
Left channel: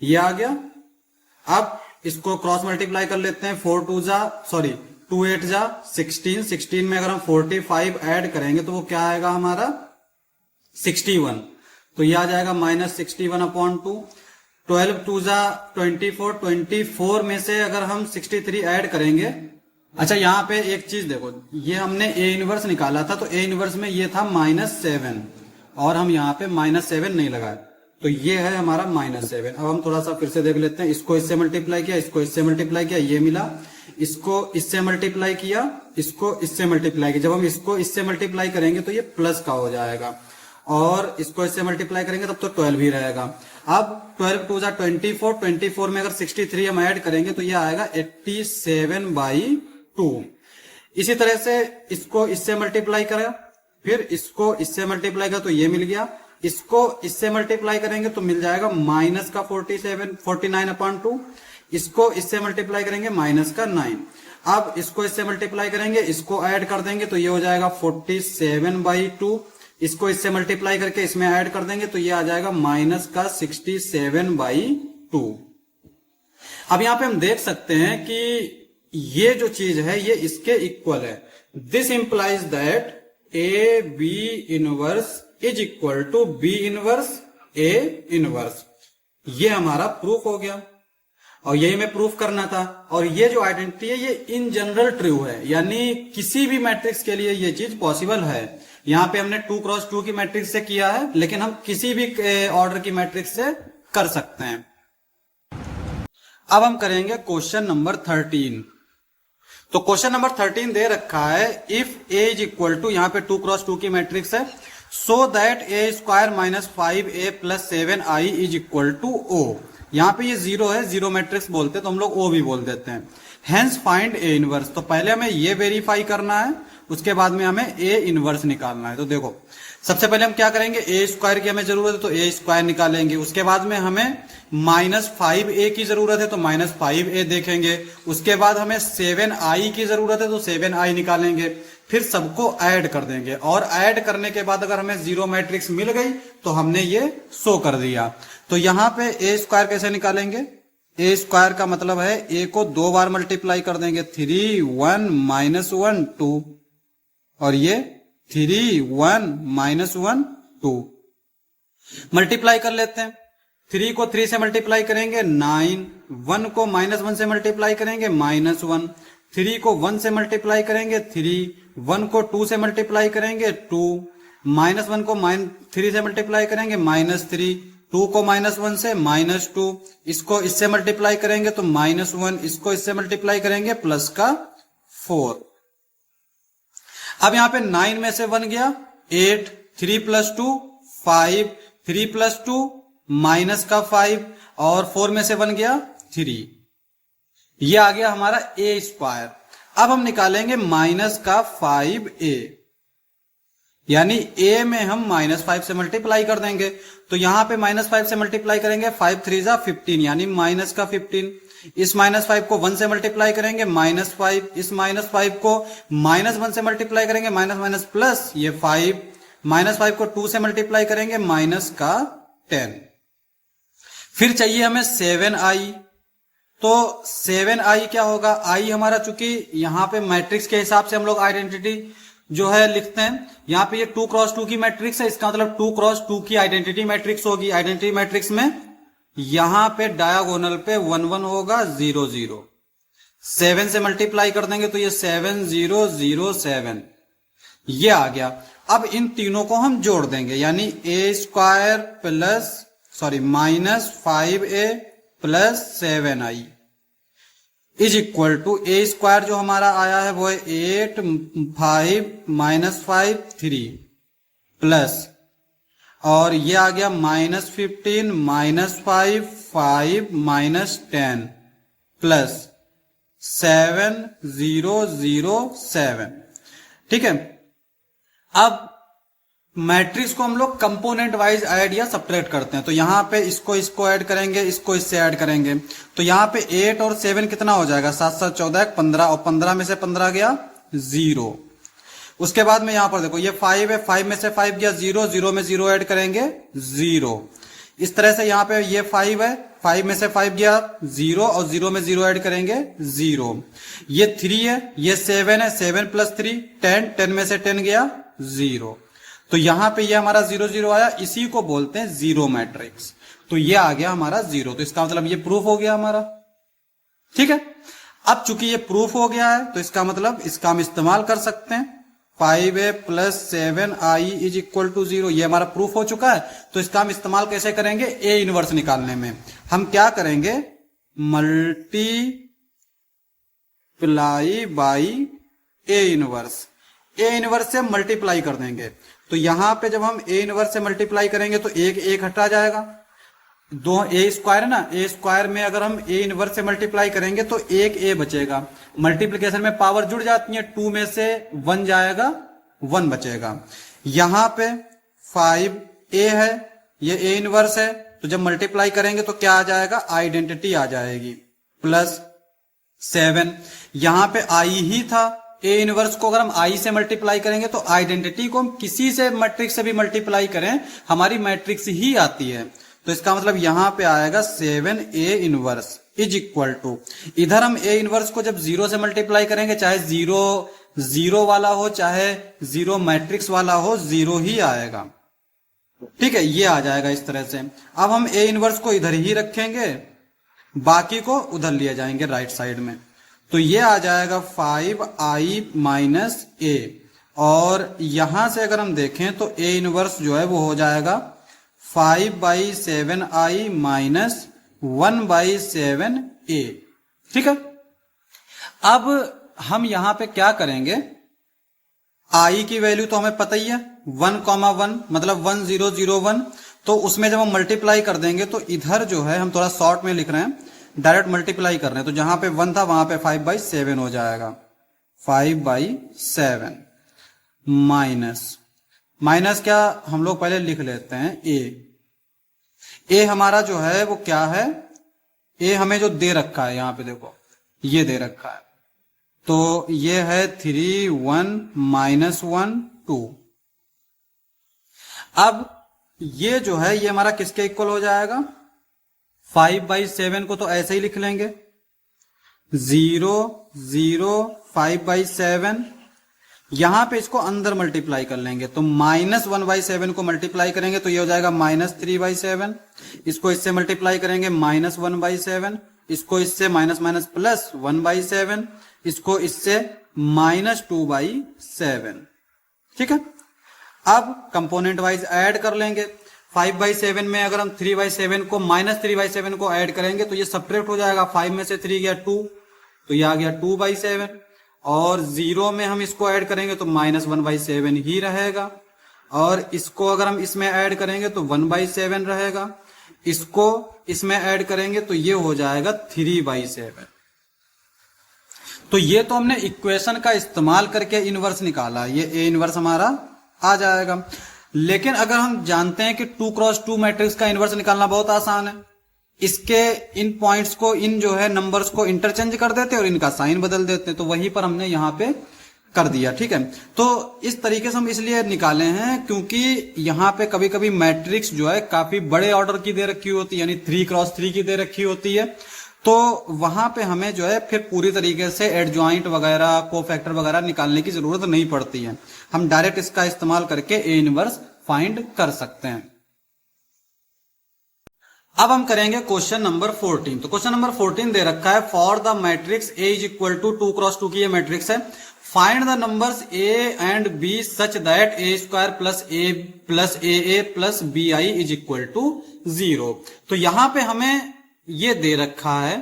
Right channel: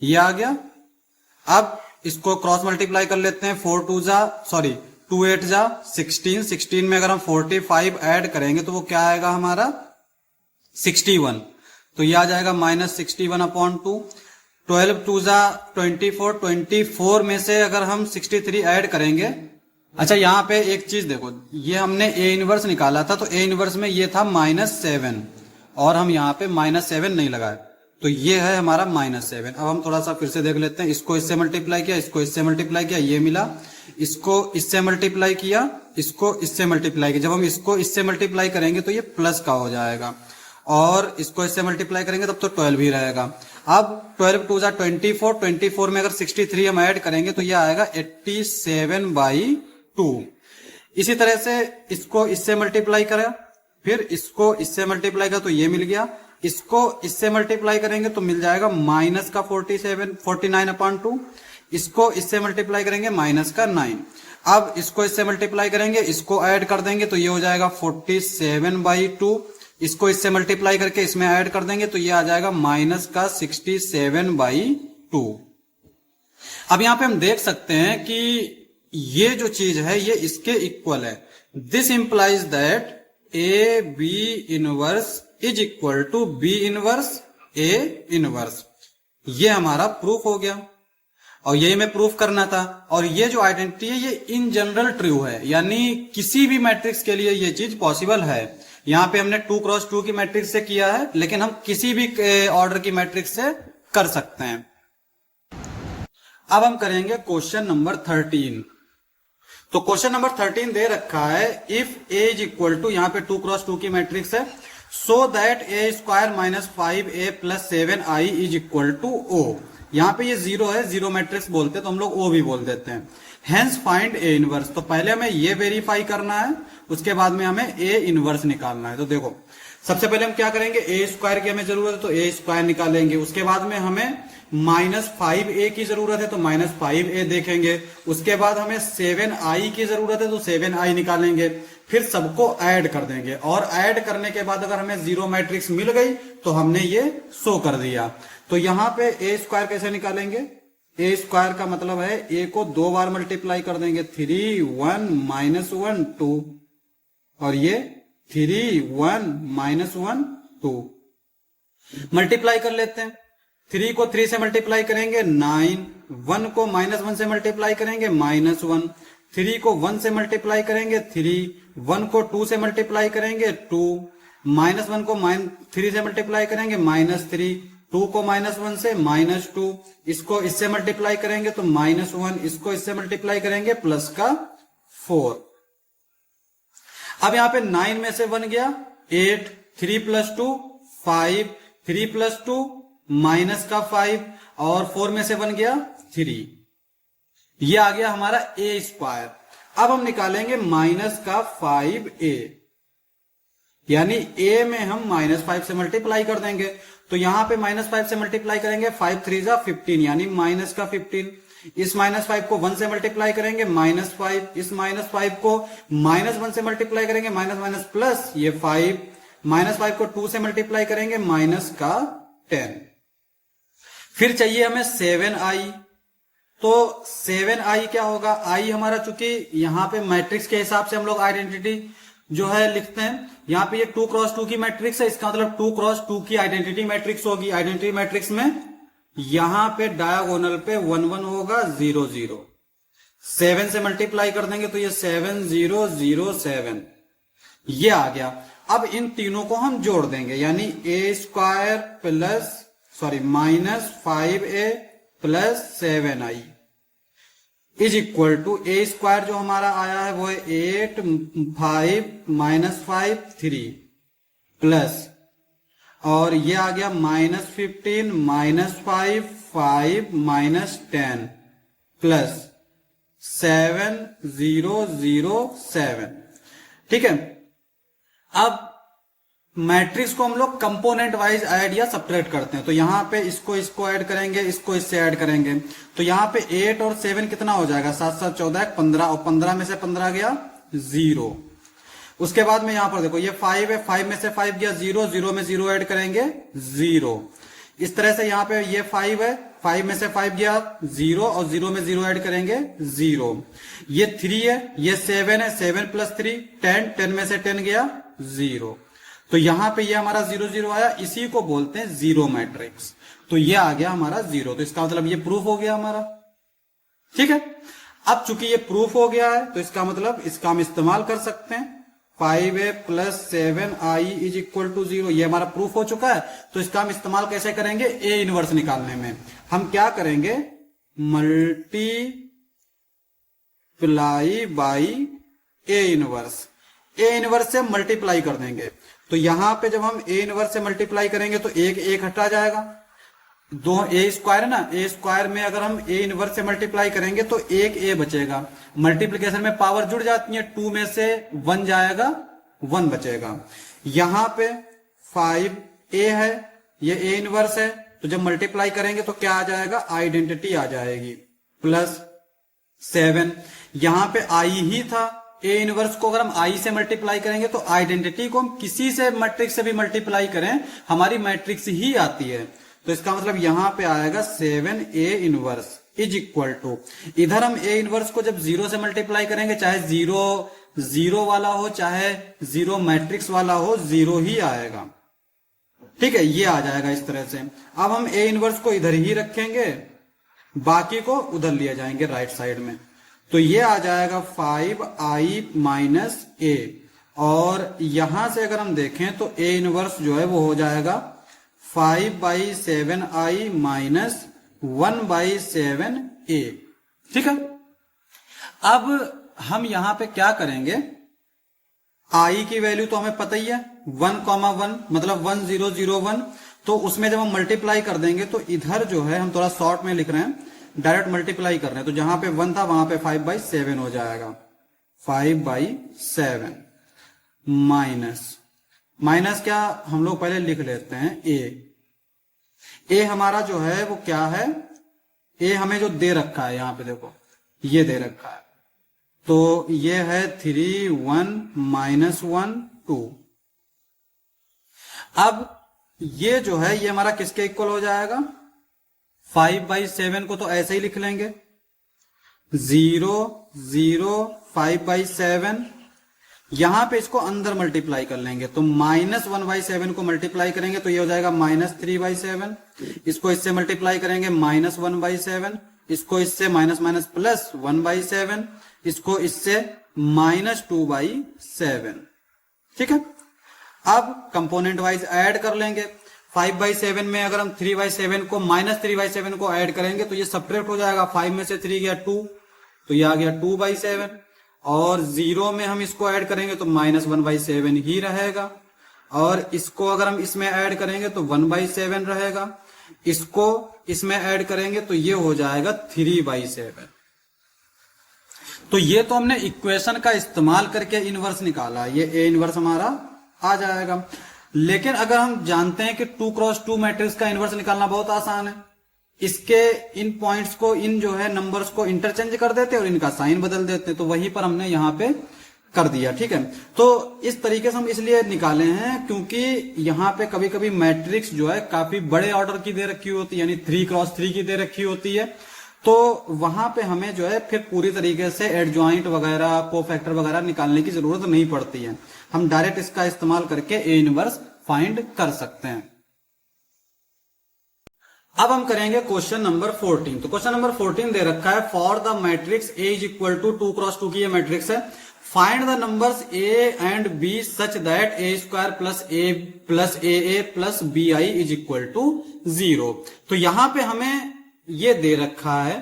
ये आ गया। अब इसको क्रॉस मल्टीप्लाई कर लेते हैं। 2 8 = 16। 16 में अगर हम 45 ऐड करेंगे तो वो क्या आएगा हमारा 61। तो ये आ जाएगा -61/2। 12 2 = 24। 24 में से अगर हम 63 ऐड करेंगे। अच्छा यहाँ पे एक चीज देखो, ये हमने ए इनवर्स निकाला था तो ए इनवर्स में ये था -7 और हम यहाँ पे -7 नहीं लगाए तो ये है हमारा -7। अब हम थोड़ा सा फिर से देख लेते हैं। इसको इससे मल्टीप्लाई किया, इसको इससे मल्टीप्लाई किया, ये मिला। इसको इससे मल्टीप्लाई किया, इसको इससे मल्टीप्लाई किया। जब हम इसको इससे मल्टीप्लाई करेंगे तो ये प्लस का हो जाएगा और इसको इससे मल्टीप्लाई करेंगे तब तो 12 ही रहेगा। अब 12 2 = 24। 24 में अगर 63 हम ऐड करेंगे तो ये आएगा 87/2। इसी तरह से इसको इससे मल्टीप्लाई करें, फिर इसको इससे मल्टीप्लाई करें तो ये मिल गया। इसको इससे मल्टीप्लाई करेंगे तो मिल जाएगा -47 49/2। इसको इससे मल्टीप्लाई करेंगे -9। अब इसको इससे मल्टीप्लाई करेंगे, इसको ऐड कर देंगे तो ये हो जाएगा 47/2। इसको इससे मल्टीप्लाई करके इसमें ऐड कर देंगे तो ये आ जाएगा -67/2। अब यहां पे हम देख सकते हैं कि ये जो चीज है ये इसके इक्वल है। This implies that A B inverse is equal to B inverse A inverse. ये हमारा प्रूफ हो गया और यही हमें प्रूफ करना था। और ये जो आइडेंटिटी है ये इन जनरल ट्रू है, यानी किसी भी मैट्रिक्स के लिए ये चीज पॉसिबल है। यहां पे हमने 2 × 2 की मैट्रिक्स से किया है, लेकिन हम किसी भी ऑर्डर की मैट्रिक्स से कर सकते हैं। अब हम करेंगे क्वेश्चन नंबर 13। तो क्वेश्चन नंबर 13 दे रखा है if A is equal to, यहां पे 2 × 2 की मैट्रिक्स है, so that a² - 5a + 7i is equal to o। यहां पे ये 0 है, 0 मैट्रिक्स बोलते हैं तो हम लोग o भी बोल देते हैं। Hence find A inverse. तो पहले हमें ये वेरीफाई करना है, उसके बाद में हमें ए इनवर्स निकालना है। तो देखो सबसे पहले हम क्या करेंगे, a² की हमें जरूरत है तो a² निकालेंगे। उसके बाद में हमें -5a की जरूरत है तो -5a देखेंगे। उसके बाद हमें 7i की जरूरत है तो 7i निकालेंगे। फिर सबको ऐड कर देंगे और ऐड करने के बाद अगर हमें 0 मैट्रिक्स मिल गई तो हमने ये शो कर दिया। तो यहां पे a² कैसे निकालेंगे, a² का मतलब है a को 2 बार मल्टीप्लाई कर देंगे, 3 1 -1 2 और ये 3 1 -1 2। मल्टीप्लाई कर लेते हैं। 3 को 3 से मल्टीप्लाई करेंगे 9, 1 को -1 से मल्टीप्लाई करेंगे -1, 3 को 1 से मल्टीप्लाई करेंगे 3, 1 को 2 से मल्टीप्लाई करेंगे 2, -1 को 3 से मल्टीप्लाई करेंगे -3, 2 को -1 से -2, इसको इससे मल्टीप्लाई करेंगे तो -1, इसको इससे मल्टीप्लाई करेंगे +4। अब यहां पे 9 में से 1 गया 8, 3 + 2 5, 3 + 2 -5 और 4 में से 1 गया 3। ये आ गया हमारा a²। अब हम निकालेंगे माइनस का 5a, यानी a में हम -5 से मल्टीप्लाई कर देंगे। तो यहां पे -5 से मल्टीप्लाई करेंगे, 5 3 जा 15, यानी माइनस का 15। इस -5 को 1 से मल्टीप्लाई करेंगे, -5। इस -5 को -1 से मल्टीप्लाई करेंगे, माइनस माइनस प्लस ये 5। -5 को 2 से मल्टीप्लाई करेंगे, माइनस का 10। फिर चाहिए हमें 7i। तो 7i क्या होगा, i हमारा, चूंकि यहां पे मैट्रिक्स के हिसाब से हम लोग आइडेंटिटी जो है लिखते हैं, यहां पे ये 2 क्रॉस 2 की मैट्रिक्स है, इसका मतलब 2 क्रॉस 2 की आइडेंटिटी मैट्रिक्स होगी। आइडेंटिटी मैट्रिक्स में यहां पे डायगोनल पे 1 1 होगा, 0 0। 7 से मल्टीप्लाई कर देंगे तो ये 7 0 0 7, ये आ गया। अब इन तीनों को हम जोड़ देंगे, यानी a² plus -5a plus 7i is equal to a² जो हमारा आया है वो है 8 5 -5 3 प्लस, और ये आ गया -15 -5 5 -10 प्लस 7 0 0 7। ठीक है। अब मैट्रिक्स को हम लोग कंपोनेंट वाइज ऐड या सब्ट्रैक्ट करते हैं। तो यहां पे इसको ऐड करेंगे, इसको इससे ऐड करेंगे। तो यहां पे 8 और 7 कितना हो जाएगा, 7 7 14 15, और 15 में से 15 गया 0। उसके बाद में यहां पर देखो ये 5 है, 5 में से 5 गया 0, 0 में 0 ऐड करेंगे 0। इस तरह से यहां पे ये 5 है, 5 में से 5 गया 0, और 0 में 0 ऐड करेंगे 0। ये 3 है, ये 7 है, 7 प्लस 3 10, 10 में से 10 गया 0। तो यहां पे ये हमारा 0 0 आया, इसी को बोलते हैं जीरो मैट्रिक्स। तो ये आ गया हमारा 0। तो इसका मतलब ये प्रूफ हो गया हमारा। ठीक है। अब चूंकि ये प्रूफ हो गया है तो इसका मतलब इसका हम इस्तेमाल कर सकते हैं, 5a plus 7i is equal to 0। ये हमारा प्रूफ हो चुका है। तो इसका हम इस्तेमाल कैसे करेंगे, a इनवर्स निकालने में। हम क्या करेंगे, multiply by a inverse. a inverse से मल्टीप्लाई कर देंगे। तो यहां पे जब हम a इनवर्स से मल्टीप्लाई करेंगे तो एक हटा जाएगा, दो a² है ना, a² में अगर हम a इनवर्स से मल्टीप्लाई करेंगे तो एक a बचेगा। मल्टीप्लिकेशन में पावर जुड़ जाती है, 2 में से 1 जाएगा, 1 बचेगा। यहां पे 5a है, ये a इनवर्स है, तो जब मल्टीप्लाई करेंगे तो क्या आ जाएगा, आइडेंटिटी आ जाएगी, प्लस 7। यहां पे i ही था, a इनवर्स को अगर हम i से मल्टीप्लाई करेंगे तो आइडेंटिटी को हम किसी से मैट्रिक्स से भी मल्टीप्लाई करें हमारी मैट्रिक्स ही आती है। तो इसका मतलब यहां पे आएगा 7a inverse is equal to, इधर हम a इनवर्स को जब 0 से मल्टीप्लाई करेंगे, चाहे 0 0 वाला हो चाहे 0 मैट्रिक्स वाला हो, 0 ही आएगा। ठीक है, ये आ जाएगा इस तरह से। अब हम a इनवर्स को इधर ही रखेंगे, बाकी को उधर लिए जाएंगे राइट साइड में। तो ये आ जाएगा 5i माइनस a, और यहां से अगर हम देखें तो a इनवर्स जो है वो हो जाएगा 5/7i माइनस 1/7a। ठीक है। अब हम यहां पे क्या करेंगे, i की वैल्यू तो हमें पता ही है 1,1 मतलब 1 0 0 1। तो उसमें जब हम मल्टीप्लाई कर देंगे तो इधर जो है हम थोड़ा शॉर्ट में लिख रहे हैं, डायरेक्ट मल्टीप्लाई कर रहे हैं। तो जहां पे 1 था वहां पे 5/7 हो जाएगा, 5/7 माइनस क्या हम लोग पहले लिख लेते हैं a हमारा जो है वो क्या है, a हमें जो दे रखा है, यहां पे देखो ये दे रखा है, तो ये है 3 1 -1 2। अब ये जो है ये हमारा किसके इक्वल हो जाएगा, 5/7 को तो ऐसे ही लिख लेंगे, 0 0 5/7। यहां पे इसको अंदर मल्टीप्लाई कर लेंगे, तो -1/7 को मल्टीप्लाई करेंगे तो ये हो जाएगा -3/7। इसको इससे मल्टीप्लाई करेंगे -1/7, इसको इससे माइनस माइनस प्लस 1/7, इसको इससे -2/7। ठीक है। अब कंपोनेंट वाइज ऐड कर लेंगे। 5/7 में अगर हम 3/7 को -3/7 को ऐड करेंगे तो ये सब्ट्रैक्ट हो जाएगा, 5 में से 3 गया 2, तो ये आ गया 2/7, और 0 में हम इसको ऐड करेंगे तो -1/7 ही रहेगा, और इसको अगर हम इसमें ऐड करेंगे तो 1/7 रहेगा, इसको इसमें ऐड करेंगे तो ये हो जाएगा 3/7। तो ये तो हमने इक्वेशन का इस्तेमाल करके इनवर्स निकाला, ये ए इनवर्स हमारा आ जाएगा। लेकिन अगर हम जानते हैं कि 2x2 मैट्रिक्स का इनवर्स निकालना बहुत आसान है, इसके इन पॉइंट्स को, इन जो है नंबर्स को इंटरचेंज कर देते और इनका साइन बदल देते, तो वहीं पर हमने यहां पे कर दिया। ठीक है, तो इस तरीके से हम इसलिए निकाले हैं क्योंकि यहां पे कभी कभी मैट्रिक्स जो है काफी बड़े ऑर्डर की दे रखी होती है, यानी 3x3 की दे रखी होती है, तो वहां पे हमें जो है फिर पूरी तरीके से एडजॉइंट वगैरह, कोफैक्टर वगैरह निकालने की जरूरत नहीं पड़ती है, हम डायरेक्ट इसका इस्तेमाल करके ए इनवर्स फाइंड कर सकते हैं। अब हम करेंगे क्वेश्चन नंबर 14। तो क्वेश्चन नंबर 14 दे रखा है for the matrix A is equal to 2x2 की ये मैट्रिक्स है, find the numbers A and B such that A square plus A plus B I is equal to 0। तो यहां पे हमें ये दे रखा है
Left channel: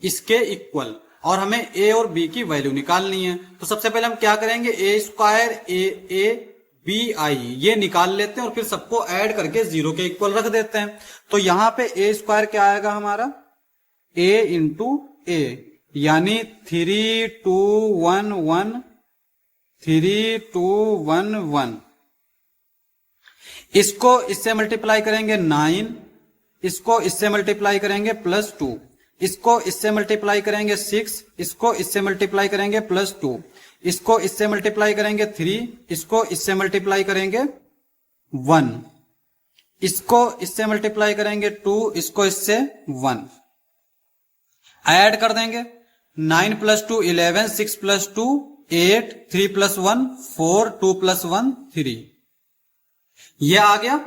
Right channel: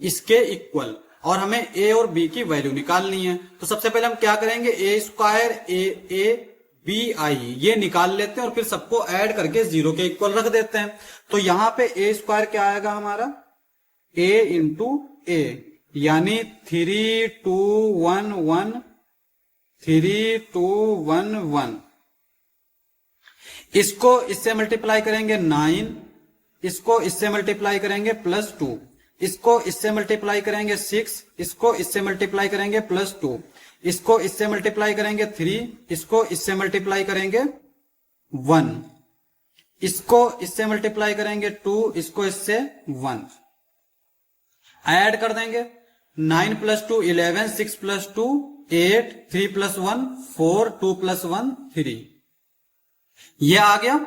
इसके इक्वल, और हमें ए और बी की वैल्यू निकालनी है। तो सबसे पहले हम क्या करेंगे, ए स्क्वायर ए बी आई ये निकाल लेते हैं और फिर सबको ऐड करके 0 के इक्वल रख देते हैं। तो यहां पे ए स्क्वायर क्या आएगा हमारा, ए इंटू ए, यानी 3 2 1 1 3 2 1 1। इसको इससे मल्टीप्लाई करेंगे 9, इसको इससे मल्टीप्लाई करेंगे +2, इसको इससे मल्टीप्लाई करेंगे 6, इसको इससे मल्टीप्लाई करेंगे +2, इसको इससे मल्टीप्लाई करेंगे 3, इसको इससे मल्टीप्लाई करेंगे 1, इसको इससे मल्टीप्लाई करेंगे 2, इसको इससे 1, ऐड कर देंगे 9 + 2 11, 6 + 2 8, 3 + 1 4, 2 + 1 3, ये आ गया।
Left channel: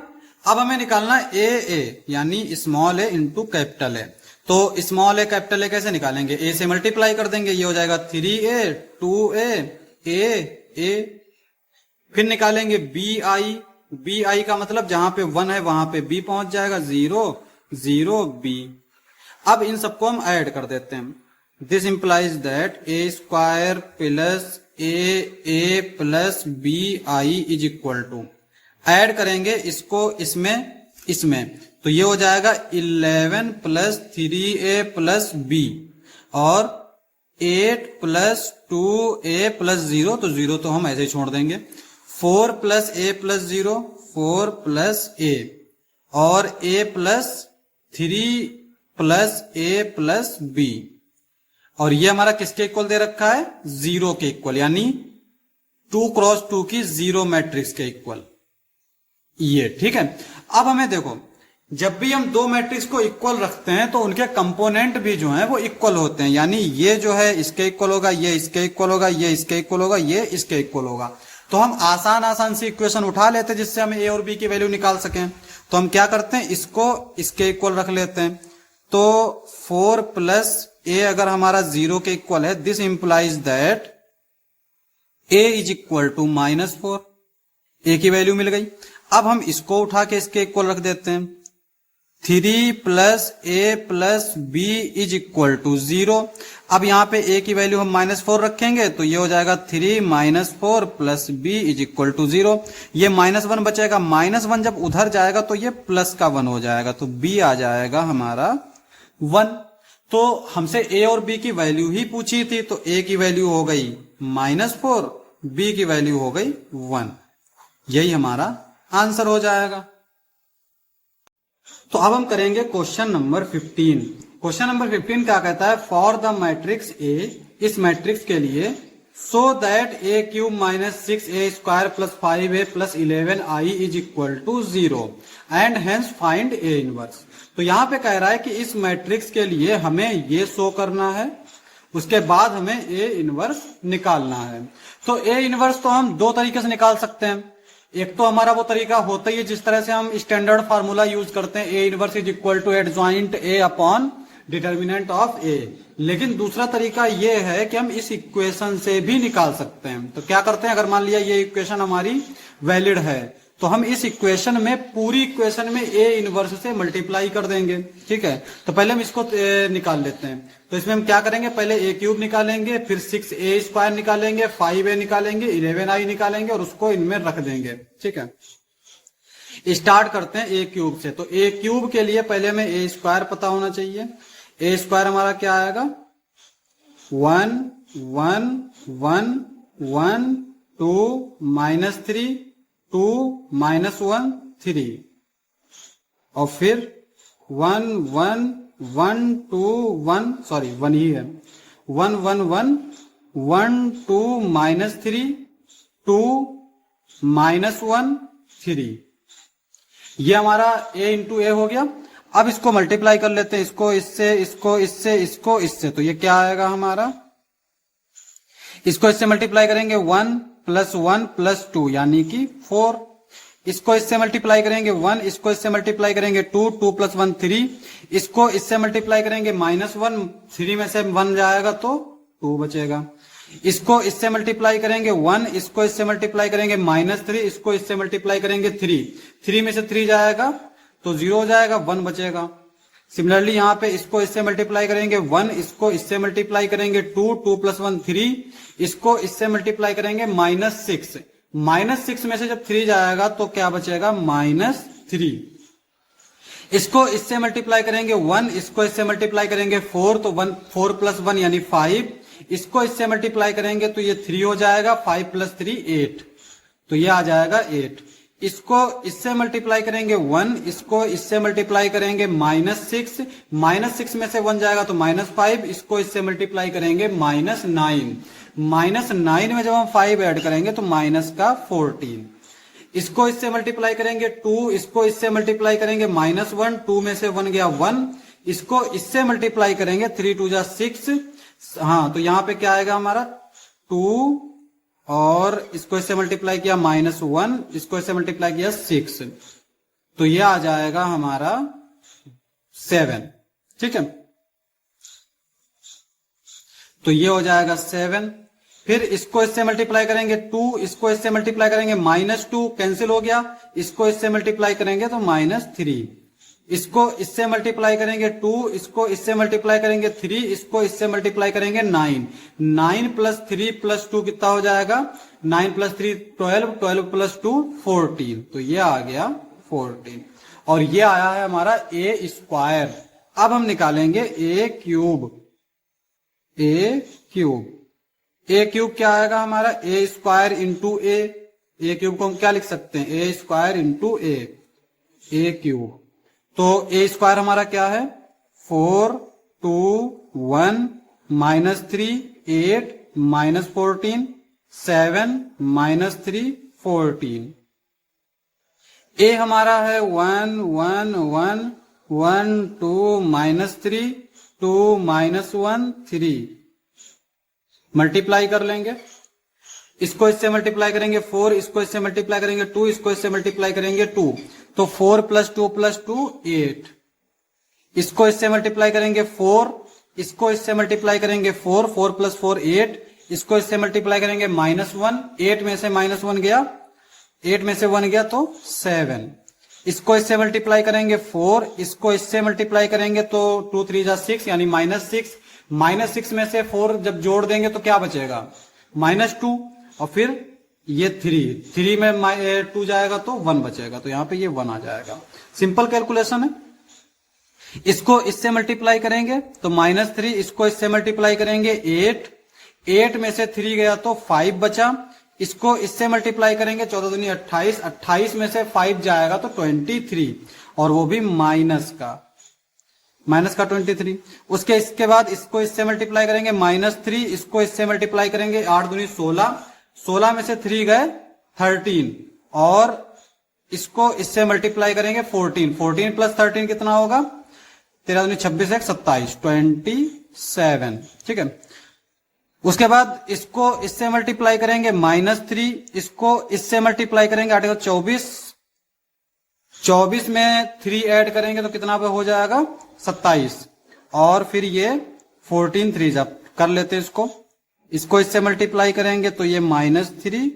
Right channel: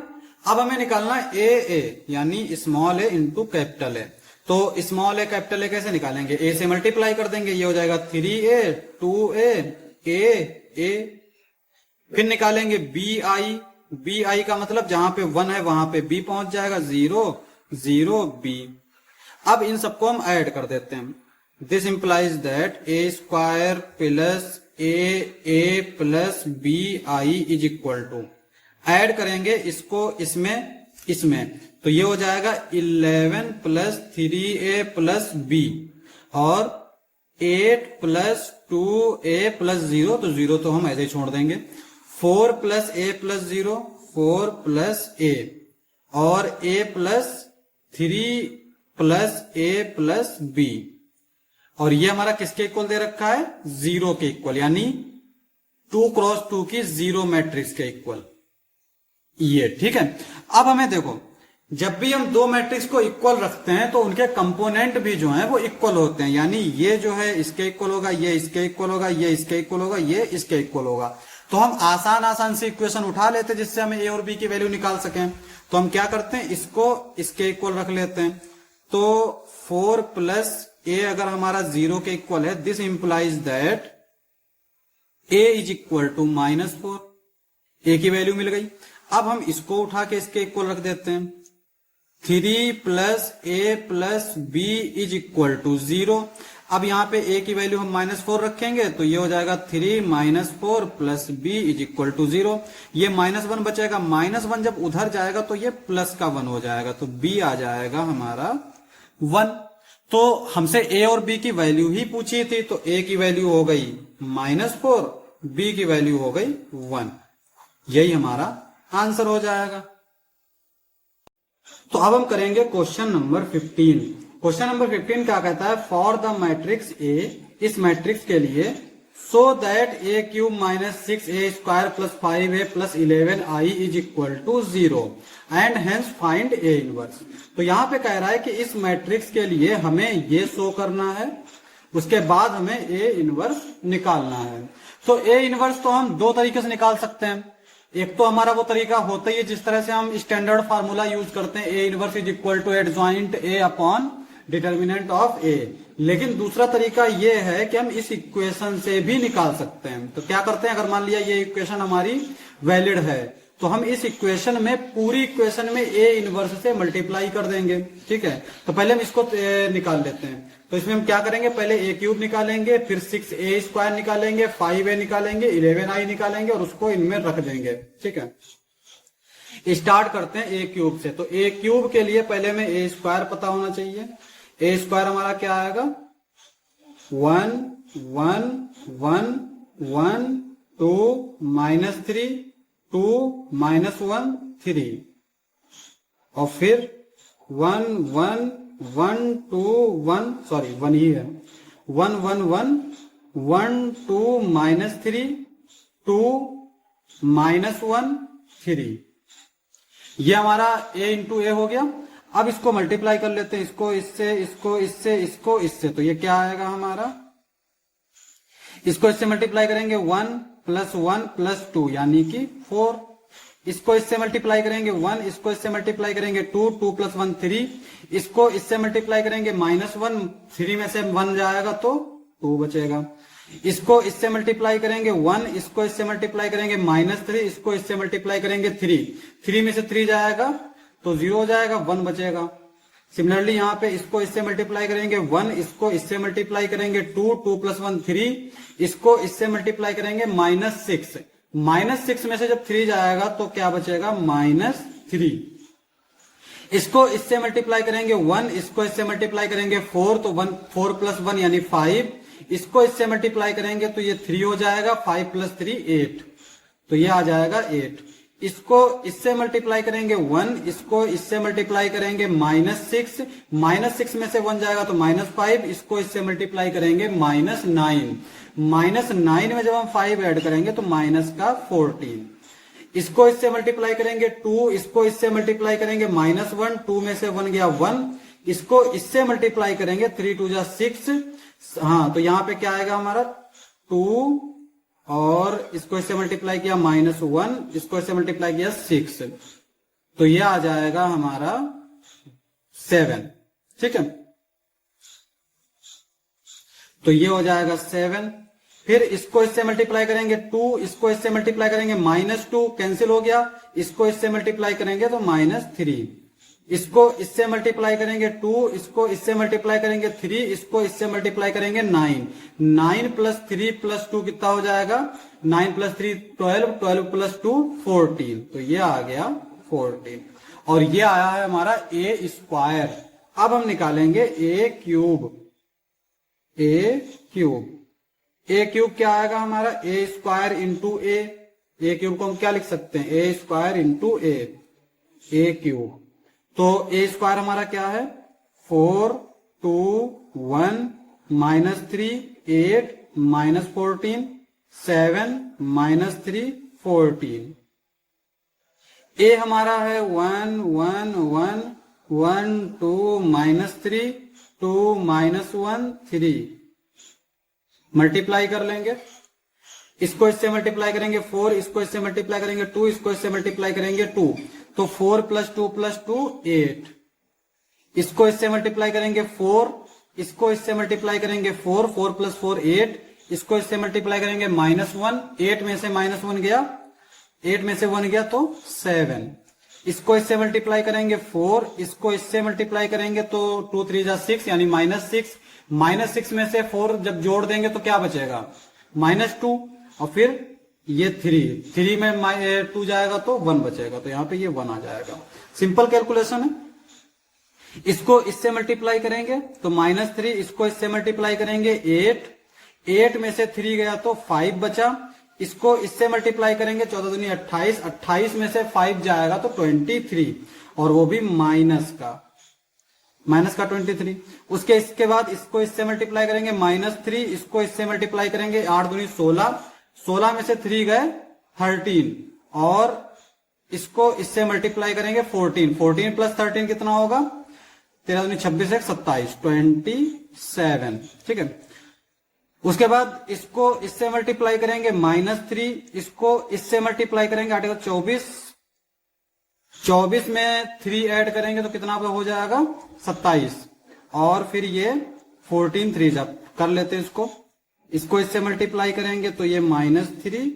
अब हमें निकालना ए यानी small A into capital A. तो स्मॉल ए कैपिटल ए कैसे निकालेंगे, ए से मल्टीप्लाई कर देंगे, ये हो जाएगा 3a 2a ए, फिर निकालेंगे बी आई का मतलब जहां पे 1 है वहां पे बी पहुंच जाएगा, 0 0 बी। अब इन सबको हम ऐड कर देते हैं, this implies that A square plus A plus B I is equal to, add करेंगे इसको इसमें तो ये हो जाएगा 11 + 3a + b और 8 + 2a + 0, तो 0 तो हम ऐसे ही छोड़ देंगे, 4 + a + 0 4 + a और a + 3 + a + b, और ये हमारा किसके इक्वल दे रखा है, 0 के इक्वल, यानी 2x2 की 0 मैट्रिक्स के इक्वल ये। ठीक है, अब हमें देखो, जब भी हम दो मैट्रिक्स को इक्वल रखते हैं तो उनके कंपोनेंट भी जो हैं वो इक्वल होते हैं, यानी ये जो है इसके इक्वल होगा, ये इसके इक्वल होगा, ये इसके इक्वल होगा, ये इसके इक्वल होगा। तो हम आसान सी इक्वेशन उठा लेते हैं जिससे हमें ए और बी की वैल्यू निकाल सकें। तो हम क्या करते हैं, इसको इसके इक्वल रख लेते हैं। तो 4 + a अगर हमारा 0 के इक्वल है, this implies that a is equal to -4, a की वैल्यू मिल गई। अब हम इसको उठा के इसके इक्वल रख देते हैं, 3 + a + b is equal to 0। अब यहां पे a की वैल्यू हम -4 रखेंगे तो ये हो जाएगा 3 - 4 + b इज इक्वल टू 0। ये -1 बचेगा, -1 जब उधर जाएगा तो ये +1 हो जाएगा, तो b आ जाएगा हमारा 1। तो हमसे a और b की वैल्यू ही पूछी थी, तो a की वैल्यू हो गई -4, b की वैल्यू हो गई 1, यही हमारा आंसर हो जाएगा। तो अब हम करेंगे क्वेश्चन नंबर 15। क्वेश्चन नंबर 15 क्या कहता है, फॉर द मैट्रिक्स ए, इस मैट्रिक्स के लिए, so that a³ - 6a² + 5a + 11i is equal to 0 and hence find A inverse. तो यहां पे कह रहा है कि इस मैट्रिक्स के लिए हमें ये शो करना है, उसके बाद हमें ए इनवर्स निकालना है। तो ए इनवर्स तो हम दो तरीके से निकाल सकते हैं। एक तो हमारा वो तरीका होता ही है जिस तरह से हम स्टैंडर्ड फार्मूला यूज करते हैं, A inverse is equal to adjoint A upon determinant of A. लेकिन दूसरा तरीका ये है कि हम इस इक्वेशन से भी निकाल सकते हैं। तो क्या करते हैं, अगर मान लिया ये इक्वेशन हमारी वैलिड है तो हम इस इक्वेशन में, पूरी इक्वेशन में ए इनवर्स से मल्टीप्लाई कर देंगे। ठीक है, तो पहले हम इसको निकाल लेते हैं। तो इसमें हम क्या करेंगे, पहले a³ निकालेंगे, फिर 6a² निकालेंगे, 5a निकालेंगे, 11i निकालेंगे और उसको इनमें रख देंगे। ठीक है, स्टार्ट करते हैं a³ से। तो a³ के लिए पहले हमें a² पता होना चाहिए। a² हमारा क्या आएगा, 1 1 1 1 2 -3 2 -1 3 और फिर 1 1 1 2 1 सॉरी 1 ही है 1 1 1 1 2 -3 2 -1 3। ये हमारा a इंटू ए हो गया। अब इसको मल्टीप्लाई कर लेते हैं, इसको इससे, इसको इससे, इसको इससे, तो ये क्या आएगा हमारा, इसको इससे मल्टीप्लाई करेंगे 1 + 1 + 2 यानी कि 4। इसको इससे मल्टीप्लाई करेंगे 1, इसको इससे मल्टीप्लाई करेंगे 2 2 + 1 3, इसको इससे मल्टीप्लाई करेंगे -1, 3 में से 1 जाएगा तो 2 बचेगा। इसको इससे मल्टीप्लाई करेंगे 1, इसको इससे मल्टीप्लाई करेंगे -3, इसको इससे मल्टीप्लाई करेंगे 3, 3 में से 3 जाएगा तो 0 हो जाएगा, 1 बचेगा। सिमिलरली यहाँ पे इसको इससे मल्टीप्लाई करेंगे 1, इसको इससे मल्टीप्लाई करेंगे 2 2 + 1 3, इसको इससे मल्टीप्लाई करेंगे -6, -6 में से जब 3 जाएगा तो क्या बचेगा, -3। इसको इससे मल्टीप्लाई करेंगे 1, इसको इससे मल्टीप्लाई करेंगे 4, तो 4 + 1 यानी 5, इसको इससे मल्टीप्लाई करेंगे तो ये 3 हो जाएगा, 5 + 3 8, तो ये आ जाएगा 8। इसको इससे मल्टीप्लाई करेंगे 1, इसको इससे मल्टीप्लाई करेंगे -6, -6 में से 1 जाएगा तो -5, इसको इससे मल्टीप्लाई करेंगे -9, -9 में जब हम 5 ऐड करेंगे तो -14। इसको इससे मल्टीप्लाई करेंगे 2, इसको इससे मल्टीप्लाई करेंगे -1, 2 में से 1 गया 1, इसको इससे मल्टीप्लाई करेंगे 3 2 6, हाँ तो यहां पे क्या आएगा हमारा 2, और इसको इससे मल्टीप्लाई किया -1, इसको इससे मल्टीप्लाई किया 6, तो ये आ जाएगा हमारा 7। ठीक है, तो ये हो जाएगा 7। फिर इसको इससे मल्टीप्लाई करेंगे 2, इसको इससे मल्टीप्लाई करेंगे -2, कैंसिल हो गया, इसको इससे मल्टीप्लाई करेंगे तो -3, इसको इससे मल्टीप्लाई करेंगे 2, इसको इससे मल्टीप्लाई करेंगे 3, इसको इससे मल्टीप्लाई करेंगे 9, 9 + 3 + 2 कितना हो जाएगा, 9 + 3 12, 12 + 2 14, तो ये आ गया 14। और ये आया है हमारा a²। अब हम निकालेंगे a³ a³ क्या आएगा हमारा, a² × a, a³ को हम क्या लिख सकते हैं, a² × a³। तो a² हमारा क्या है, 4 2 1 -3 8 -14 7 -3 14। a हमारा है 1 1 1 1 2 -3 2 -1 3। मल्टीप्लाई कर लेंगे, इसको इससे मल्टीप्लाई करेंगे 4, इसको इससे मल्टीप्लाई करेंगे 2, इसको इससे मल्टीप्लाई करेंगे 2, तो 4 + 2 + 2 8। इसको इससे मल्टीप्लाई करेंगे 4, इसको इससे मल्टीप्लाई करेंगे 4, 4 + 4 8, इसको इससे मल्टीप्लाई करेंगे -1, 8 में से -1 गया, 8 में से 1 गया तो 7। इसको इससे मल्टीप्लाई करेंगे 4, इसको इससे मल्टीप्लाई करेंगे तो 2 3 6 यानी -6, -6 में से 4 जब जोड़ देंगे तो क्या बचेगा, -2, और फिर ये 3 में 2 जाएगा तो 1 बचेगा, तो यहां पे ये 1 आ जाएगा। सिंपल कैलकुलेशन है। इसको इससे मल्टीप्लाई करेंगे तो -3, इसको इससे मल्टीप्लाई करेंगे 8, 8 में से 3 गया तो 5 बचा, इसको इससे मल्टीप्लाई करेंगे 14 दूनी 28, 28 में से 5 जाएगा तो 23, और वो भी माइनस का 23। इसके बाद इसको इससे मल्टीप्लाई करेंगे -3, इसको इससे मल्टीप्लाई करेंगे 8 दूनी 16, 16 में से 3 गए 13, और इसको इससे मल्टीप्लाई करेंगे 14, 14 + 13 कितना होगा, 13 दूनी 26 1 27 27। ठीक है, उसके बाद इसको इससे मल्टीप्लाई करेंगे -3, इसको इससे मल्टीप्लाई करेंगे 8 24, 24 में 3 ऐड करेंगे तो कितना पे हो जाएगा 27, और फिर ये 14 3 जब कर लेते इसको इससे मल्टीप्लाई करेंगे तो ये -3,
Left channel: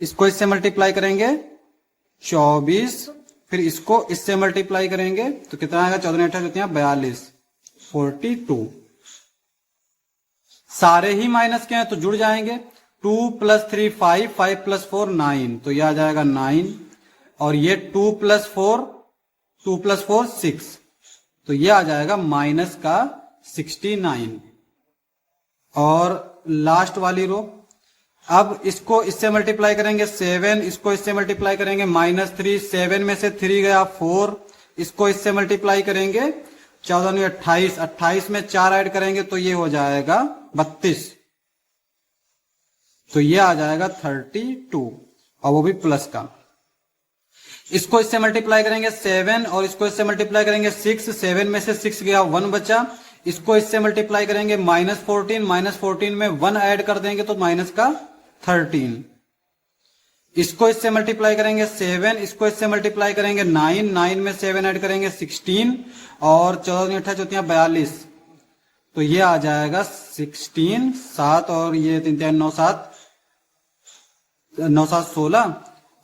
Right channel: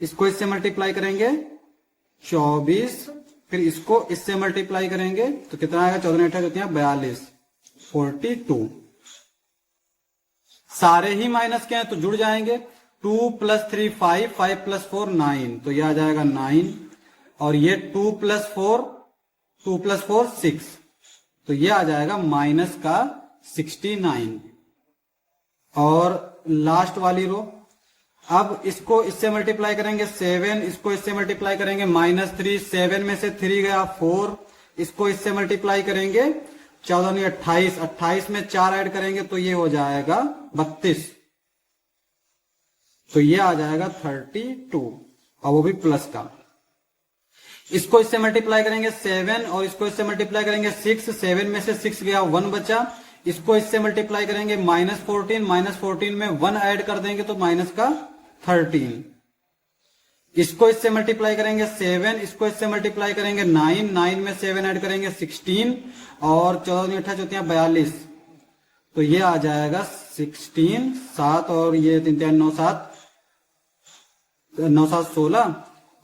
इसको इससे मल्टीप्लाई करेंगे 24, फिर इसको इससे मल्टीप्लाई करेंगे तो कितना आएगा, 14 8 कितना 42 42। सारे ही माइनस के हैं तो जुड़ जाएंगे, 2 + 3 5, 5 + 4 9, तो यह आ जाएगा 9, और ये 2 + 4 6, तो ये आ जाएगा -69। और लास्ट वाली रो। अब इसको इससे मल्टीप्लाई करेंगे 7, इसको इससे मल्टीप्लाई करेंगे -3, 7 में से 3 गया 4, इसको इससे मल्टीप्लाई करेंगे 14 × 28, 28 में 4 ऐड करेंगे तो ये हो जाएगा 32, तो ये आ जाएगा 32 और वो भी प्लस का। इसको इससे मल्टीप्लाई करेंगे 7 और इसको इससे मल्टीप्लाई करेंगे 6, 7 में से 6 गया 1 बचा, इसको इससे मल्टीप्लाई करेंगे -14 में 1 ऐड कर देंगे तो माइनस का 13, इसको इससे मल्टीप्लाई करेंगे 7, इसको इससे मल्टीप्लाई करेंगे 9, 9 में 7 ऐड करेंगे 16 और 14 × 8 = 42, तो ये आ जाएगा 16, 7 और ये 3 3 9 7 9 7 16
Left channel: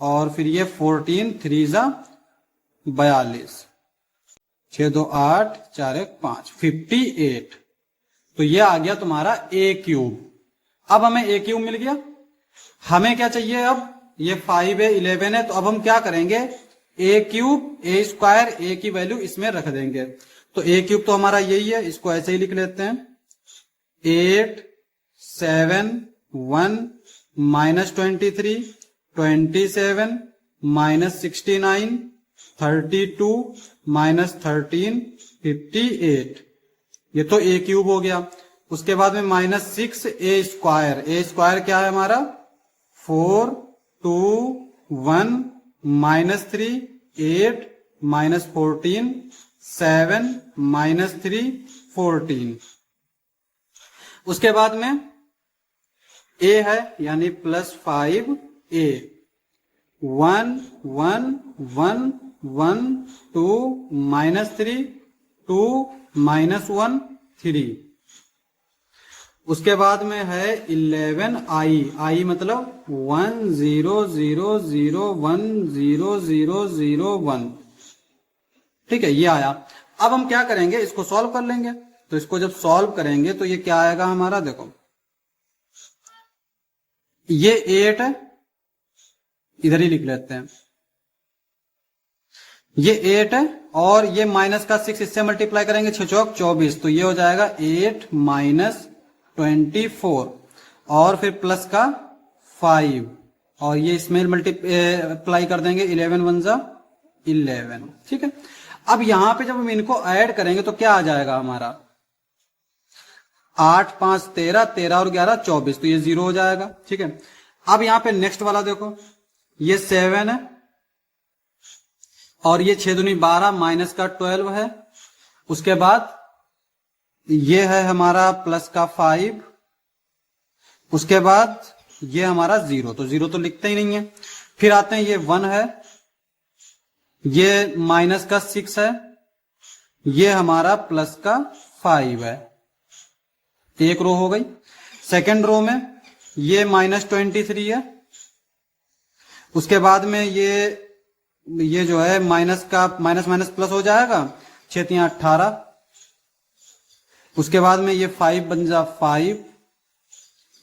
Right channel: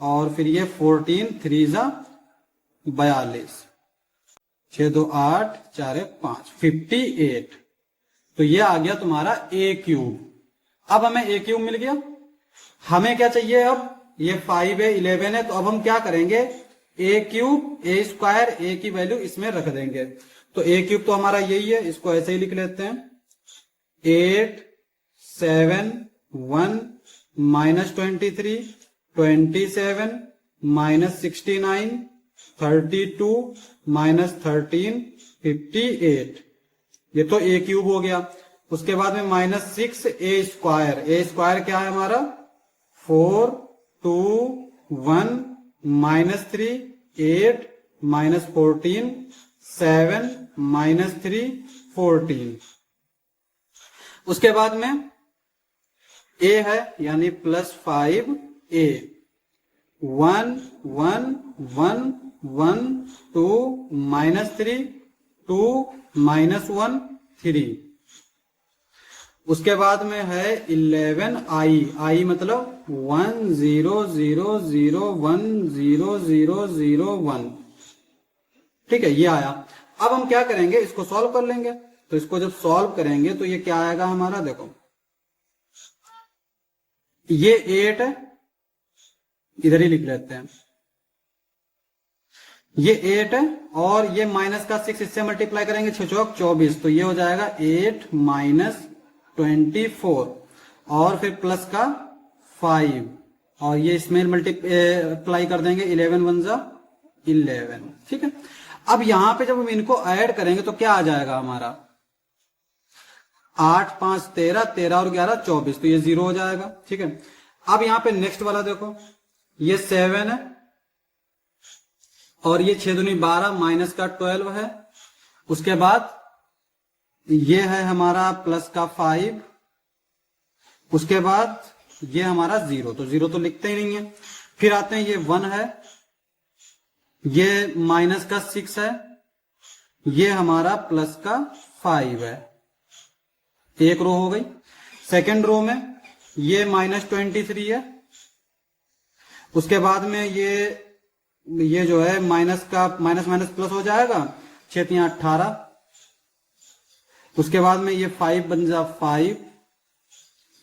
और फिर ये 14, 3 × 42, 6 2 8 4 1 5, 58, तो ये आ गया तुम्हारा a³। अब हमें a³ मिल गया। हमें क्या चाहिए, अब ये 5 है 11 है, तो अब हम क्या करेंगे, a³ a², a की वैल्यू इसमें रख देंगे। तो a³ तो हमारा यही है, इसको ऐसे ही लिख लेते हैं 8 7 1 -23 27 -69 32 -13 58, ये तो a³ हो गया। उसके बाद में -6 a² क्या है हमारा 4 2 1 -3 8 -14 7 -3 14, उसके बाद में a है यानी +5a, 1 1 1 1 2 -3 2 -1 3, उसके बाद में है 11i, मतलब 1 0 0 0 1 0 0 0 1, ठीक है, ये आया। अब हम क्या करेंगे, इसको सॉल्व कर लेंगे। तो इसको जब सॉल्व करेंगे तो ये क्या आएगा हमारा, देखो ये 8 है, इधर ही लिख लेते हैं, ये 8 है और ये माइनस का 6 इससे मल्टीप्लाई करेंगे 6 चौक 24, तो ये हो जाएगा 8 -24 और फिर प्लस का 5 और ये इसमें मल्टीप्लाई कर देंगे 11 1 × 11, ठीक है। अब यहां पे जब हम इनको ऐड करेंगे तो क्या आ जाएगा हमारा 8 5 13 13 और 11 24, तो ये 0 हो जाएगा, ठीक है। अब यहां पे नेक्स्ट वाला देखो, ये 7 है और ये 6 दूनी 12 माइनस का 12 है, उसके बाद ये है हमारा प्लस का 5, उसके बाद ये हमारा 0, तो 0 तो लिखते ही नहीं है। फिर आते हैं ये 1 है, ये माइनस का 6 है, ये हमारा प्लस का 5 है, एक रो हो गई। सेकंड रो में ये -23 है, उसके बाद में ये जो है माइनस का माइनस माइनस प्लस हो जाएगा 6 3 18, उसके बाद में ये 5 बन जा 5,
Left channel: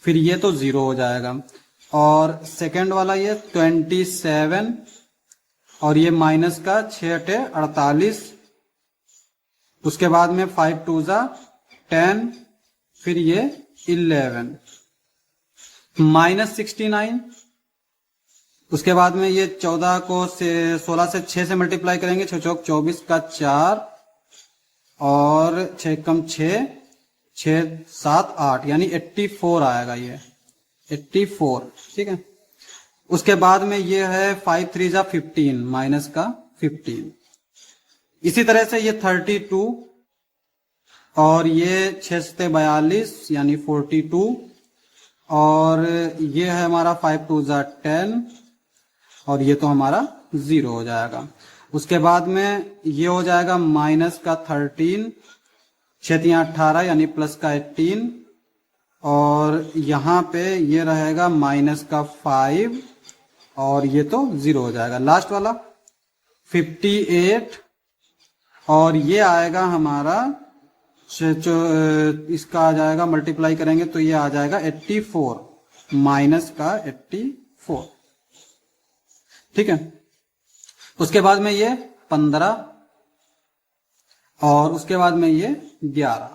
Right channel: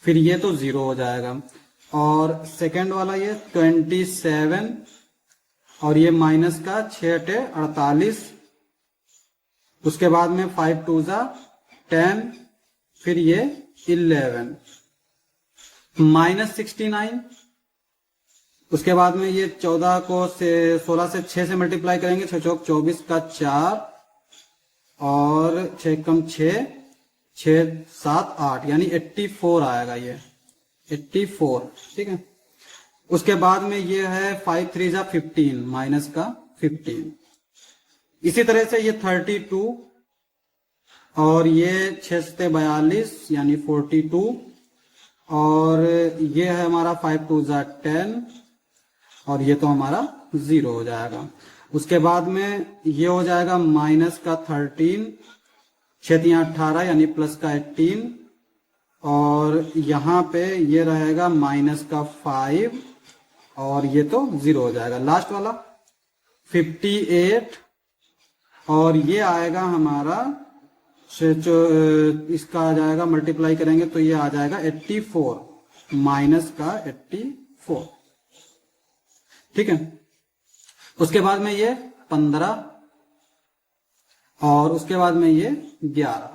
फिर ये तो 0 हो जाएगा। और सेकंड वाला ये 27 और ये माइनस का 6 8 48, उसके बाद में 5 2 जा 10, फिर ये 11 -69, उसके बाद में ये 14 को 16 से 6 से मल्टीप्लाई करेंगे, 6 चौक 24 का 4 और 6 कम 6 6 7 8 यानी 84 आएगा, ये 84, ठीक है। उसके बाद में ये है 5 3 जा 15 माइनस का 15, इसी तरह से ये 32 और ये 6 से 42 यानी 42 और ये है हमारा 5 2 जा 10 और ये तो हमारा 0 हो जाएगा। उसके बाद में ये हो जाएगा माइनस का 13, 6 3 18 यानी प्लस का 18 और यहाँ पे ये रहेगा माइनस का 5 और ये तो 0 हो जाएगा। लास्ट वाला 58 और ये आएगा हमारा इसका आ जाएगा मल्टीप्लाई करेंगे तो ये आ जाएगा 84 माइनस का 84, ठीक है। उसके बाद में ये 15 और उसके बाद में ये 11।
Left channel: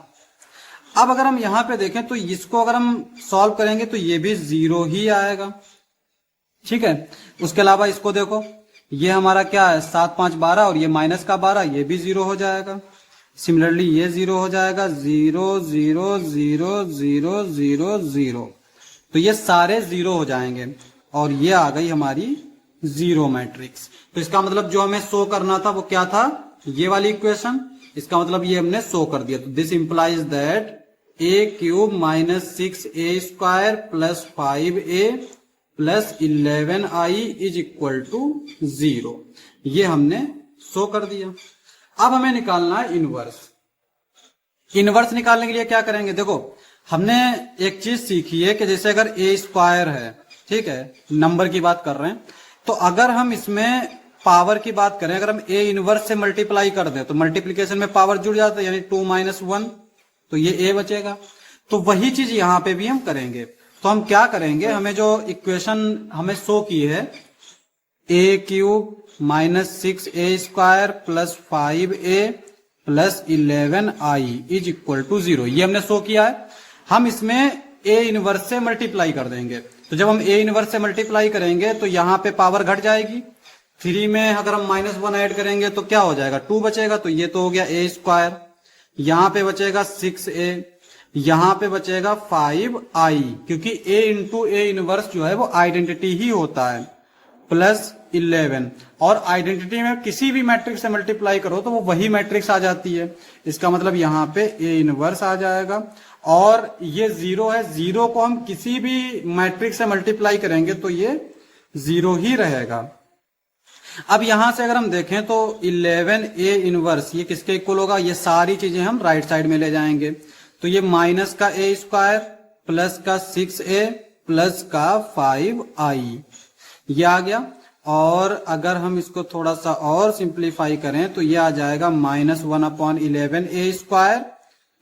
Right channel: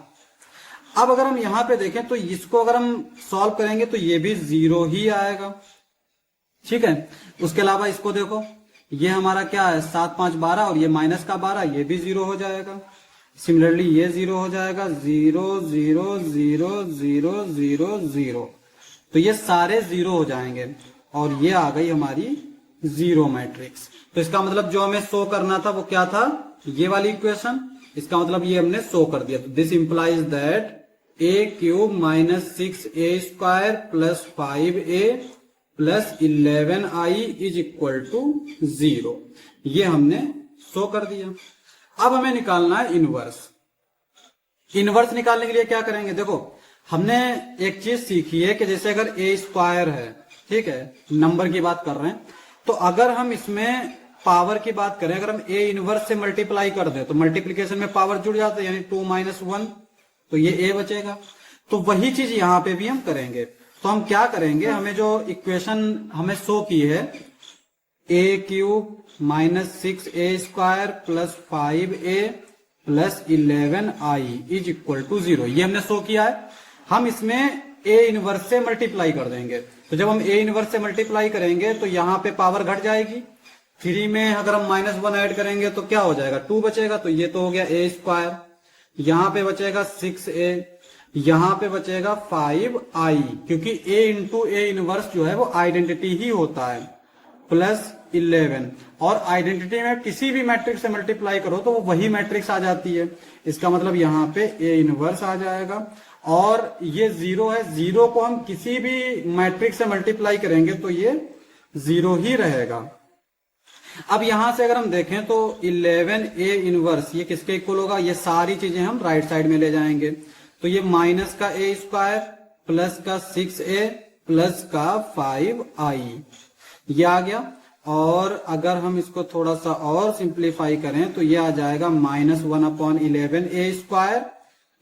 अब अगर हम यहाँ पे देखें तो इसको अगर हम सॉल्व करेंगे तो ये भी 0 ही आएगा, ठीक है। उसके अलावा इसको देखो, ये हमारा क्या है 7 5 12 और ये माइनस का 12, ये भी 0 हो जाएगा। सिमिलरली ये 0 हो जाएगा, 0 0 0 0 0 0, तो ये सारे 0 हो जाएंगे और ये आ गई हमारी 0 मैट्रिक्स। तो इसका मतलब जो हमें शो करना था वो क्या था, ये वाली इक्वेशन, इसका मतलब ये हमने शो कर दिया। तो this implies that a³ minus 6a² plus 5a plus 11i is equal to 0, ये हमने शो कर दिया। अब हमें निकालना है इनवर्स। इनवर्स निकालने के लिए क्या करेंगे, देखो हमने एक चीज सीखी है कि जैसे अगर a² है, ठीक है, नंबर की बात कर रहे हैं, तो अगर हम इसमें पावर की बात करें, अगर हम a इनवर्स से मल्टीप्लाई कर दें तो मल्टीप्लीकेशन में पावर जुड़ जाता है, यानी 2 - 1, तो ये a बचेगा। तो वही चीज यहां पे भी हम करेंगे। तो हम क्या करेंगे, हमें जो इक्वेशन हमें शो की है a³ minus 6a² plus 5a plus 11i is equal to 0, ये हमने शो किया है। हम इसमें a इनवर्स से मल्टीप्लाई कर देंगे। तो जब हम a इनवर्स से मल्टीप्लाई करेंगे तो यहां पे पावर घट जाएगी, 3 में अगर हम -1 ऐड करेंगे तो क्या हो जाएगा, 2 बचेगा, तो ये तो हो गया a², यहां पे बचेगा 6a, यहां पे बचेगा 5i, क्योंकि a इंटू a इनवर्स जो है वो आइडेंटिटी ही होता है, प्लस 11, और आइडेंटिटी में किसी भी मैट्रिक्स से मल्टीप्लाई करो तो वो वही मैट्रिक्स आ जाती है। इसका मतलब यहां पे a इनवर्स आ जाएगा, और ये 0 है, 0 को हम किसी भी मैट्रिक्स से मल्टीप्लाई करेंगे तो ये 0 ही रहेगा। अब यहां से अगर हम देखें तो 11a इनवर्स ये किसके इक्वल होगा, ये सारी चीजें हम राइट साइड में ले जाएंगे। तो ये माइनस का a² प्लस का 6a प्लस का 5i, ये आ गया। और अगर हम इसको थोड़ा सा और सिंप्लीफाई करें तो ये आ जाएगा -1/11a²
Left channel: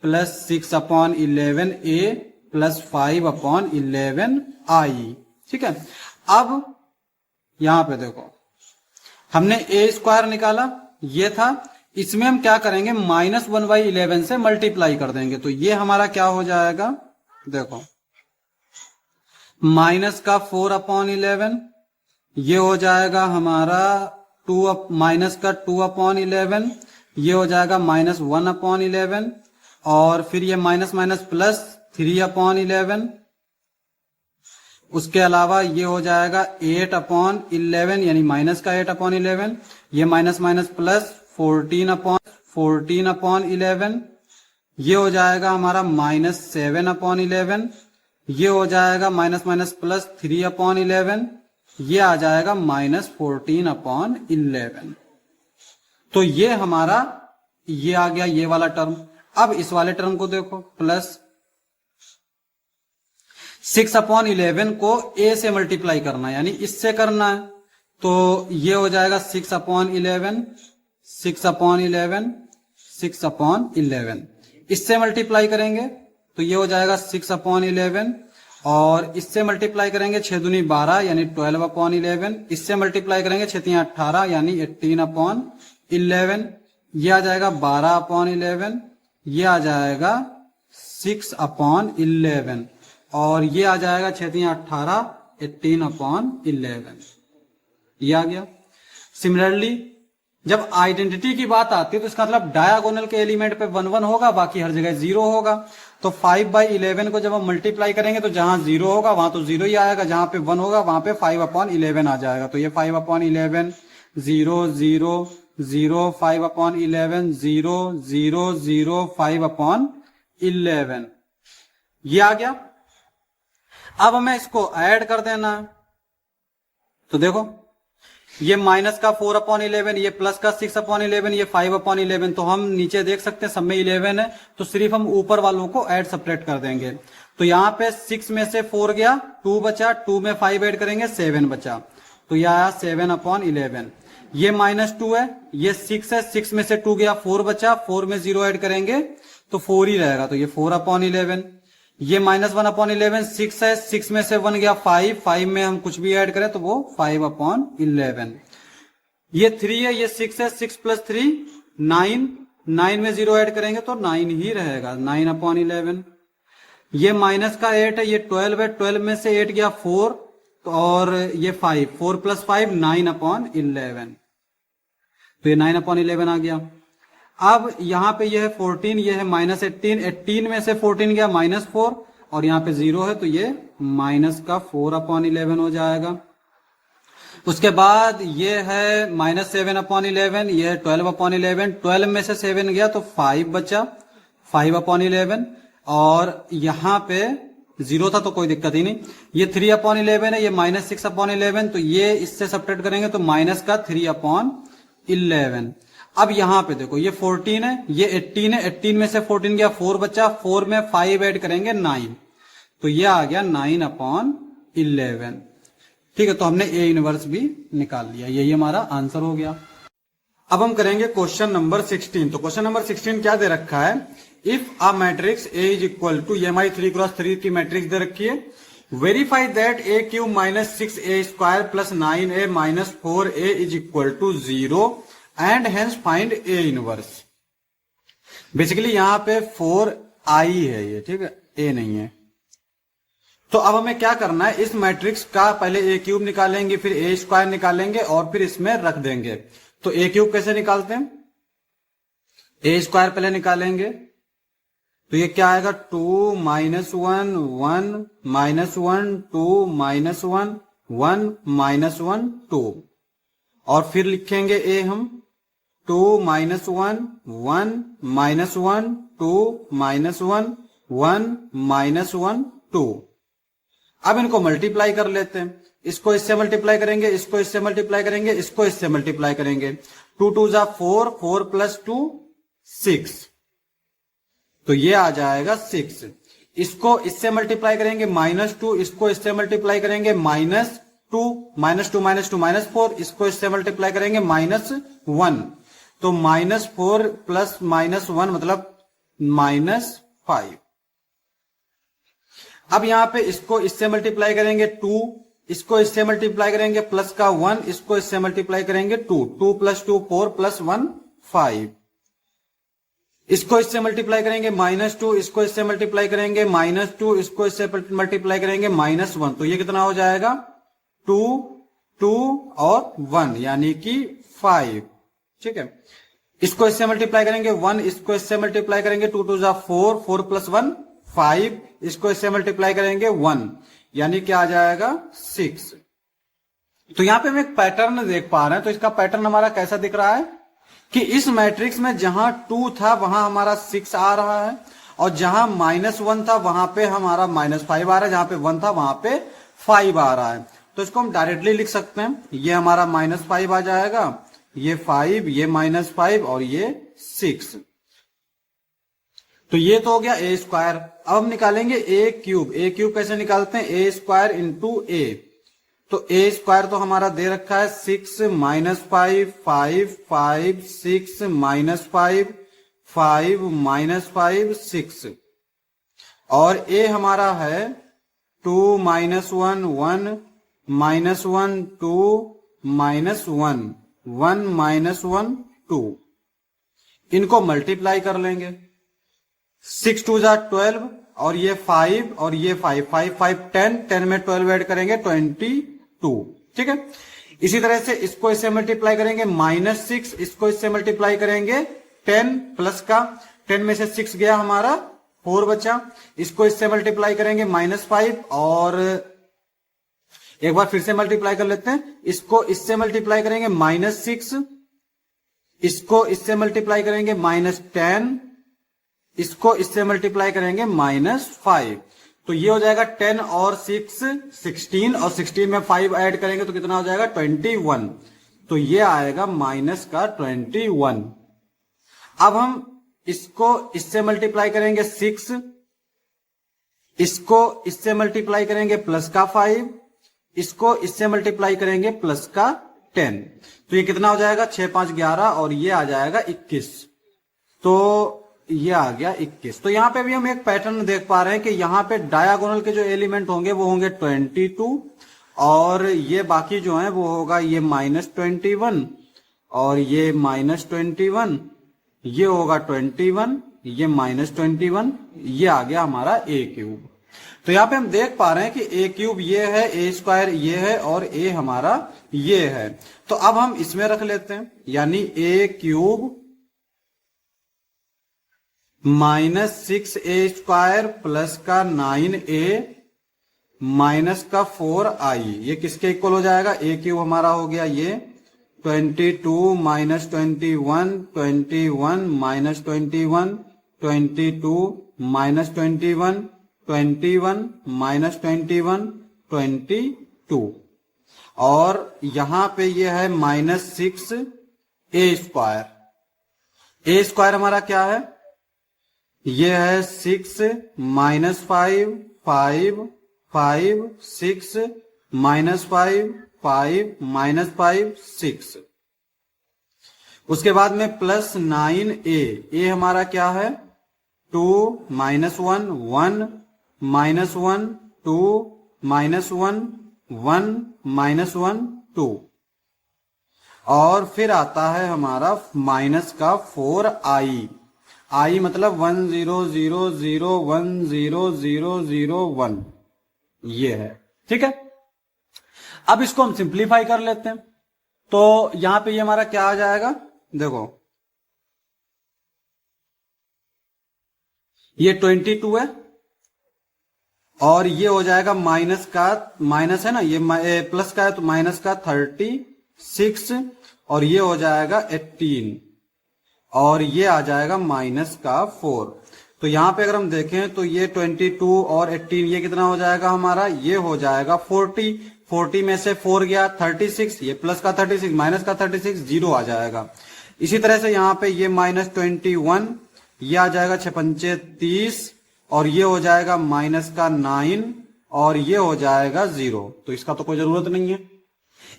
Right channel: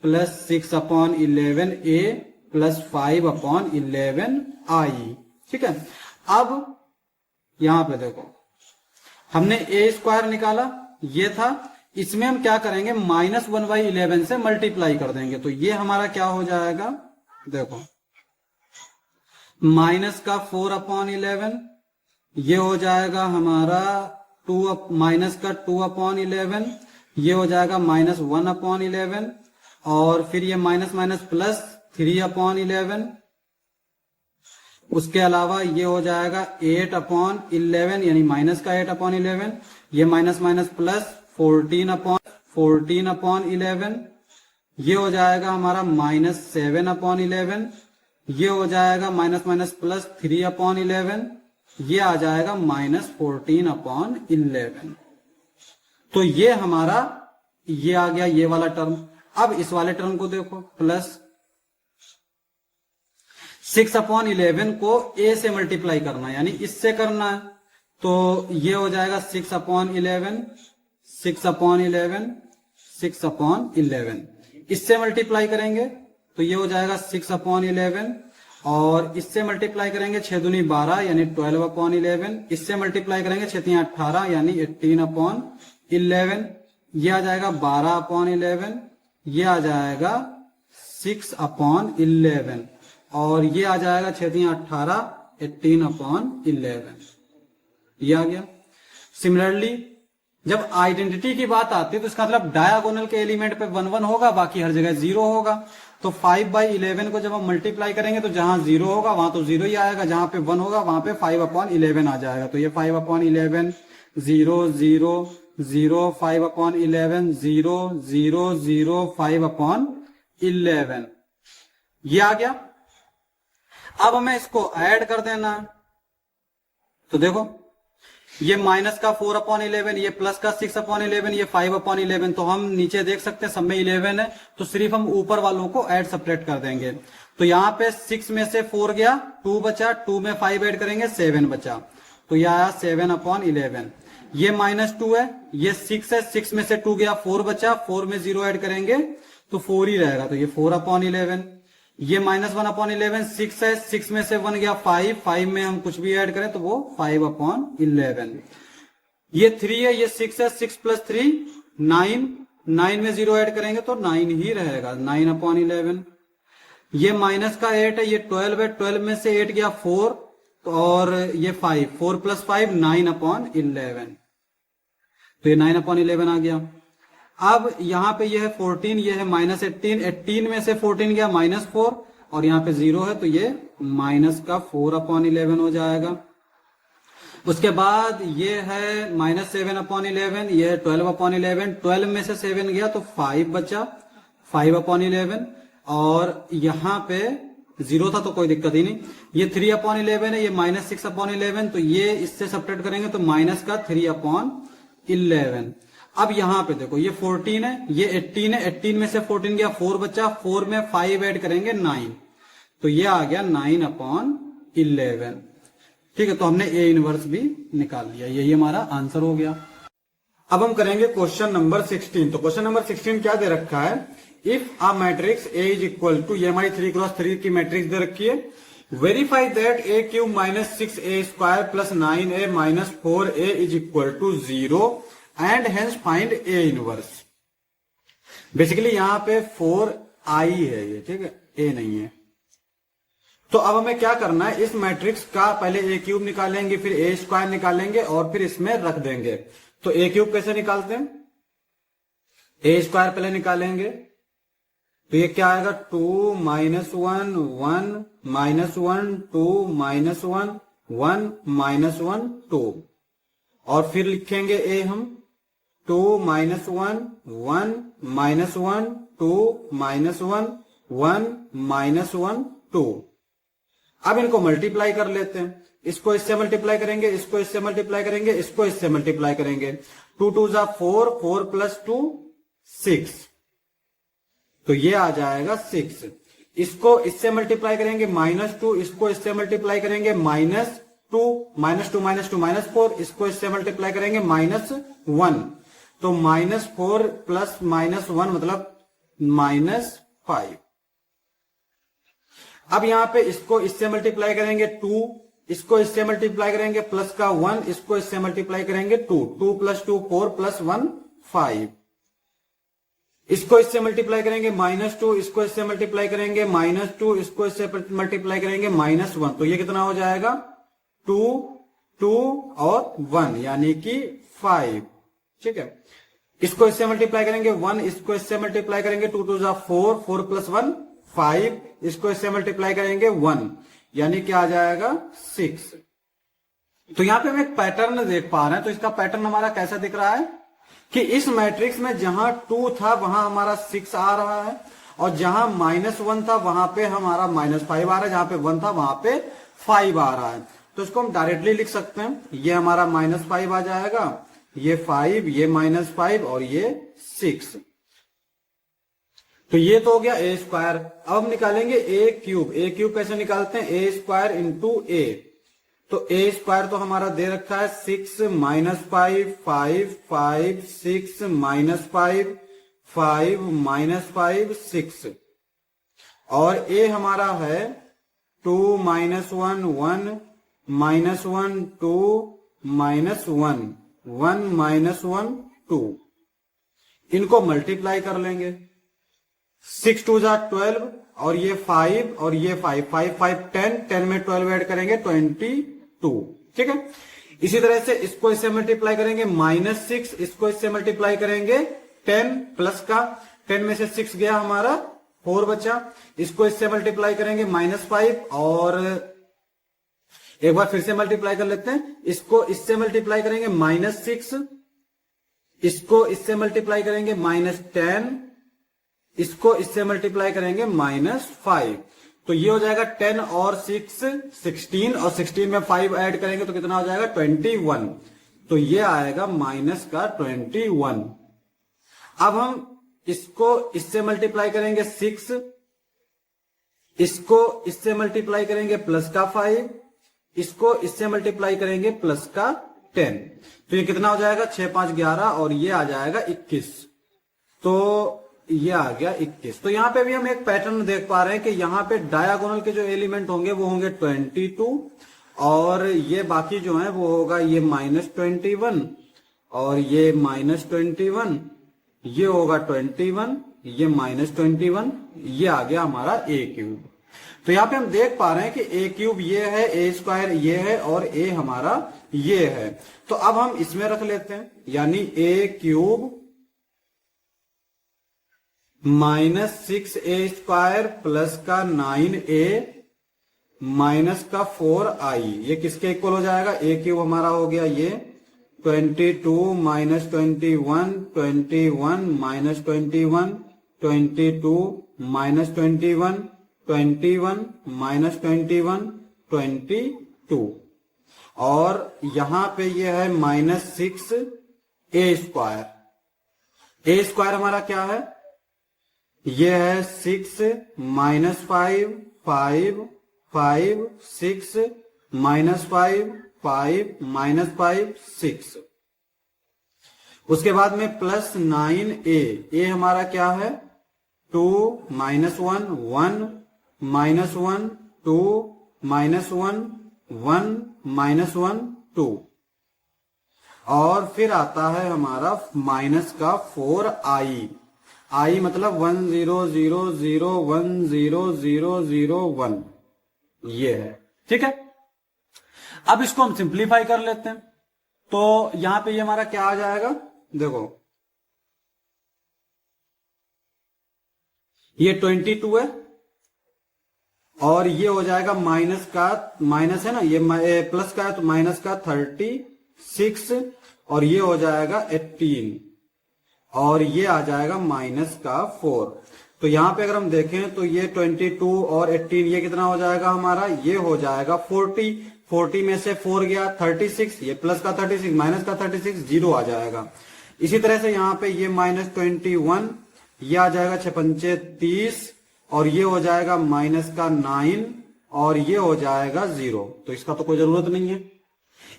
plus 6/11a plus 5/11i, ठीक है। अब यहां पे देखो हमने a² निकाला, ये था, इसमें हम क्या करेंगे -1/11 से मल्टीप्लाई कर देंगे। तो ये हमारा क्या हो जाएगा, देखो माइनस का 4/11, ये हो जाएगा हमारा माइनस का 2/11, ये हो जाएगा -1/11, और फिर ये माइनस माइनस प्लस 3/11, उसके अलावा ये हो जाएगा 8/11 यानी माइनस का 8/11, ये माइनस माइनस प्लस 14/11, ये हो जाएगा हमारा -7/11, ये हो जाएगा माइनस माइनस प्लस 3/11, ये आ जाएगा -14/11। तो ये हमारा ये आ गया ये वाला टर्म। अब इस वाले टर्म को देखो, प्लस 6/11 को a से मल्टीप्लाई करना है, यानी इससे करना है, तो ये हो जाएगा 6/11, 6/11, 6/11, इससे मल्टीप्लाई करेंगे तो ये हो जाएगा 6/11, और इससे मल्टीप्लाई करेंगे 6 दूनी 12 यानी 12/11, इससे मल्टीप्लाई करेंगे 6 3 18 यानी 18/11, ये आ जाएगा 12/11, ये आ जाएगा 6/11, और ये आ जाएगा 6 3 18 18/11, ये आ गया। सिमिलरली जब आइडेंटिटी की बात आती है तो इसका मतलब डायगोनल के एलिमेंट पे 1 1 होगा, बाकी हर जगह 0 होगा। तो 5/11 को जब हम मल्टीप्लाई करेंगे तो जहां 0 होगा वहां तो 0 ही आएगा, जहां पे 1 होगा वहां पे 5/11 आ जाएगा। तो ये 5/11 0 0 0 5/11 0 0 0 5/11, ये आ गया। अब हमें इसको ऐड कर देना है, तो देखो ये माइनस का 4/11, ये प्लस का 6/11, ये 5/11, तो हम नीचे देख सकते हैं सब में 11 है, तो सिर्फ हम ऊपर वालों को ऐड सपरेट कर देंगे। तो यहाँ पे 6 में से 4 गया, 2 बचा, 2 में 5 ऐड करेंगे 7 बचा, तो यह आया 7/11। ये -2 है, ये 6 है, 6 में से 2 गया, 4 बचा, 4 में 0 ऐड करेंगे तो 4 ही रहेगा, तो ये 4/11। ये -1/11, 6 है, 6 में से 1 गया 5, 5 में हम कुछ भी ऐड करें तो वो 5/11। ये 3 है, ये 6 है, 6 + 3 9, 9 में 0 ऐड करेंगे तो 9 ही रहेगा, 9/11। ये माइनस का 8 है, ये 12 है, 12 में से 8 गया 4 और ये 5, 4 + 5 9/11, तो ये 9/11 आ गया। अब यहाँ पे ये है 14, ये है -18, 18 में से 14 गया -4 और यहाँ पे 0 है तो ये -4/11 हो जाएगा। उसके बाद ये है -7/11, ये है 12/11, 12 में से 7 गया तो 5 बचा, 5/11 और यहाँ पे 0 था तो कोई दिक्कत ही नहीं। ये 3/11 है, ये -6/11, तो ये इससे सब्ट्रैक्ट करेंगे तो -3/11। अब यहाँ पे देखो ये 14 है, ये 18 है, 18 में से 14 गया 4 बचा, 4 में 5 ऐड करेंगे 9, तो ये आ गया 9/11। ठीक है, तो हमने ए इनवर्स भी निकाल लिया, यही हमारा आंसर हो गया। अब हम करेंगे क्वेश्चन नंबर 16। तो क्वेश्चन नंबर 16 क्या दे रखा है, if a matrix A is equal to, ये हमारी 3x3 की मैट्रिक्स दे रखी है, verify that a³ -6a² + 9a - 4a is equal to 0 and hence find A inverse. Basically यहां पे 4i है ये, ठीक है, ए नहीं है। तो अब हमें क्या करना है, इस मैट्रिक्स का पहले a³ निकालेंगे, फिर a² निकालेंगे और फिर इसमें रख देंगे। तो a³ कैसे निकालते हैं, a² पहले निकालेंगे तो ये क्या आएगा, 2 - 1 1 -1 2 -1 1 -1 2 और फिर लिखेंगे a हम 2 - 1 1 -1 2 -1 1 -1 2। अब इनको मल्टीप्लाई कर लेते हैं, इसको इससे मल्टीप्लाई करेंगे, इसको इससे मल्टीप्लाई करेंगे, इसको इससे मल्टीप्लाई करेंगे। 2 2 जा 4, 4 + 2 6, तो ये आ जाएगा 6। इसको इससे मल्टीप्लाई करेंगे -2, इसको इससे मल्टीप्लाई करेंगे -2 -2 -2 -4, इसको इससे मल्टीप्लाई करेंगे -1, तो -4 + -1 मतलब -5। अब यहां पे इसको इससे मल्टीप्लाई करेंगे 2, इसको इससे मल्टीप्लाई करेंगे प्लस का 1, इसको इससे मल्टीप्लाई करेंगे 2, 2 + 2 4 + 1 5। इसको इससे मल्टीप्लाई करेंगे -2, इसको इससे मल्टीप्लाई करेंगे -2, इसको इससे मल्टीप्लाई करेंगे -1, तो ये कितना हो जाएगा 2 2 और 1 यानी कि 5। ठीक है, इसको इससे मल्टीप्लाई करेंगे 1, इसको इससे मल्टीप्लाई करेंगे 2 2 जा 4, 4 + 1 5, इसको इससे मल्टीप्लाई करेंगे 1 यानी क्या आ जाएगा 6। तो यहां पे हम एक पैटर्न देख पा रहे हैं, तो इसका पैटर्न हमारा कैसा दिख रहा है कि इस मैट्रिक्स में जहां 2 था वहां हमारा 6 आ रहा है और जहां -1 था वहां पे हमारा -5 आ रहा है, जहां पे 1 था वहां पे 5 आ रहा है। तो इसको हम डायरेक्टली लिख सकते हैं, ये हमारा -5 आ जाएगा, ये 5, ये -5 और ये 6। तो ये तो हो गया a²। अब हम निकालेंगे a³ a³ कैसे निकालते हैं, a² × a। तो a² तो हमारा दे रखा है 6 - 5 5 5 6 -5 5 -5 6 और a हमारा है 2 - 1 1 -1 2 -1 1 -1 2। इनको मल्टीप्लाई कर लेंगे, 6 2 जा 12 और ये 5 और ये 5 5 5 10 10 में 12 ऐड करेंगे 22। ठीक है, इसी तरह से इसको इससे मल्टीप्लाई करेंगे -6, इसको इससे मल्टीप्लाई करेंगे 10 प्लस का 10 में से 6 गया हमारा 4 बचा, इसको इससे मल्टीप्लाई करेंगे -5 और एक बार फिर से मल्टीप्लाई कर लेते हैं, इसको इससे मल्टीप्लाई करेंगे -6, इसको इससे मल्टीप्लाई करेंगे -10, इसको इससे मल्टीप्लाई करेंगे -5, तो ये हो जाएगा 10 और 6 16 और 16 में 5 ऐड करेंगे तो कितना हो जाएगा 21, तो ये आएगा -21। अब हम इसको इससे मल्टीप्लाई करेंगे 6, इसको इससे मल्टीप्लाई करेंगे प्लस का 5, इसको इससे मल्टीप्लाई करेंगे प्लस का 10, तो ये कितना हो जाएगा 6 5 11 और ये आ जाएगा 21, तो ये आ गया 21। तो यहां पे भी हम एक पैटर्न देख पा रहे हैं कि यहां पे डायगोनल के जो एलिमेंट होंगे वो होंगे 22 और ये बाकी जो है वो होगा ये -21 और ये -21, ये होगा 21, ये -21, ये आ गया हमारा ए क्यूब। तो यहां पे हम देख पा रहे हैं कि ए क्यूब ये है, ए स्क्वायर ये है और ए हमारा ये है। तो अब हम इसमें रख लेते हैं, यानी ए क्यूब -6a² प्लस का 9a माइनस का 4i, ये किसके इक्वल हो जाएगा? ए क्यूब हमारा हो गया ये 22 -21, 21 -21, 22 -21, 21 -21, 22, और यहां पे ये है -6a²। ए स्क्वायर हमारा क्या है? ये है 6 -5 5 5 6 -5 5 -5 6। उसके बाद में प्लस 9a, ए हमारा क्या है? 2 -1 1 -1 2 -1 1 -1 2, और फिर आता है हमारा माइनस का 4i, आई मतलब 1 0 0 0 1 0 0 0 1, ये है। ठीक है, अब इसको हम सिंप्लीफाई कर लेते हैं। तो यहां पे ये हमारा क्या आ जाएगा? देखो ये 22 है और ये हो जाएगा माइनस का, माइनस है ना, ये प्लस का है तो माइनस का 36, और ये हो जाएगा 18, और ये आ जाएगा माइनस का 4। तो यहां पे अगर हम देखें तो ये 22 और 18 ये कितना हो जाएगा हमारा? ये हो जाएगा 40। 40 में से 4 गया 36, ये प्लस का 36 माइनस का 36 0 आ जाएगा। इसी तरह से यहां पे ये -21, ये आ जाएगा 6 30, और ये हो जाएगा माइनस का 9, और ये हो जाएगा 0, तो इसका तो कोई जरूरत नहीं है।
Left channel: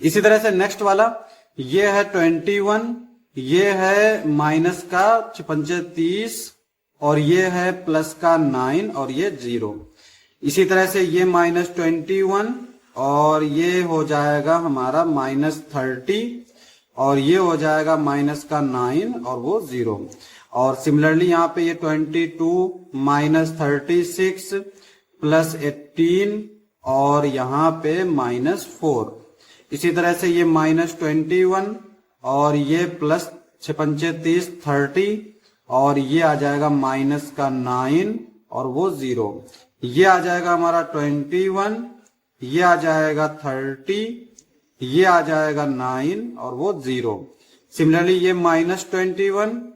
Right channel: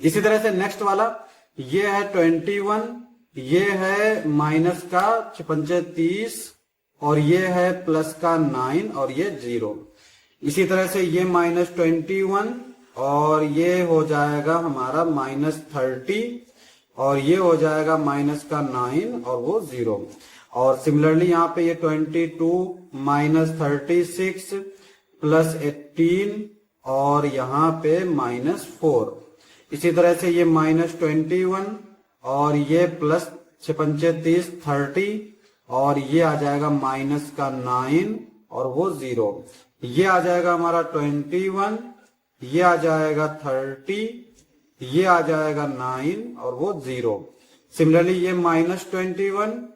इसी तरह से नेक्स्ट वाला ये है 21, ये है माइनस का 6 30, और ये है प्लस का 9, और ये 0। इसी तरह से ये -21, और ये हो जाएगा हमारा -30, और ये हो जाएगा माइनस का 9, और वो 0। और सिमिलरली यहाँ पे ये 22 -36 प्लस 18, और यहाँ पे -4। इसी तरह से ये -21, और ये प्लस 6 30 30, और ये आ जाएगा माइनस का 9, और वो 0। ये आ जाएगा हमारा 21, ये आ जाएगा 30, ये आ जाएगा 9, और वो 0। सिमिलरली ये -21,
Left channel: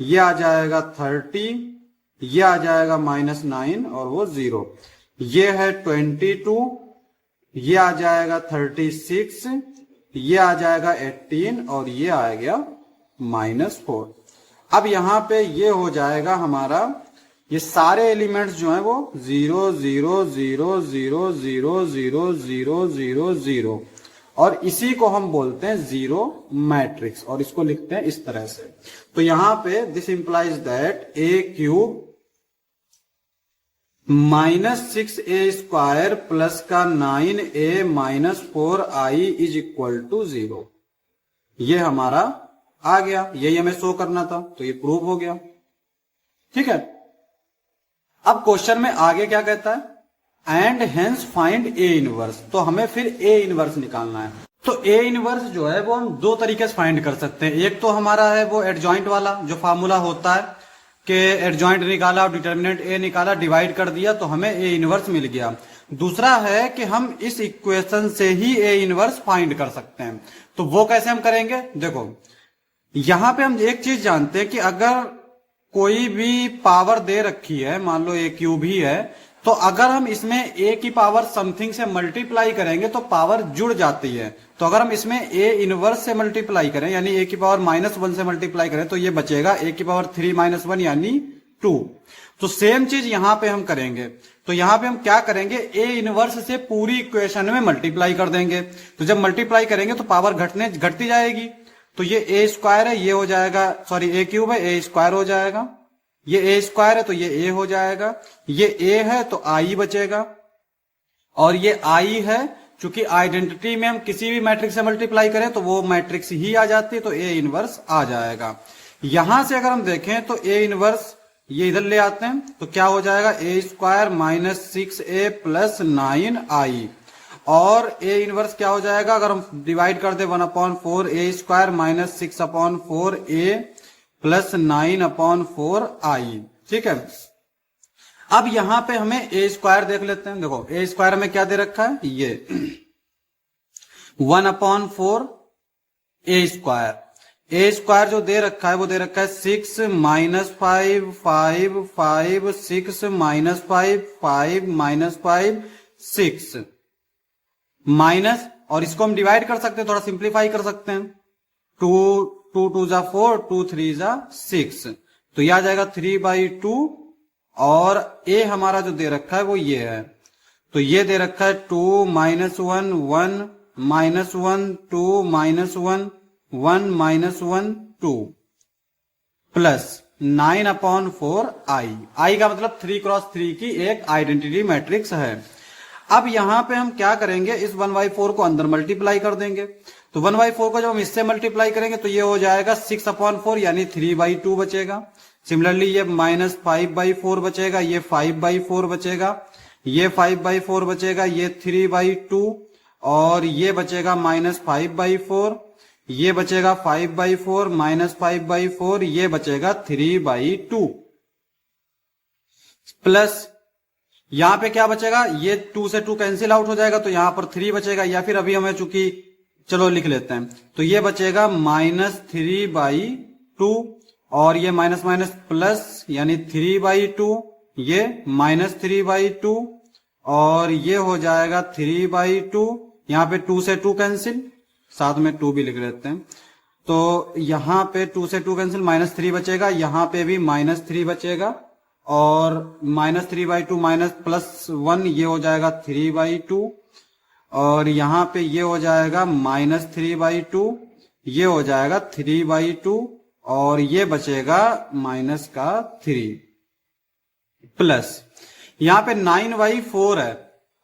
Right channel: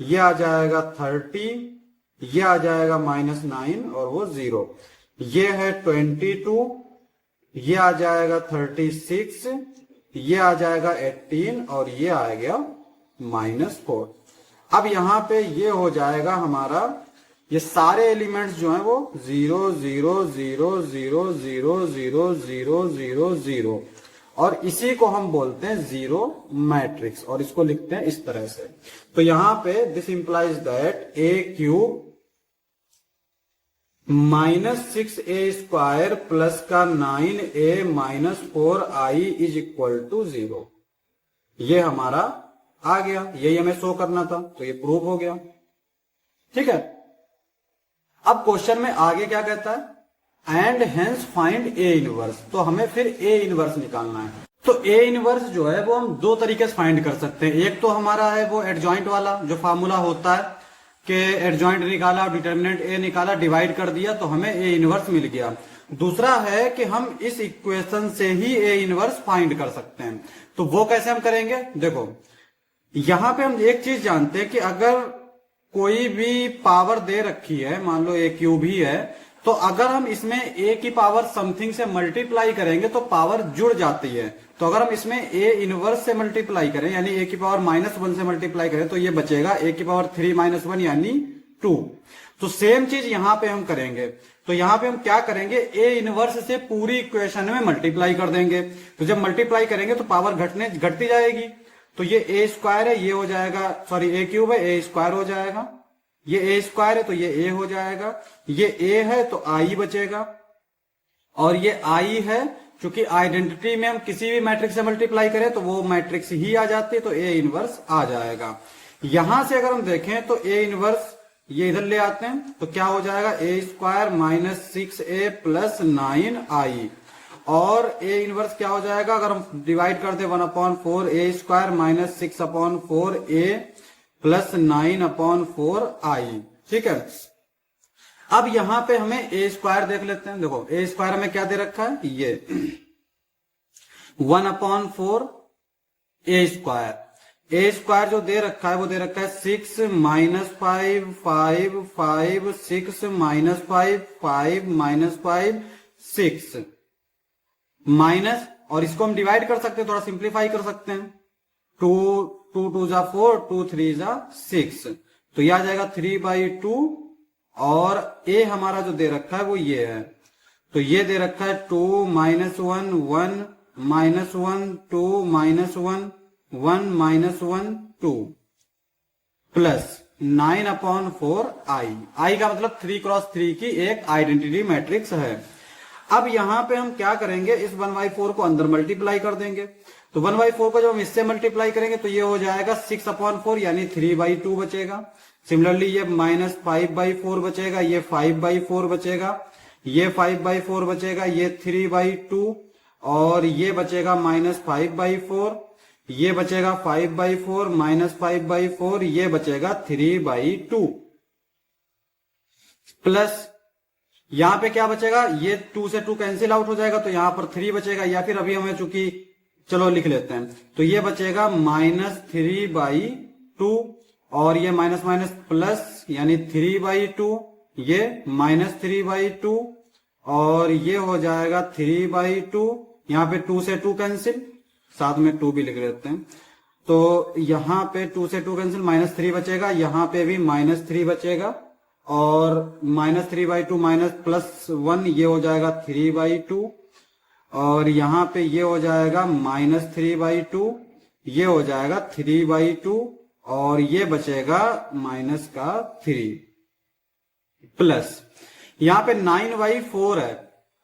ये आ जाएगा 30, ये आ जाएगा -9, और वो 0। ये है 22, ये आ जाएगा 36, ये आ जाएगा 18, और ये आ गया -4। अब यहां पे ये हो जाएगा हमारा, ये सारे एलिमेंट्स जो हैं वो 0 0 0 0 0 0 0 0 0, और इसी को हम बोलते हैं जीरो मैट्रिक्स, और इसको लिखते हैं इस तरह से। तो यहां पे this implies that A cube -6a² plus का 9a minus 4i is equal to 0। ये हमारा आ गया, यही हमें शो करना था, तो ये प्रूव हो गया। ठीक है, अब क्वेश्चन में आगे क्या कहता है? And hence find A inverse. तो हमें फिर ए इनवर्स निकालना है। तो ए इनवर्स जो है वो हम दो तरीके से फाइंड कर सकते हैं। एक तो हमारा है वो एडजॉइंट वाला, जो फार्मूला होता है कि एडजॉइंट निकाला और डिटर्मिनेंट ए निकाला, डिवाइड कर दिया तो हमें ए इनवर्स मिल गया। दूसरा है कि हम इस इक्वेशन से ही ए इनवर्स फाइंड कर सकते हैं। तो वो कैसे हम करेंगे? देखो यहां पे हम एक चीज जानते हैं कि अगर कोई भी पावर दे रखी है, मान लो ए क्यूब ही है, तो अगर हम इसमें ए की पावर समथिंग से मल्टीप्लाई करेंगे तो पावर जुड़ जाती है। तो अगर हम इसमें ए इनवर्स से मल्टीप्लाई करें, यानी ए की पावर -1 से मल्टीप्लाई करें, तो ये बचेगा ए की पावर 3 - 1 यानी 2। तो सेम चीज यहां पे हम करेंगे। तो यहां पे हम क्या करेंगे? ए इनवर्स से पूरी इक्वेशन में मल्टीप्लाई कर देंगे। तो जब मल्टीप्लाई करेंगे तो पावर घटती जाएगी। तो ये ए स्क्वायर है, ये हो जाएगा, सॉरी ए क्यूब है, ए स्क्वायर हो जाएगा। ये ए स्क्वायर है तो ये ए हो जाएगा। ये ए है तो आई बचेगा, और ये आई है, क्योंकि आइडेंटिटी में हम किसी भी मैट्रिक्स से मल्टीप्लाई करें तो वो मैट्रिक्स ही आ जाती है, तो ए इनवर्स आ जाएगा। यहां से अगर हम देखें तो ए इनवर्स ये इधर ले आते हैं तो क्या हो जाएगा, ए square minus 6a plus 9i, और ए इनवर्स क्या हो जाएगा, अगर हम डिवाइड कर दे 1/4 A square minus 6/4a plus 9/4i। ठीक है, अब यहां पे हमें ए स्क्वायर देख लेते हैं। देखो ए स्क्वायर में क्या दे रखा है, ये 1/4 ए स्क्वायर, ए स्क्वायर जो दे रखा है वो दे रखा है 6 माइनस 5 5 5 6 माइनस 5 5 माइनस 5 6 माइनस, और इसको हम डिवाइड कर सकते हैं, थोड़ा सिंप्लीफाई कर सकते हैं, 2 2 2 जा 4 2 3 जा 6, तो यह आ जाएगा 3/2, और ए हमारा जो दे रखा है वो ये है, तो ये दे रखा है 2 minus 1 1 minus 1 2 minus 1 1 minus 1 2 plus 9/4 आई। आई का मतलब 3x3 की एक आइडेंटिटी मैट्रिक्स है। अब यहां पे हम क्या करेंगे, इस 1/4 को अंदर मल्टीप्लाई कर देंगे, तो 1/4 को जब हम इससे मल्टीप्लाई करेंगे तो ये हो जाएगा 6/4 यानी 3/2 बचेगा। सिमिलरली ये माइनस 5/4 बचेगा, ये 5/4 बचेगा, ये 5/4 बचेगा, ये 3/2, और ये बचेगा माइनस 5/4, ये बचेगा 5/4 माइनस 5/4, ये बचेगा 3/2 प्लस यहां पे क्या बचेगा, ये 2 से 2 कैंसिल आउट हो जाएगा, तो यहां पर 3 बचेगा, या फिर अभी हमें चूंकि चलो लिख लेते हैं, तो ये बचेगा माइनस 3/2, और ये माइनस माइनस प्लस यानी 3/2, ये माइनस 3/2, और ये हो जाएगा 3/2, यहां पे 2 से 2 कैंसिल, साथ में 2 भी लिख लेते हैं, तो यहां पे 2 से 2 कैंसिल, माइनस 3 बचेगा, यहां पे भी माइनस 3 बचेगा, और माइनस 3/2 माइनस प्लस 1 ये हो जाएगा 3/2, और यहां पे ये हो जाएगा माइनस 3/2, ये हो जाएगा 3/2, और ये बचेगा माइनस का 3 प्लस यहां पे 9/4 है,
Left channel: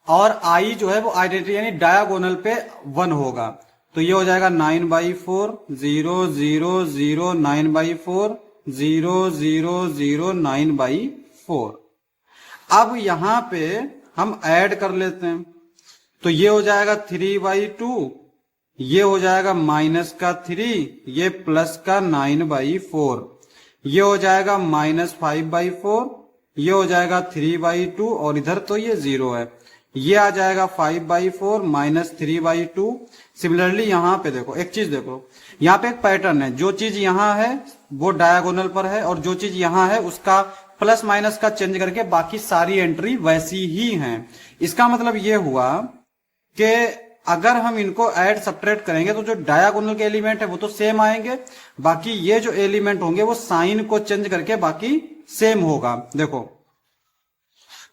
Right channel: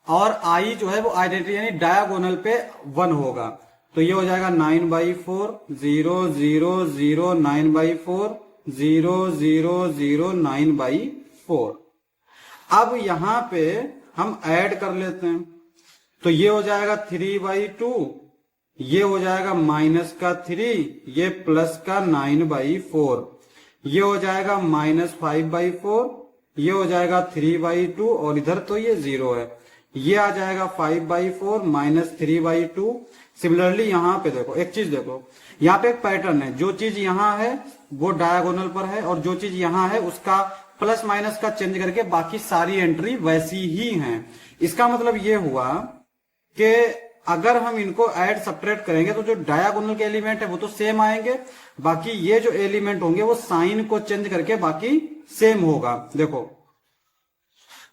और आई जो है वो आइडेंटिटी यानी डायगोनल पे 1 होगा, तो ये हो जाएगा 9/4 0 0 0 9/4 0 0 0 9/4। अब यहां पे हम ऐड कर लेते हैं, तो ये हो जाएगा 3/2, ये हो जाएगा माइनस का 3, ये प्लस का 9/4, ये हो जाएगा माइनस 5/4, ये हो जाएगा 3/2, और इधर तो ये 0 है, ये आ जाएगा 5/4 माइनस 3/2। सिमिलरली यहां पे देखो एक चीज, देखो यहां पे एक पैटर्न है, जो चीज यहां है वो डायगोनल पर है, और जो चीज यहां है उसका प्लस माइनस का चेंज करके बाकी सारी एंट्री वैसी ही हैं। इसका मतलब ये हुआ कि अगर हम इनको ऐड सब्ट्रैक्ट करेंगे तो जो डायगोनल के एलिमेंट है वो तो सेम आएंगे, बाकी ये जो एलिमेंट होंगे वो साइन को चेंज करके बाकी सेम होगा। देखो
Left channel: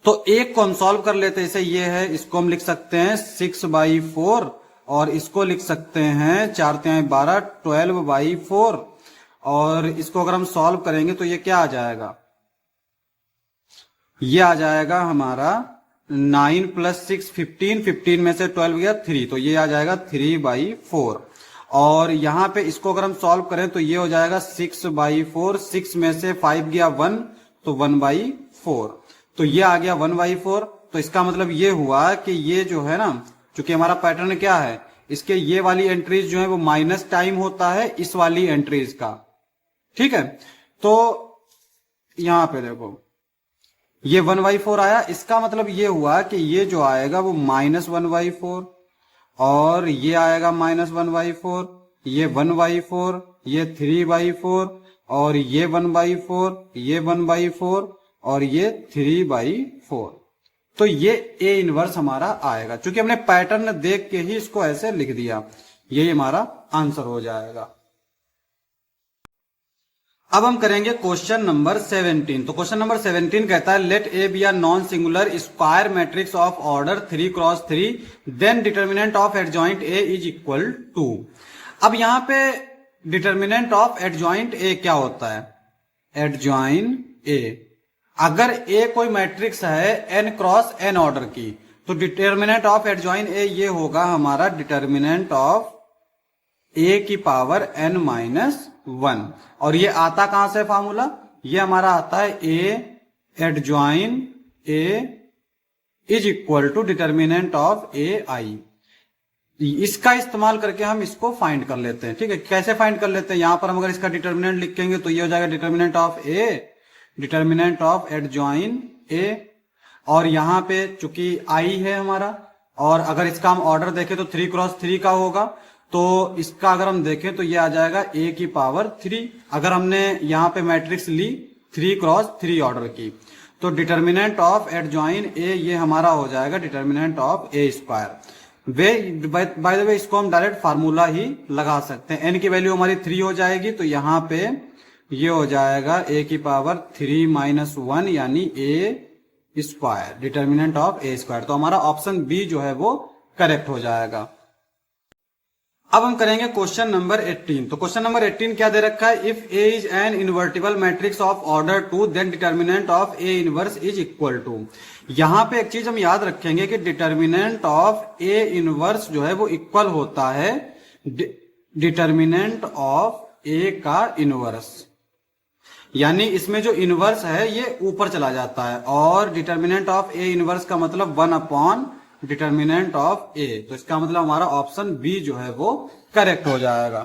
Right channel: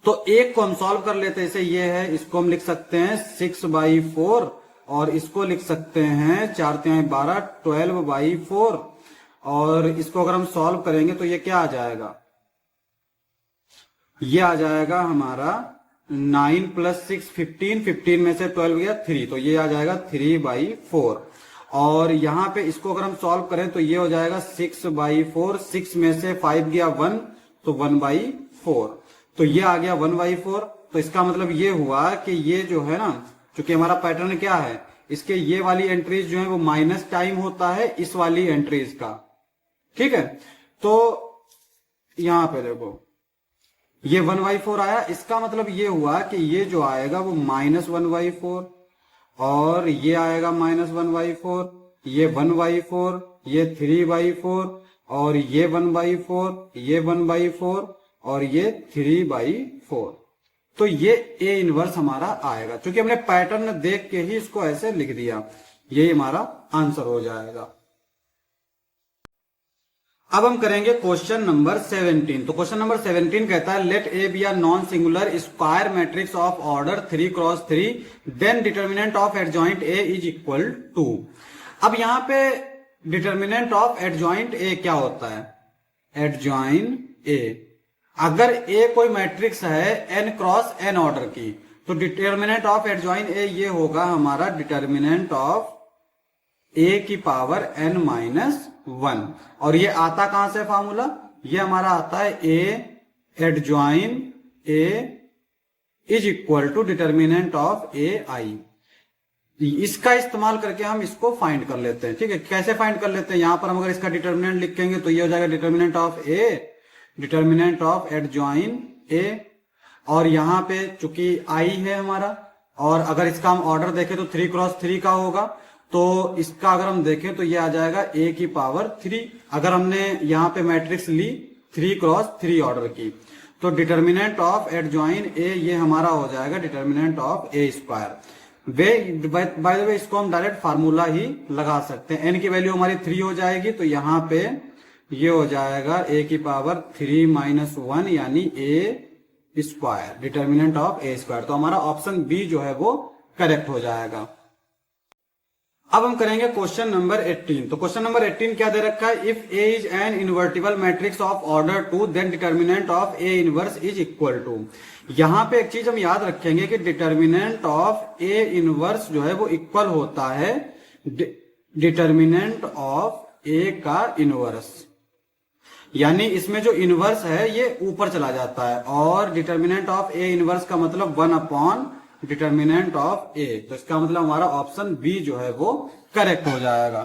तो एक को हम सॉल्व कर लेते हैं, जैसे ये है, इसको हम लिख सकते हैं 6/4, और इसको लिख सकते हैं 4×12 12/4, और इसको अगर हम सॉल्व करेंगे तो ये क्या आ जाएगा, ये आ जाएगा हमारा 9 प्लस 6 15, 15 में से 12 गया 3, तो ये आ जाएगा 3/4, और यहां पे इसको अगर हम सॉल्व करें तो ये हो जाएगा 6/4, 6 में से 5 गया 1, तो 1/4, तो ये आ गया 1/4। तो इसका मतलब ये हुआ कि ये जो है ना, चूंकि हमारा पैटर्न क्या है, इसके ये वाली एंट्रीज जो है वो माइनस टाइम होता है इस वाली एंट्रीज का, ठीक है। तो यहां पे देखो ये 1/4 आया, इसका मतलब ये हुआ कि ये जो आएगा वो माइनस 1/4, और ये आएगा माइनस 1/4, ये 1/4, ये 3/4, और ये 1/4, ये 1/4, और ये 3/4, तो ये ए इनवर्स हमारा आएगा। क्योंकि हमने पैटर्न देख के ही इसको ऐसे लिख दिया, ये हमारा आंसर हो जाएगा। अब हम करेंगे क्वेश्चन नंबर 17। तो क्वेश्चन नंबर 17 कहता है let A B are non singular square matrix of order 3x3, then determinant of adjoint A is equal to. अब यहां पे डिटर्मिनेंट ऑफ एडजॉइंट ए क्या होता है, एडजॉइंट ए, अगर ए कोई मैट्रिक्स है n×n ऑर्डर की, तो डिटर्मिनेंट ऑफ एडजॉइंट ए ये होगा हमारा डिटर्मिनेंट ऑफ ए की पावर n माइनस 1। और ये आता कहां से फॉर्मूला, ये हमारा आता है A adjoint A is equal to determinant of A I. इसका इस्तेमाल करके हम इसको फाइंड कर लेते हैं। ठीक है, कैसे फाइंड कर लेते हैं, यहां पर हम अगर इसका डिटर्मिनेंट लिखेंगे तो ये हो जाएगा determinant of A, determinant of adjoint A, और यहां पे चूंकि आई है हमारा, और अगर इसका हम ऑर्डर देखें तो 3 क्रॉस 3 का होगा, तो इसका अगर हम देखें तो ये आ जाएगा ए की पावर 3। अगर हमने यहाँ पे मैट्रिक्स ली 3 क्रॉस 3 ऑर्डर की, तो डिटर्मिनेंट ऑफ एडजॉइन ए ये हमारा हो जाएगा determinant of A square. By the way इसको हम डायरेक्ट फार्मूला ही लगा सकते हैं। एन की वैल्यू हमारी 3 हो जाएगी, तो यहाँ पे ये हो जाएगा ए की पावर 3 माइनस 1 यानी A square, determinant of A square. तो हमारा ऑप्शन बी जो है वो करेक्ट हो जाएगा। अब हम करेंगे क्वेश्चन नंबर 18। तो क्वेश्चन नंबर 18 क्या दे रखा है, if A is an invertible matrix of order 2 then determinant of A inverse is equal to. यहां पे एक चीज हम याद रखेंगे कि डिटर्मिनेंट ऑफ ए इनवर्स जो है वो इक्वल होता है डिटर्मिनेंट ऑफ ए का इनवर्स, यानी इसमें जो इनवर्स है ये ऊपर चला जाता है, और डिटर्मिनेंट ऑफ ए इनवर्स का मतलब 1 अपॉन डिटर्मिनेंट ऑफ ए। तो इसका मतलब हमारा ऑप्शन बी जो है वो करेक्ट हो जाएगा।